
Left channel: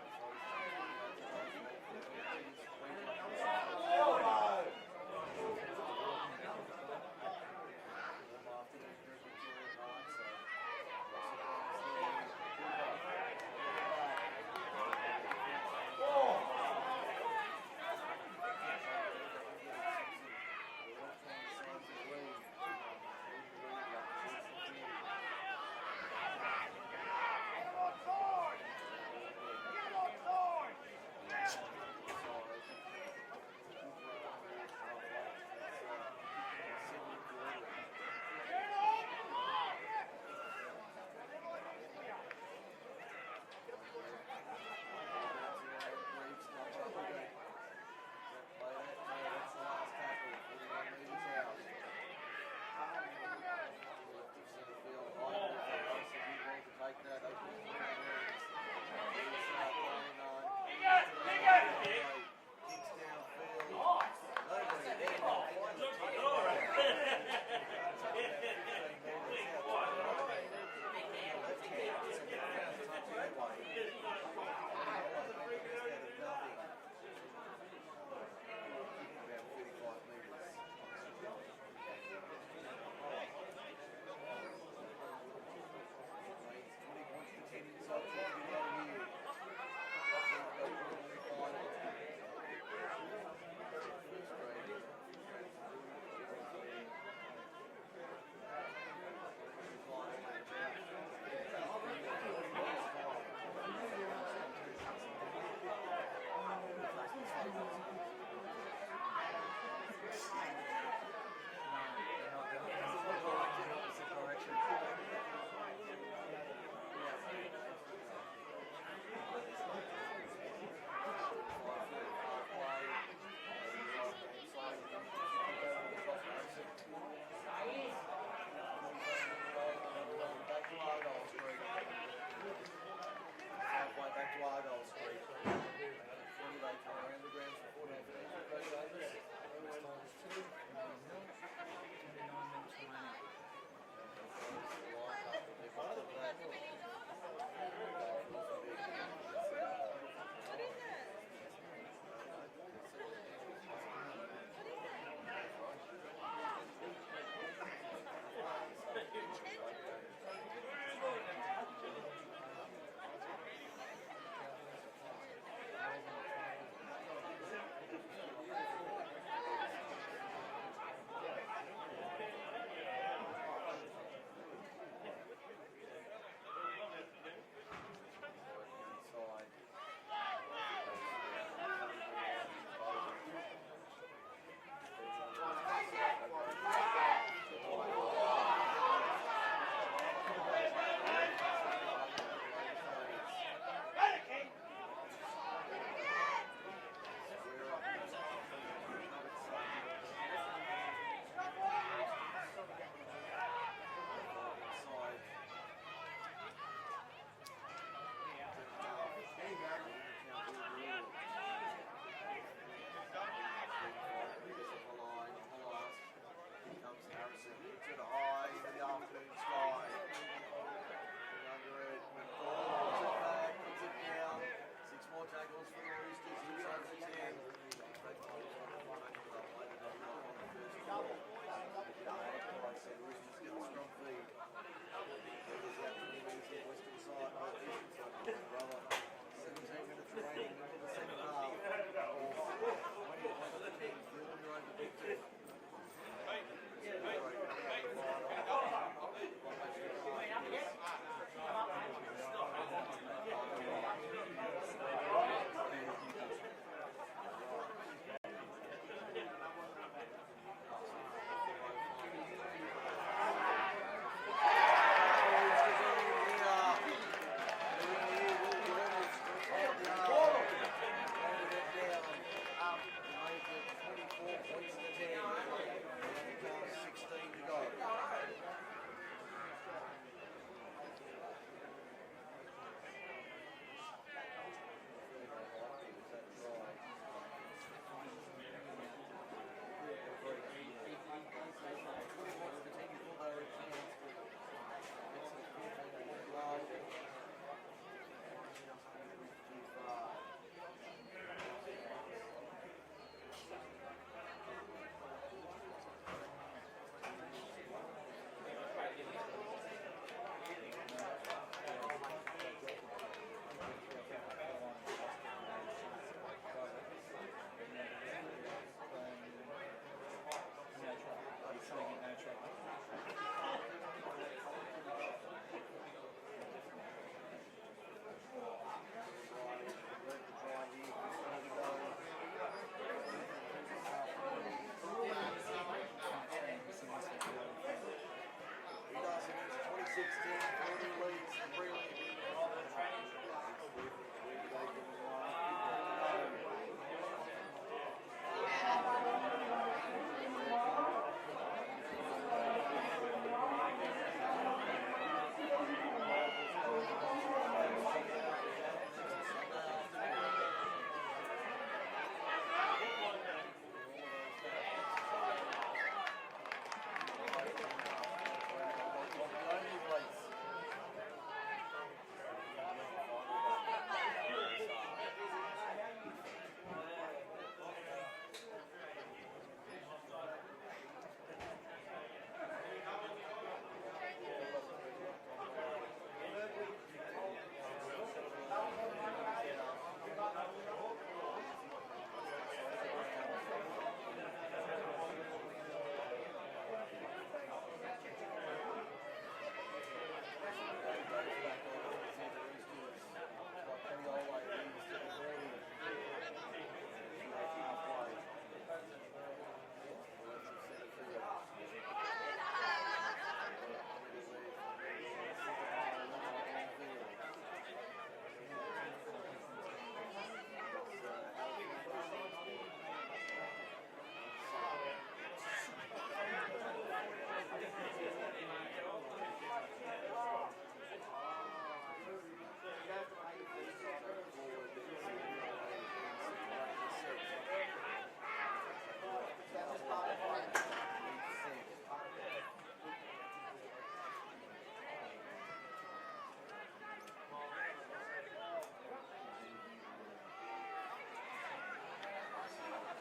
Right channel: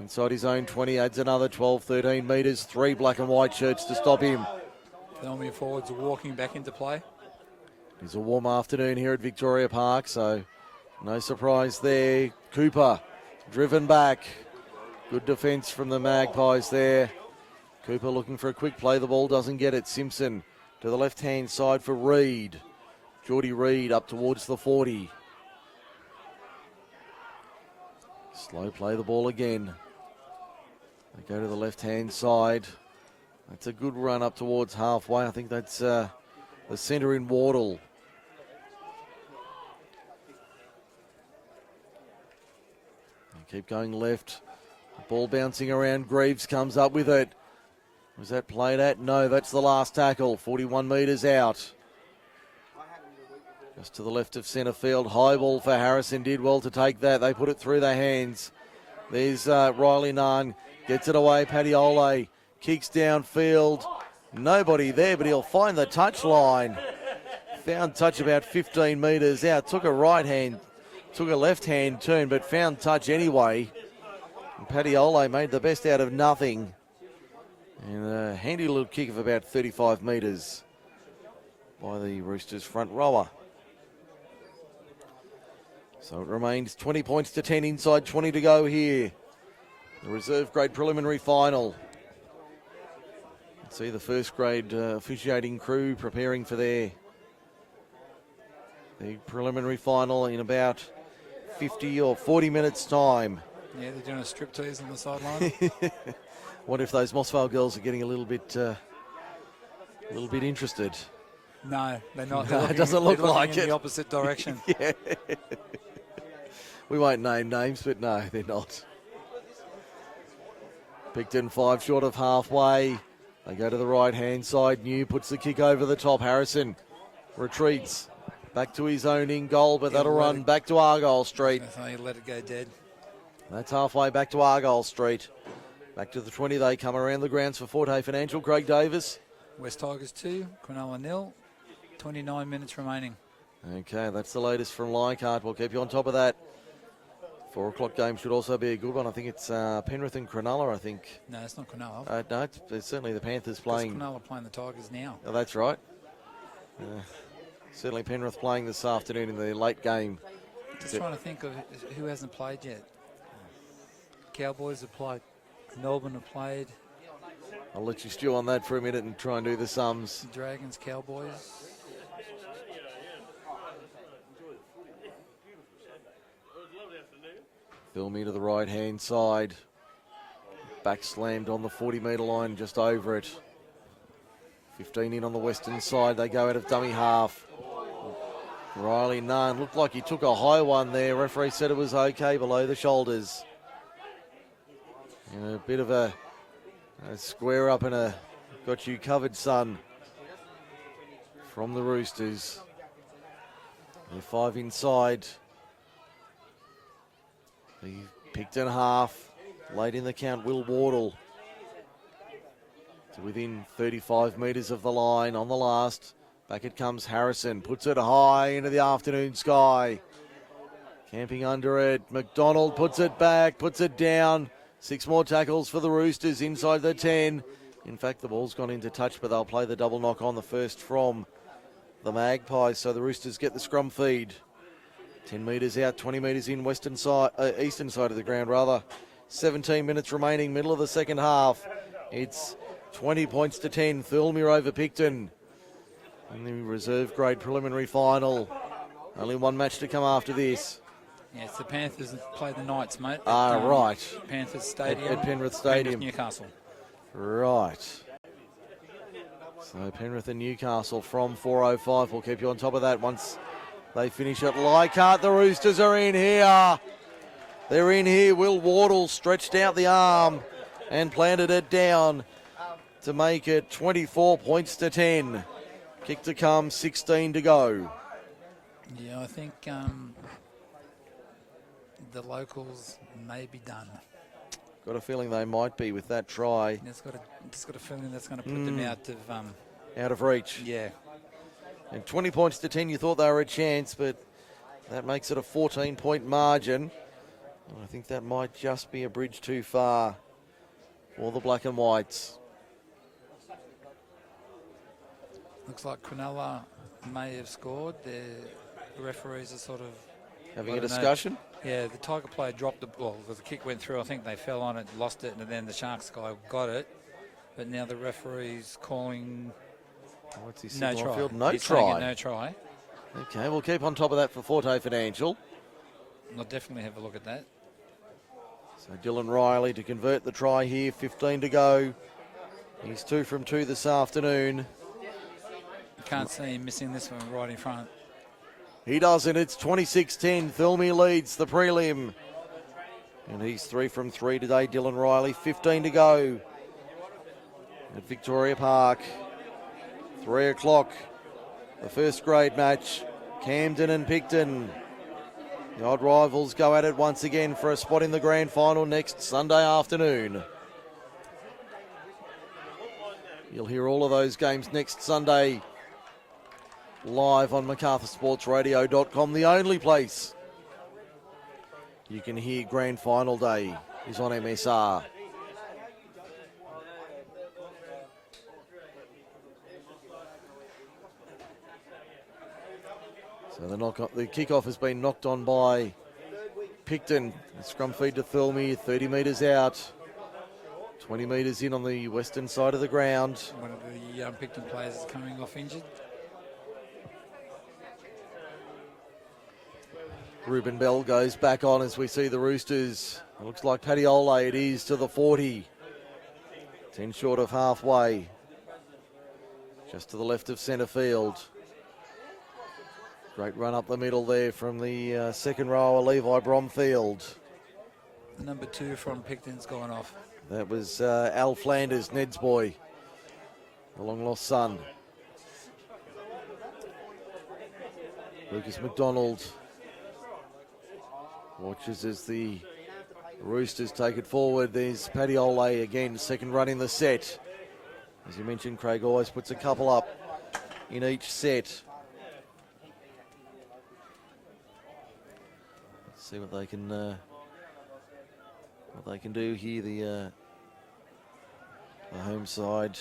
Inside his own 20. Adds another 12, 13 metres. 3 black and white shirts to stop him. Thirlmere forwards are walking back into play. It's a warm afternoon here at Victoria Park, so no surprise there. Cooper driven back. Good defence from the Magpies there. Cooper looking for a quick play. The ball doesn't get it. Simpson to the left-hand side for Reed. Geordie Reed up towards the 40. Slow play the ball again. Go to the left-hand side. That's a good run up towards halfway. I think that's the centre in Wardle. Keep going left. Ball bouncing around. Greaves comes up with it. Was that played at? No, that's the last tackle. 41 metres out. Just to the left of centre field. High ball for Harrison. Did well to take that. They put it through their hands. There's Riley Nunn. Gets it away. Paddy Ole kicks downfield. Nobody there, but he'll find the touch line. Found touch about 15 metres out. Took a right hand. Took a left-hand turn, but found touch anyway. And Paddy Ole made the best out of nothing. And a handy little kick of about 35 metres by the Roosters front rower. So it remains 20 points to 10, inside 20 to go here. The reserve grade preliminary final. See the first grade officiating crew preparing for the preliminary final in about 50 or 40 minutes time. Yeah, they're doing a striptease on the sideline. What if those Mossvale girls are getting a little bit interested? No, they're not. No, it doesn't look like in it. The opposite direction. Yeah. We won't name names, but no, they're not. Picton 5 short of halfway. They go to the right-hand side. New puts the kick over the top. Harrison retreats back to his own in goal, but that'll run back to Argyle Street. Let it go dead. That's halfway back to Argyle Street. Back to the 20, they come around the grounds for Forte Financial. Craig Davis. West Tigers 2, Cronulla 0. 29 minutes remaining. Okay, that's the latest from Leichhardt. We'll keep you on top of that. 4 o'clock game should also be a good one. I think it's Penrith and Cronulla, I think. No, it's not Cronulla. No, it's certainly the Panthers playing. Cronulla playing the Tigers now. Oh, that's right. Certainly Penrith playing this afternoon in the late game. Just trying to think of who hasn't played yet. Cowboys have played. Melbourne have played. I'll let you stew on that for a minute and try and do the sums. Dragons, Cowboys. Thirlmere to the right-hand side. Back slammed on the 40-metre line, just over it. 15 in on the western side. They go out of dummy half. Riley Nunn looked like he took a high one there. Referee said it was okay below the shoulders. And a bit of a square up and a got you covered, son, from the Roosters. The 5 inside. The Picton half. Late in the count, Will Wardle. To within 35 metres of the line on the last. Back it comes Harrison. Puts it high into the afternoon sky. Camping under it. McDonald puts it back, puts it down. 6 more tackles for the Roosters inside the 10. In fact, the ball's gone into touch, but they'll play the double knock on, the first from the Magpies. So the Roosters get the scrum feed. 10 metres out, 20 metres in, eastern side of the ground rather. 17 minutes remaining, middle of the second half. It's 20 points to 10. Thirlmere over Picton. In the reserve grade preliminary final. Only one match to come after this. Yes, the Panthers play the Knights, mate. Right. Panthers Stadium. At Penrith Stadium. Newcastle. Right. So Penrith and Newcastle from 4:05. We'll keep you on top of that once they finish at Leichhardt. The Roosters are in here. They're in here. Will Wardle stretched out the arm and planted it down to make it 24 points to 10. Kick to come, 16 to go. Yeah, I think the locals may be done. Got a feeling they might be with that try. Just got a feeling that's going to put them out of reach. Yeah. And 20 points to 10, you thought they were a chance, but that makes it a 14-point margin. I think that might just be a bridge too far for the black and whites. Looks like Cronulla may have scored. The referees are sort of having a discussion. Yeah, the Tiger player dropped the ball. The kick went through. I think they fell on it, lost it, and then the Sharks guy got it. But now the referee's calling what's he no try. Field? No He's try. saying no try. Okay, we'll keep on top of that for Forte Financial. I'll definitely have a look at that. So Dylan Riley to convert the try here, 15 to go. He's 2 from 2 this afternoon. Can't see him missing this one right in front. He doesn't. It's 26-10. Thirlmere leads the prelim. And he's 3 from 3 today. Dylan Riley, 15 to go at Victoria Park. 3 o'clock. The first grade match. Camden and Picton. The odd rivals go at it once again for a spot in the grand final next Sunday afternoon. You'll hear all of those games next Sunday live on MacArthurSportsRadio.com. The only place you can hear grand final day is on MSR. So the kickoff has been knocked on by Picton. The scrum feed to Thirlmere, 30 metres out. 20 metres in on the western side of the ground. One of the Picton players is coming off injured. Ruben Bell goes back on as we see the Roosters. It looks like Paddy Ole, it is to the 40. 10 short of halfway. Just to the left of centre field. Great run up the middle there from the second rower, Levi Bromfield. Number 2 from Picton's gone off. That was Al Flanders, Ned's boy, the long lost son. Lucas McDonald watches as the Roosters take it forward. There's Paddy Ole again, second run in the set. As you mentioned, Craig always puts a couple up in each set. Let's see what they can do here. The home side.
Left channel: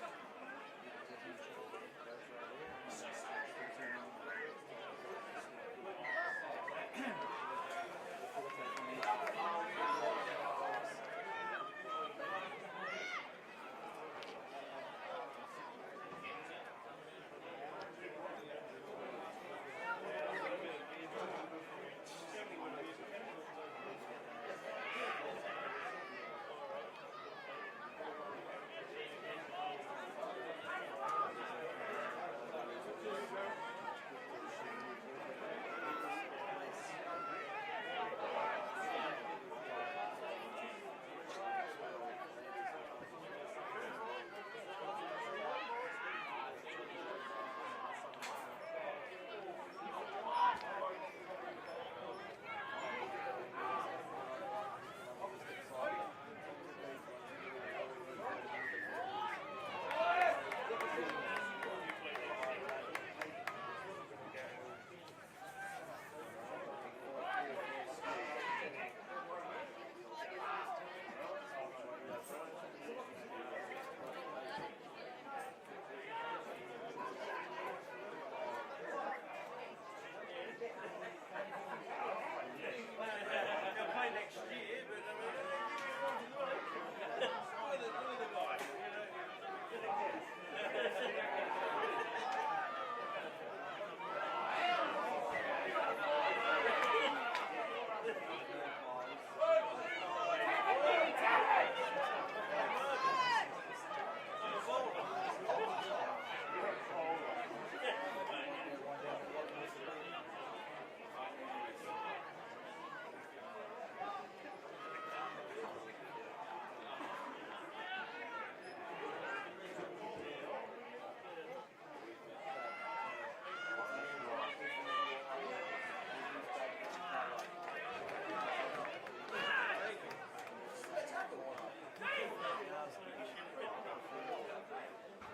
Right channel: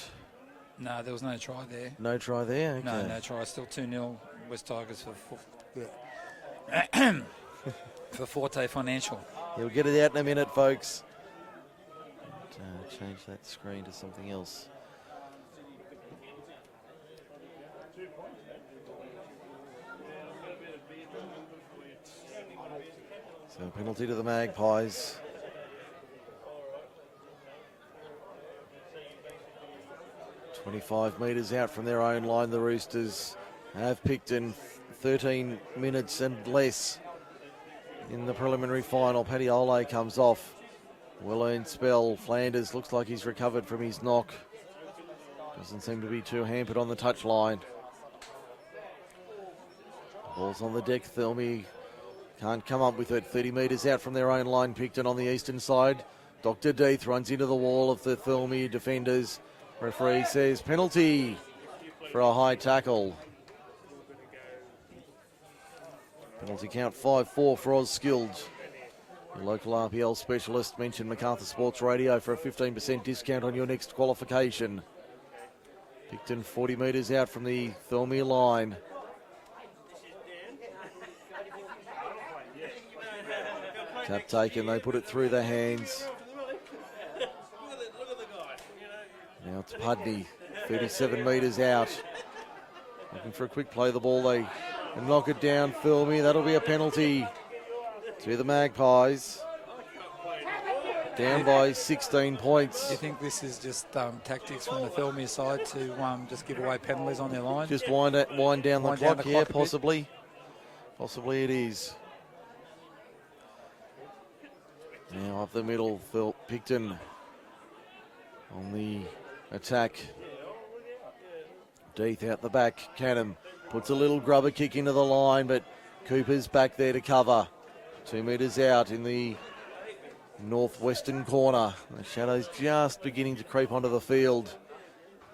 No, there was no try there. No try there? Okay. No try. Still 2-0 West Tigers for Forte Financial. We'll get it out in a minute, folks. Change that screen to something else. So penalty to the Magpies. 25 metres out from their own line, the Roosters have Picton 13 minutes and less in the preliminary final. Patiole comes off. Well-earned spell. Flanders looks like he's recovered from his knock. Doesn't seem to be too hampered on the touchline. Ball's on the deck. Thirlmere can't come up with it. 30 metres out from their own line. Picton on the eastern side. Dr. Death runs into the wall of the Thirlmere defenders. Referee says penalty for a high tackle. Penalty count 5-4 for Oz Skilled. The local RPL specialist mentioned MacArthur Sports Radio for a 15% discount on your next qualification. Picton 40 metres out from the Thirlmere line. Tap taken, they put it through their hands. Now it's Pudney, 37 metres out. Looking for a quick play of the ball, they knock it down. Thirlmere, that'll be a penalty to the Magpies. Down by 16 points. Do you think this is just tactics from the Thirlmere side to just give away penalties on their line? Just wind down the clock, yeah, possibly. Possibly it is. Now up the middle, Picton on the attack. Death out the back. Canham puts a little grubber kick into the line, but Cooper's back there to cover. 2 metres out in the northwestern corner. The shadows just beginning to creep onto the field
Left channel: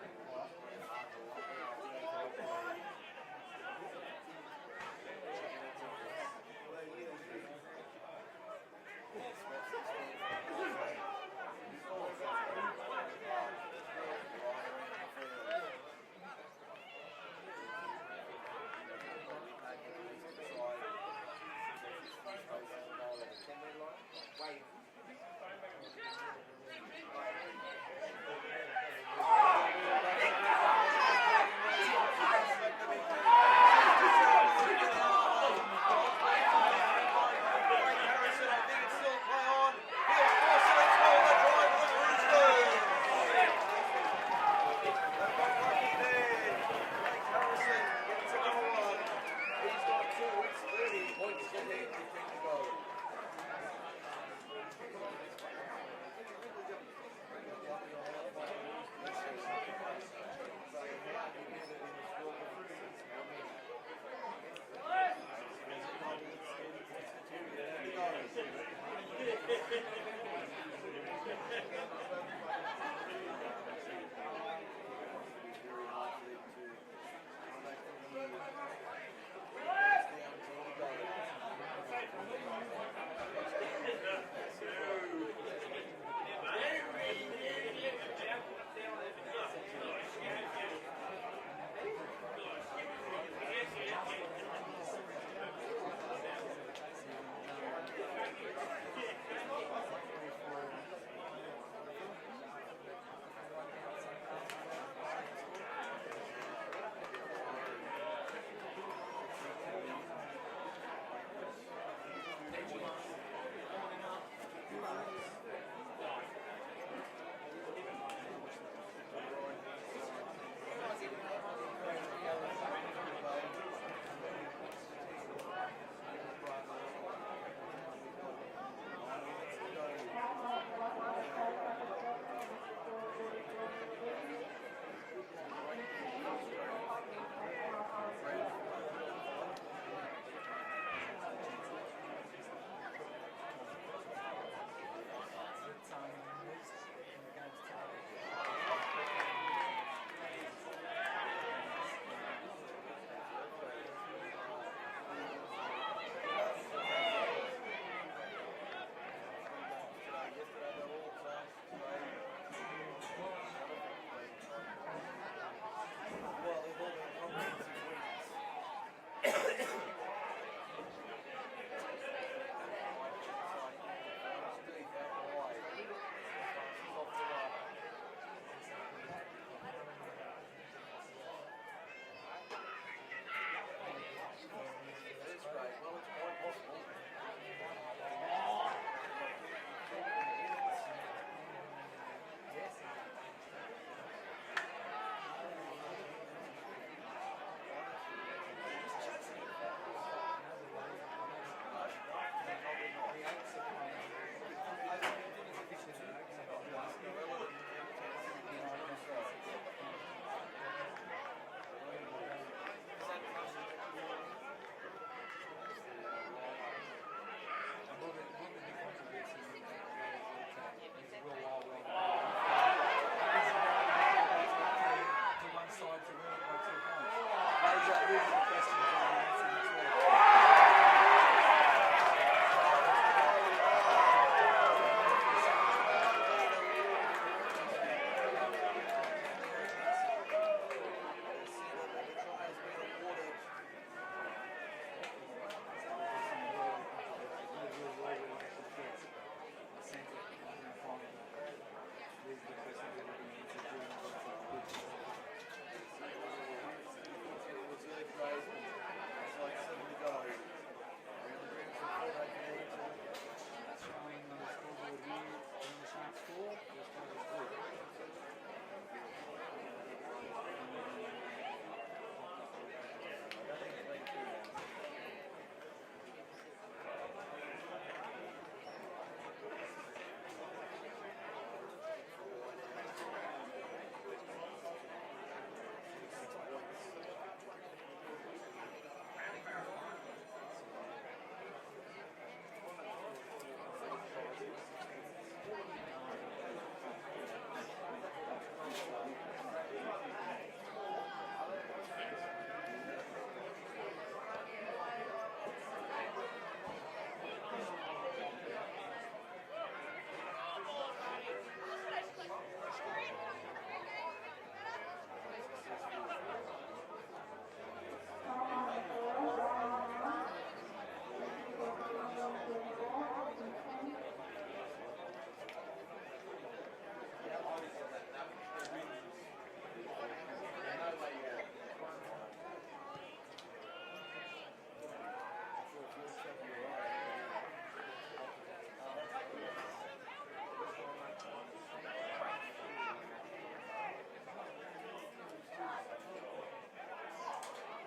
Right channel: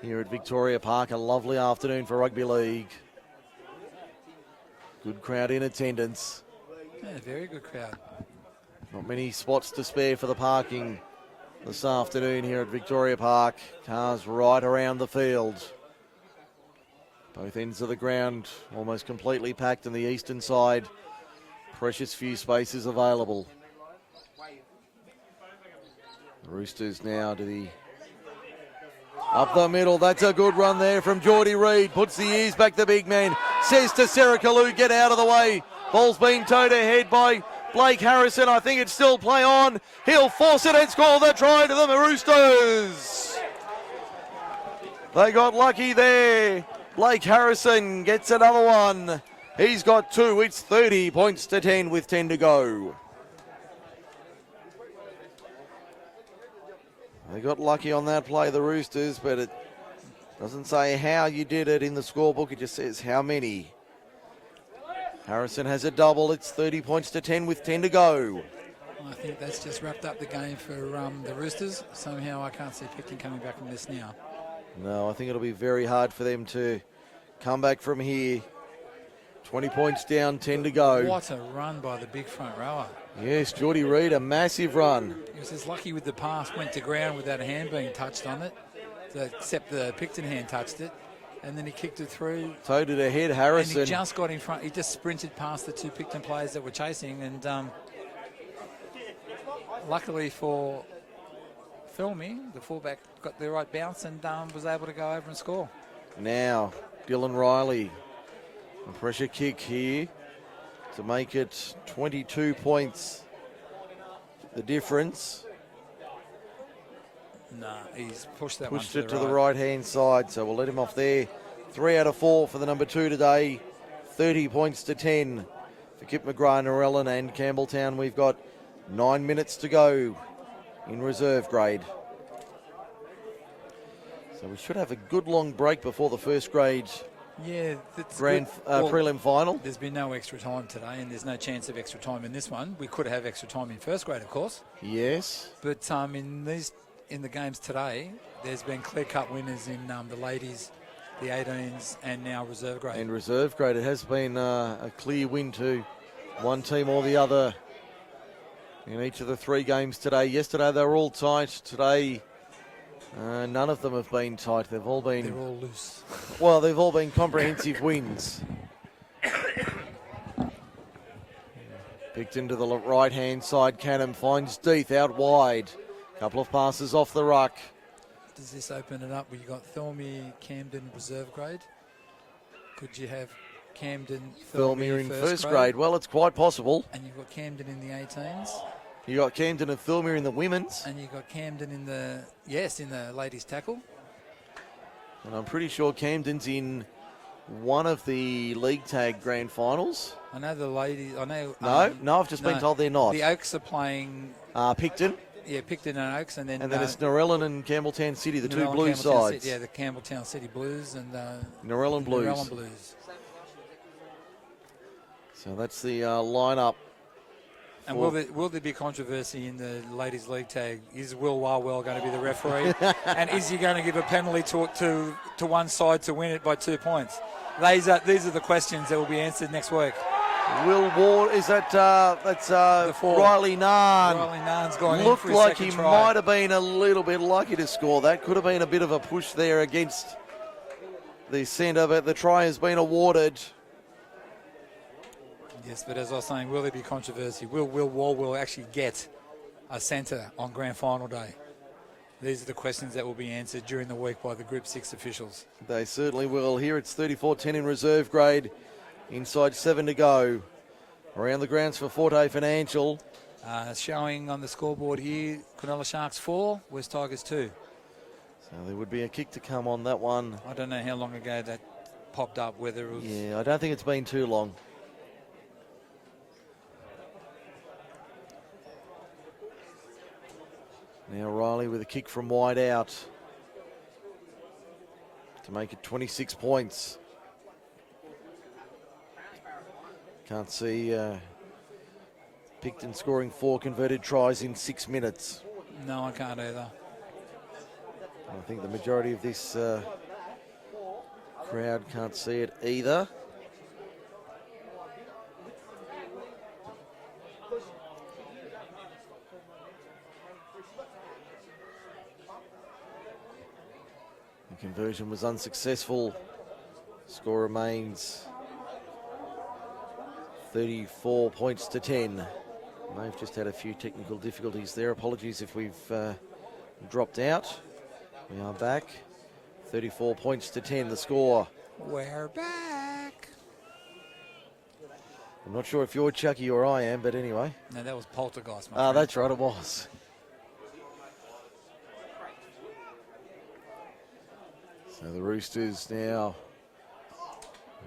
here at Victoria Park. A lovely afternoon for rugby league. Good crowd in attendance. Yeah, very good crowd. Not many spots to spare for the parking this afternoon here at Victoria Park. Cars right around the field. Both ends of the ground almost completely packed on the eastern side. Precious few spaces available. The Roosters now to the up the middle. That's a good run there from Geordie Reid. Puts the ears back, the big man. Says to Sarah Kalu, get out of the way. Ball's been towed ahead by Blake Harrison. I think it's still play on. He'll force it and score the try to the Roosters. They got lucky there. Blake Harrison gets another one. He's got 2. It's 30 points to 10 with 10 to go. They got lucky on that play, the Roosters, but it doesn't say how you did it in the scorebook. It just says how many. Harrison has a double. It's 30 points to 10 with 10 to go. I think that's just wrapped up the game for the Roosters. Somehow I can't see Picton coming back from this now. No, I think it'll be very hard for them to come back from here. 20 points down, 10 to go. What a run by the big front rower. Yes, Geordie Reid, a massive run. He was just lucky with the pass, went to ground without a hand being touched on it, except the Picton hand touched it, and then he kicked it through. Towed it ahead, Harrison. And he just got in front. He just sprinted past the 2 Picton players that were chasing, and luckily for Thirlmere, the fullback got the right bounce and was able to go over and score. Now, Dylan Riley. A pressure kick here to make it 22 points. The difference. No, he's pushed that Pushed one it to the right-hand side, so we'll let him off there. 3 out of 4 for the number 2 today. 30 points to 10 for Kip McGrath, Narellan and Campbelltown. We've got 9 minutes to go in reserve grade. So we should have a good long break before the first grade prelim final. There's been no extra time today, and there's no chance of extra time in this one. We could have extra time in first grade, of course. Yes. But in the games today, there's been clear-cut winners in the ladies, the 18s, and now reserve grade. In reserve grade, it has been a clear win to one team or the other in each of the 3 games today. Yesterday, they were all tight. Today, none of them have been tight. They're all loose. Well, they've all been comprehensive wins. Picked into the right-hand side. Canham finds Death out wide. Couple of passes off the ruck. Does this open it up? We've got Thirlmere, Camden, reserve grade. Could you have Camden, Thirlmere in first grade? Well, it's quite possible. And you've got Camden in the 18s. You got Camden and Thirlmere in the women's. And you've got Camden in the ladies tackle. And I'm pretty sure Camden's in one of the league tag grand finals. I know the ladies. I know. No, I've just been told they're not. The Oaks are playing. Picton. Yeah, Picton and Oaks, and then it's Narellan and Campbelltown City, the two Narellan, blue Campbelltown sides. City, yeah, the Campbelltown City Blues and Narellan Blues. Narellan Blues. So that's the lineup. And will there be controversy in the ladies' league tag? Is Will Warwell going to be the referee? And is he going to give a penalty to one side to win it by 2 points? These are the questions that will be answered next week. Will War, is that, that's Riley Narn. Riley Narn's gone Looked in for like he second try. might have been a little bit lucky to score that. Could have been a bit of a push there against the centre, but the try has been awarded. Yes, but as I was saying, will there be controversy? Will Warwell actually get a centre on grand final day? These are the questions that will be answered during the week by the Group 6 officials. They certainly will. Here it's 34-10 in reserve grade. Inside 7 to go. Around the grounds for Forte Financial. Showing on the scoreboard here, Cronulla Sharks 4, West Tigers 2. So there would be a kick to come on that one. I don't know how long ago that popped up, whether it was... Yeah, I don't think it's been too long. Now Riley with a kick from wide out to make it 26 points. Can't see Picton scoring 4 converted tries in 6 minutes. No, I can't either. I think the majority of this crowd can't see it either. The conversion was unsuccessful. Score remains 34 points to 10. They've just had a few technical difficulties there. Apologies if we've dropped out. We are back. 34 points to 10, the score. We're back. I'm not sure if you're Chucky or I am, but anyway. No, that was Poltergeist, my friend. That's right, it was. So the Roosters now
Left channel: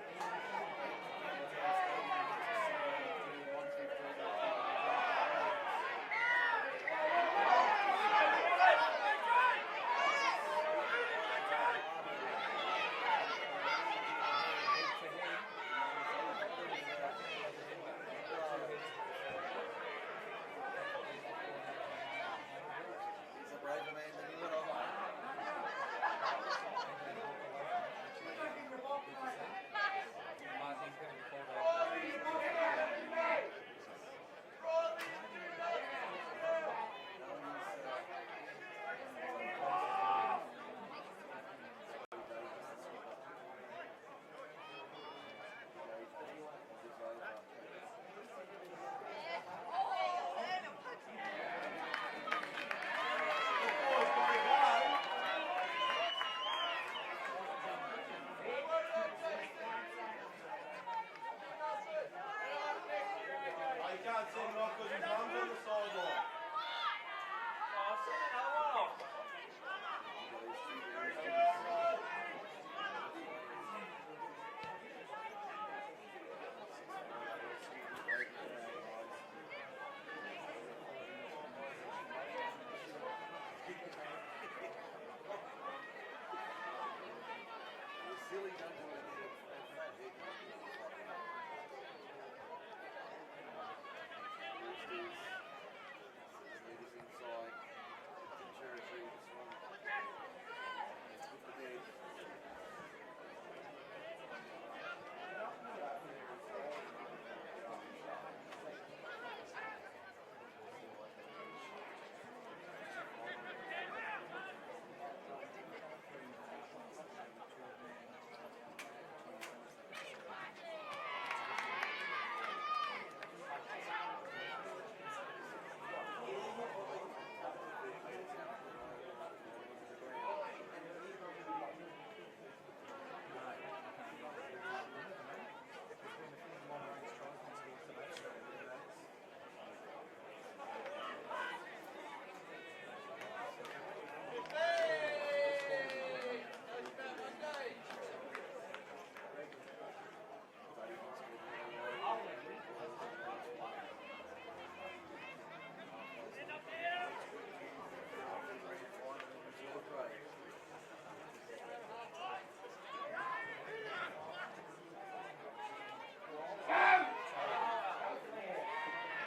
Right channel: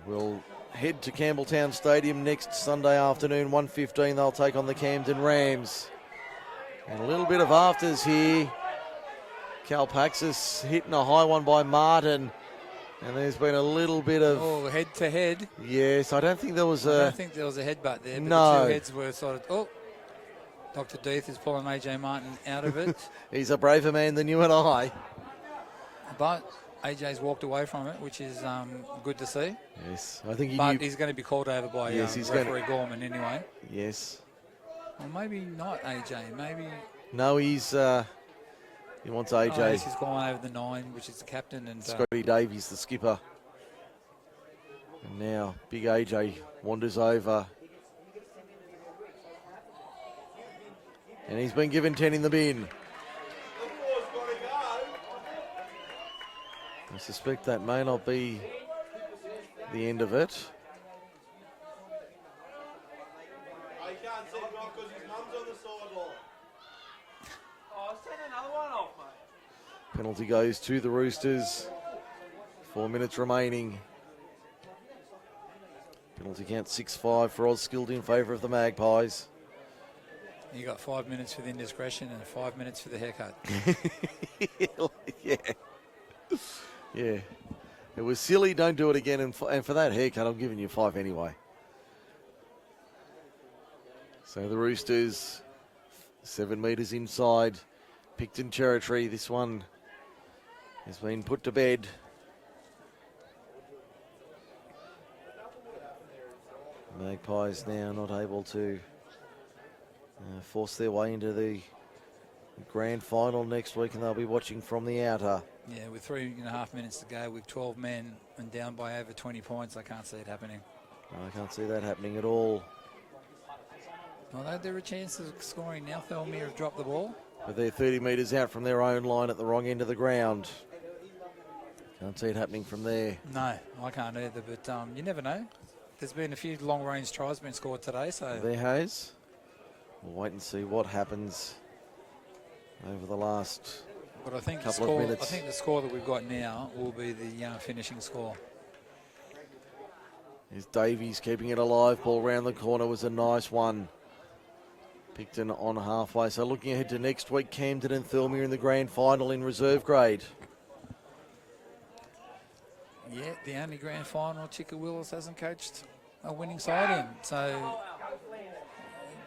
will head to Campbelltown Stadium next Sunday afternoon, 1:15. They'll take on the Camden Rams. And a little bit of afters here. Kalpaxis hitting a high one by Martin. And there's been a little bit of... Oh, head to head. Yes, I don't think there was a... I don't think there was a headbutt there. But No. the two heads were sort of... Oh, Dr. Deeth is pulling AJ Martin out of it. He's a braver man than you and I. But AJ's walked away from it, which is good to see. Yes, I think he But knew... he's going to be called over by He's referee Gorman anyway. Yes. Well, maybe not AJ. Maybe... No, he's... he wants AJ. Oh, he's gone over the 9, which is the captain. And Scotty Davies, the skipper. And now, big AJ wanders over. And he's been given 10 in the bin. I suspect that may not be the end of it. Penalty goes to the Roosters. 4 minutes remaining. Penalty count 6-5 for Osskild in favour of the Magpies. You got 5 minutes for the indiscretion and 5 minutes for the haircut. Yeah. Yeah. It was silly, don't do it again. And for that haircut, I'm giving you 5 anyway. So the Roosters, 7 metres inside Picton territory. This one has been put to bed. Magpies now not able to force their way into the grand final next week, and they'll be watching from the outer. Yeah, with 3.5 minutes to go, with 12 men and down by over 20 points, I can't see it happening. I can't see that happening at all. Although there are chances of scoring now, Thirlmere have dropped the ball. But they're 30 metres out from their own line at the wrong end of the ground. Can't see it happening from there. No, I can't either, but you never know. There's been a few long-range tries been scored today, so... There has. We'll wait and see what happens over the last But I think the Couple of score. I minutes. think the score that we've got now will be the finishing score. Here's Davies keeping it alive. Ball round the corner was a nice one. Picton on halfway. So looking ahead to next week, Camden and Thirlmere in the grand final in reserve grade. Yeah, the only grand final Chicka Willis hasn't coached a winning side in. So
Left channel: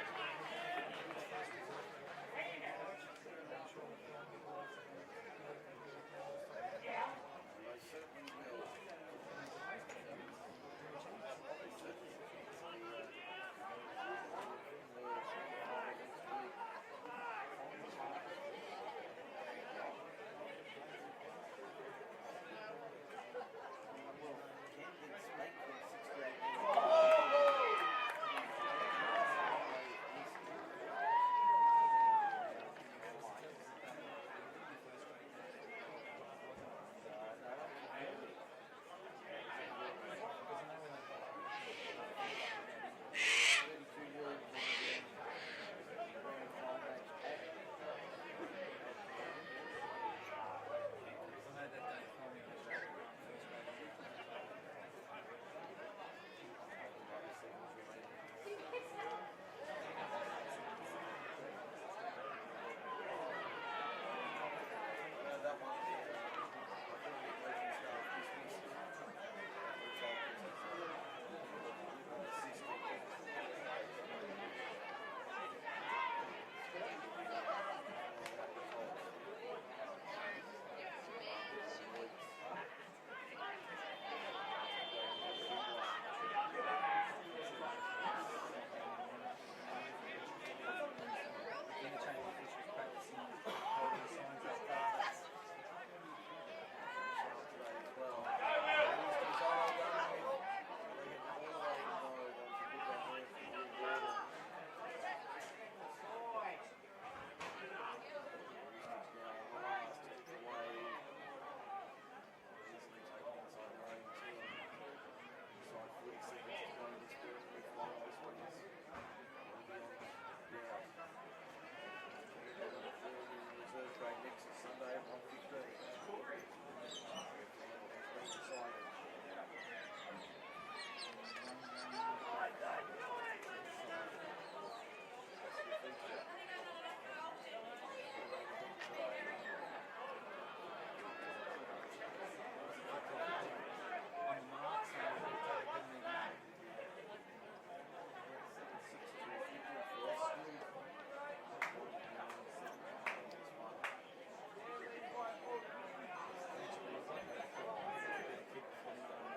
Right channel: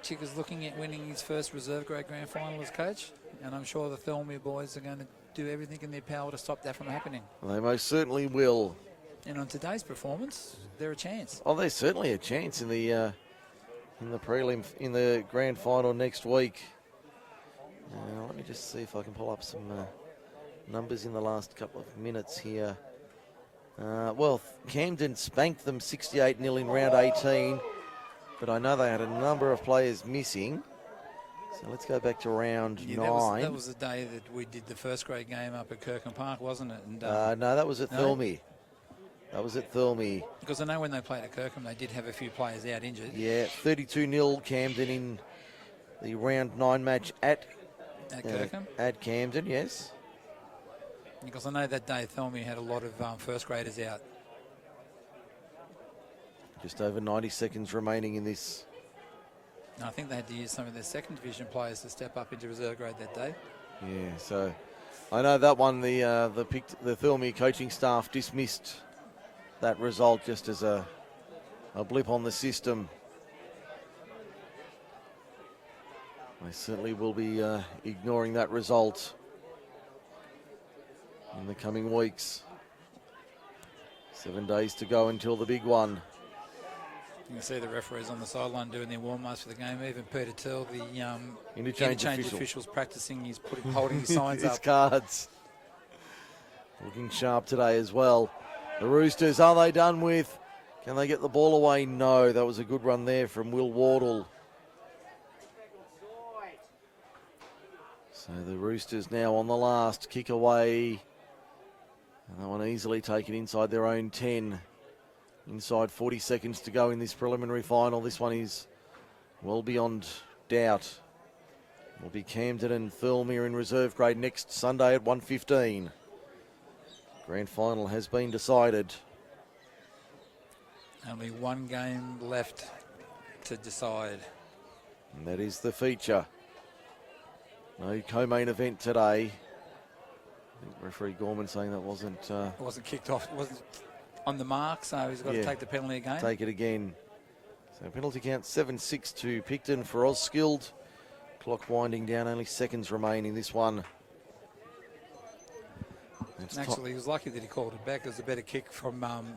Chicka's looking at winning his first reserve grade grand final as coach. And I'm sure the Thirlmere boys are going to do everything in their power to stop that from happening. Well, they most certainly will. And on today's performance, they're a chance. Oh, there's certainly a chance in the prelim, in the grand final next week. Let me just see if I can pull up some numbers in the last couple of minutes here. Well, Camden spanked them 68-0 in round 18, but I know they had a number of players missing. So let's go back to round 9. That was the day that we did the first grade game up at Kirkham Park, wasn't it? And, no, that was at Thirlmere. That was at Thirlmere. Because I know when they played at Kirkham, they did have a few players out injured. Yeah, 32-0 Camden in the round 9 match at Kirkham? At Camden, yes. Because I know that day Thirlmere had a lot of first graders out. Just over 90 seconds remaining in this. And I think they had to use some of their second division players to step up into reserve grade that day. Yeah, so I know that one, the Thirlmere coaching staff dismissed that result just as a blip on the system. They certainly will be ignoring that result in the coming weeks. 7 days to go until the big one. You can see the referees on the sideline doing their warm-ups for the game. Even Peter Till, the interchange officials practicing, he's holding the signs his up. Cards. Looking sharp today as well. The Roosters, are they done with? Can they get the ball away? No, that was a good run there from Will Wardle. So the Roosters now on the last kick away. And that one easily taken inside their own 10. Inside 40 seconds to go in this preliminary final. This one is well beyond doubt. Will be Camden and Thirlmere in reserve grade next Sunday at 1:15. Grand final has been decided. Only one game left to decide. And that is the feature. No co-main event today. Referee Gorman saying that wasn't... It wasn't kicked off. It wasn't on the mark, so he's got to take the penalty again. Take it again. So penalty count 7-6 to Picton for Osskild. Clock winding down, only seconds remain in this one. Actually, he was lucky that he called it back. It was a better kick from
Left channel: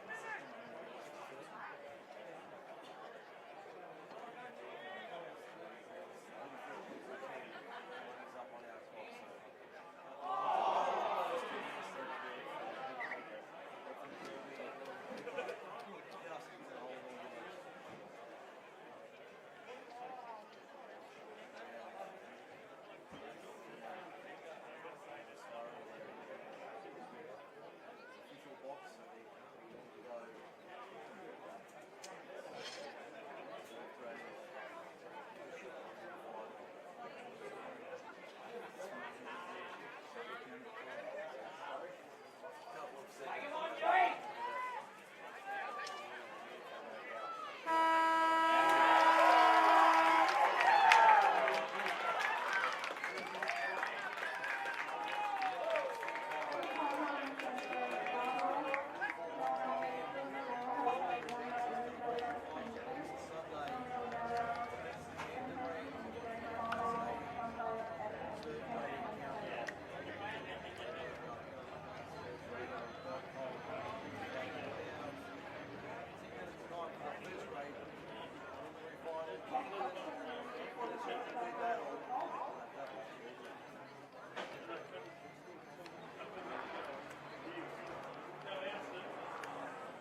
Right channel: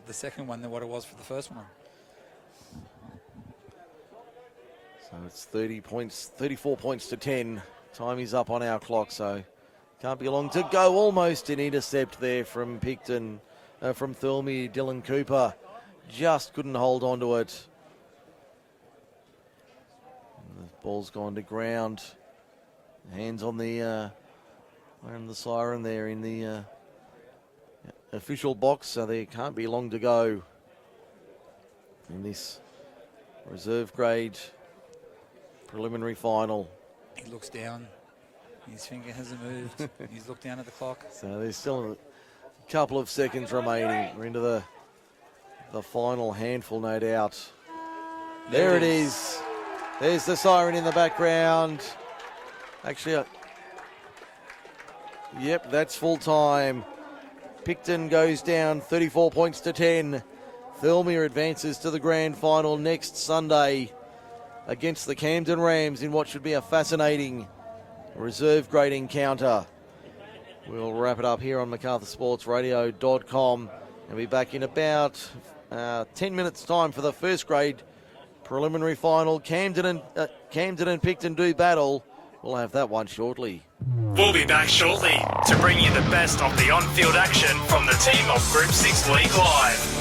the second one than what it was for the first one. So it's 34 points to 10. Time is up on our clock, so can't be long to go. Almost an intercept there from Picton, from Thirlmere. Dylan Cooper just couldn't hold on to it. And the ball's gone to ground. Hands on the siren there in the official box, so there can't be long to go in this reserve grade preliminary final. He looks down. His finger hasn't moved. He's looked down at the clock. So there's still a couple of seconds remaining. We're into the final handful, no doubt. There it is. There's the siren in the background. Actually, yep, that's full time. Picton goes down 34 points to 10. Thirlmere advances to the grand final next Sunday against the Camden Rams in what should be a fascinating reserve grade encounter. We'll wrap it up here on MacArthurSportsRadio.com and be back in about 10 minutes time for the first grade preliminary final. Camden and Picton do battle. We'll have that one shortly. We'll be back shortly to bring you the best of the on-field action from the team of Group 6 League Live.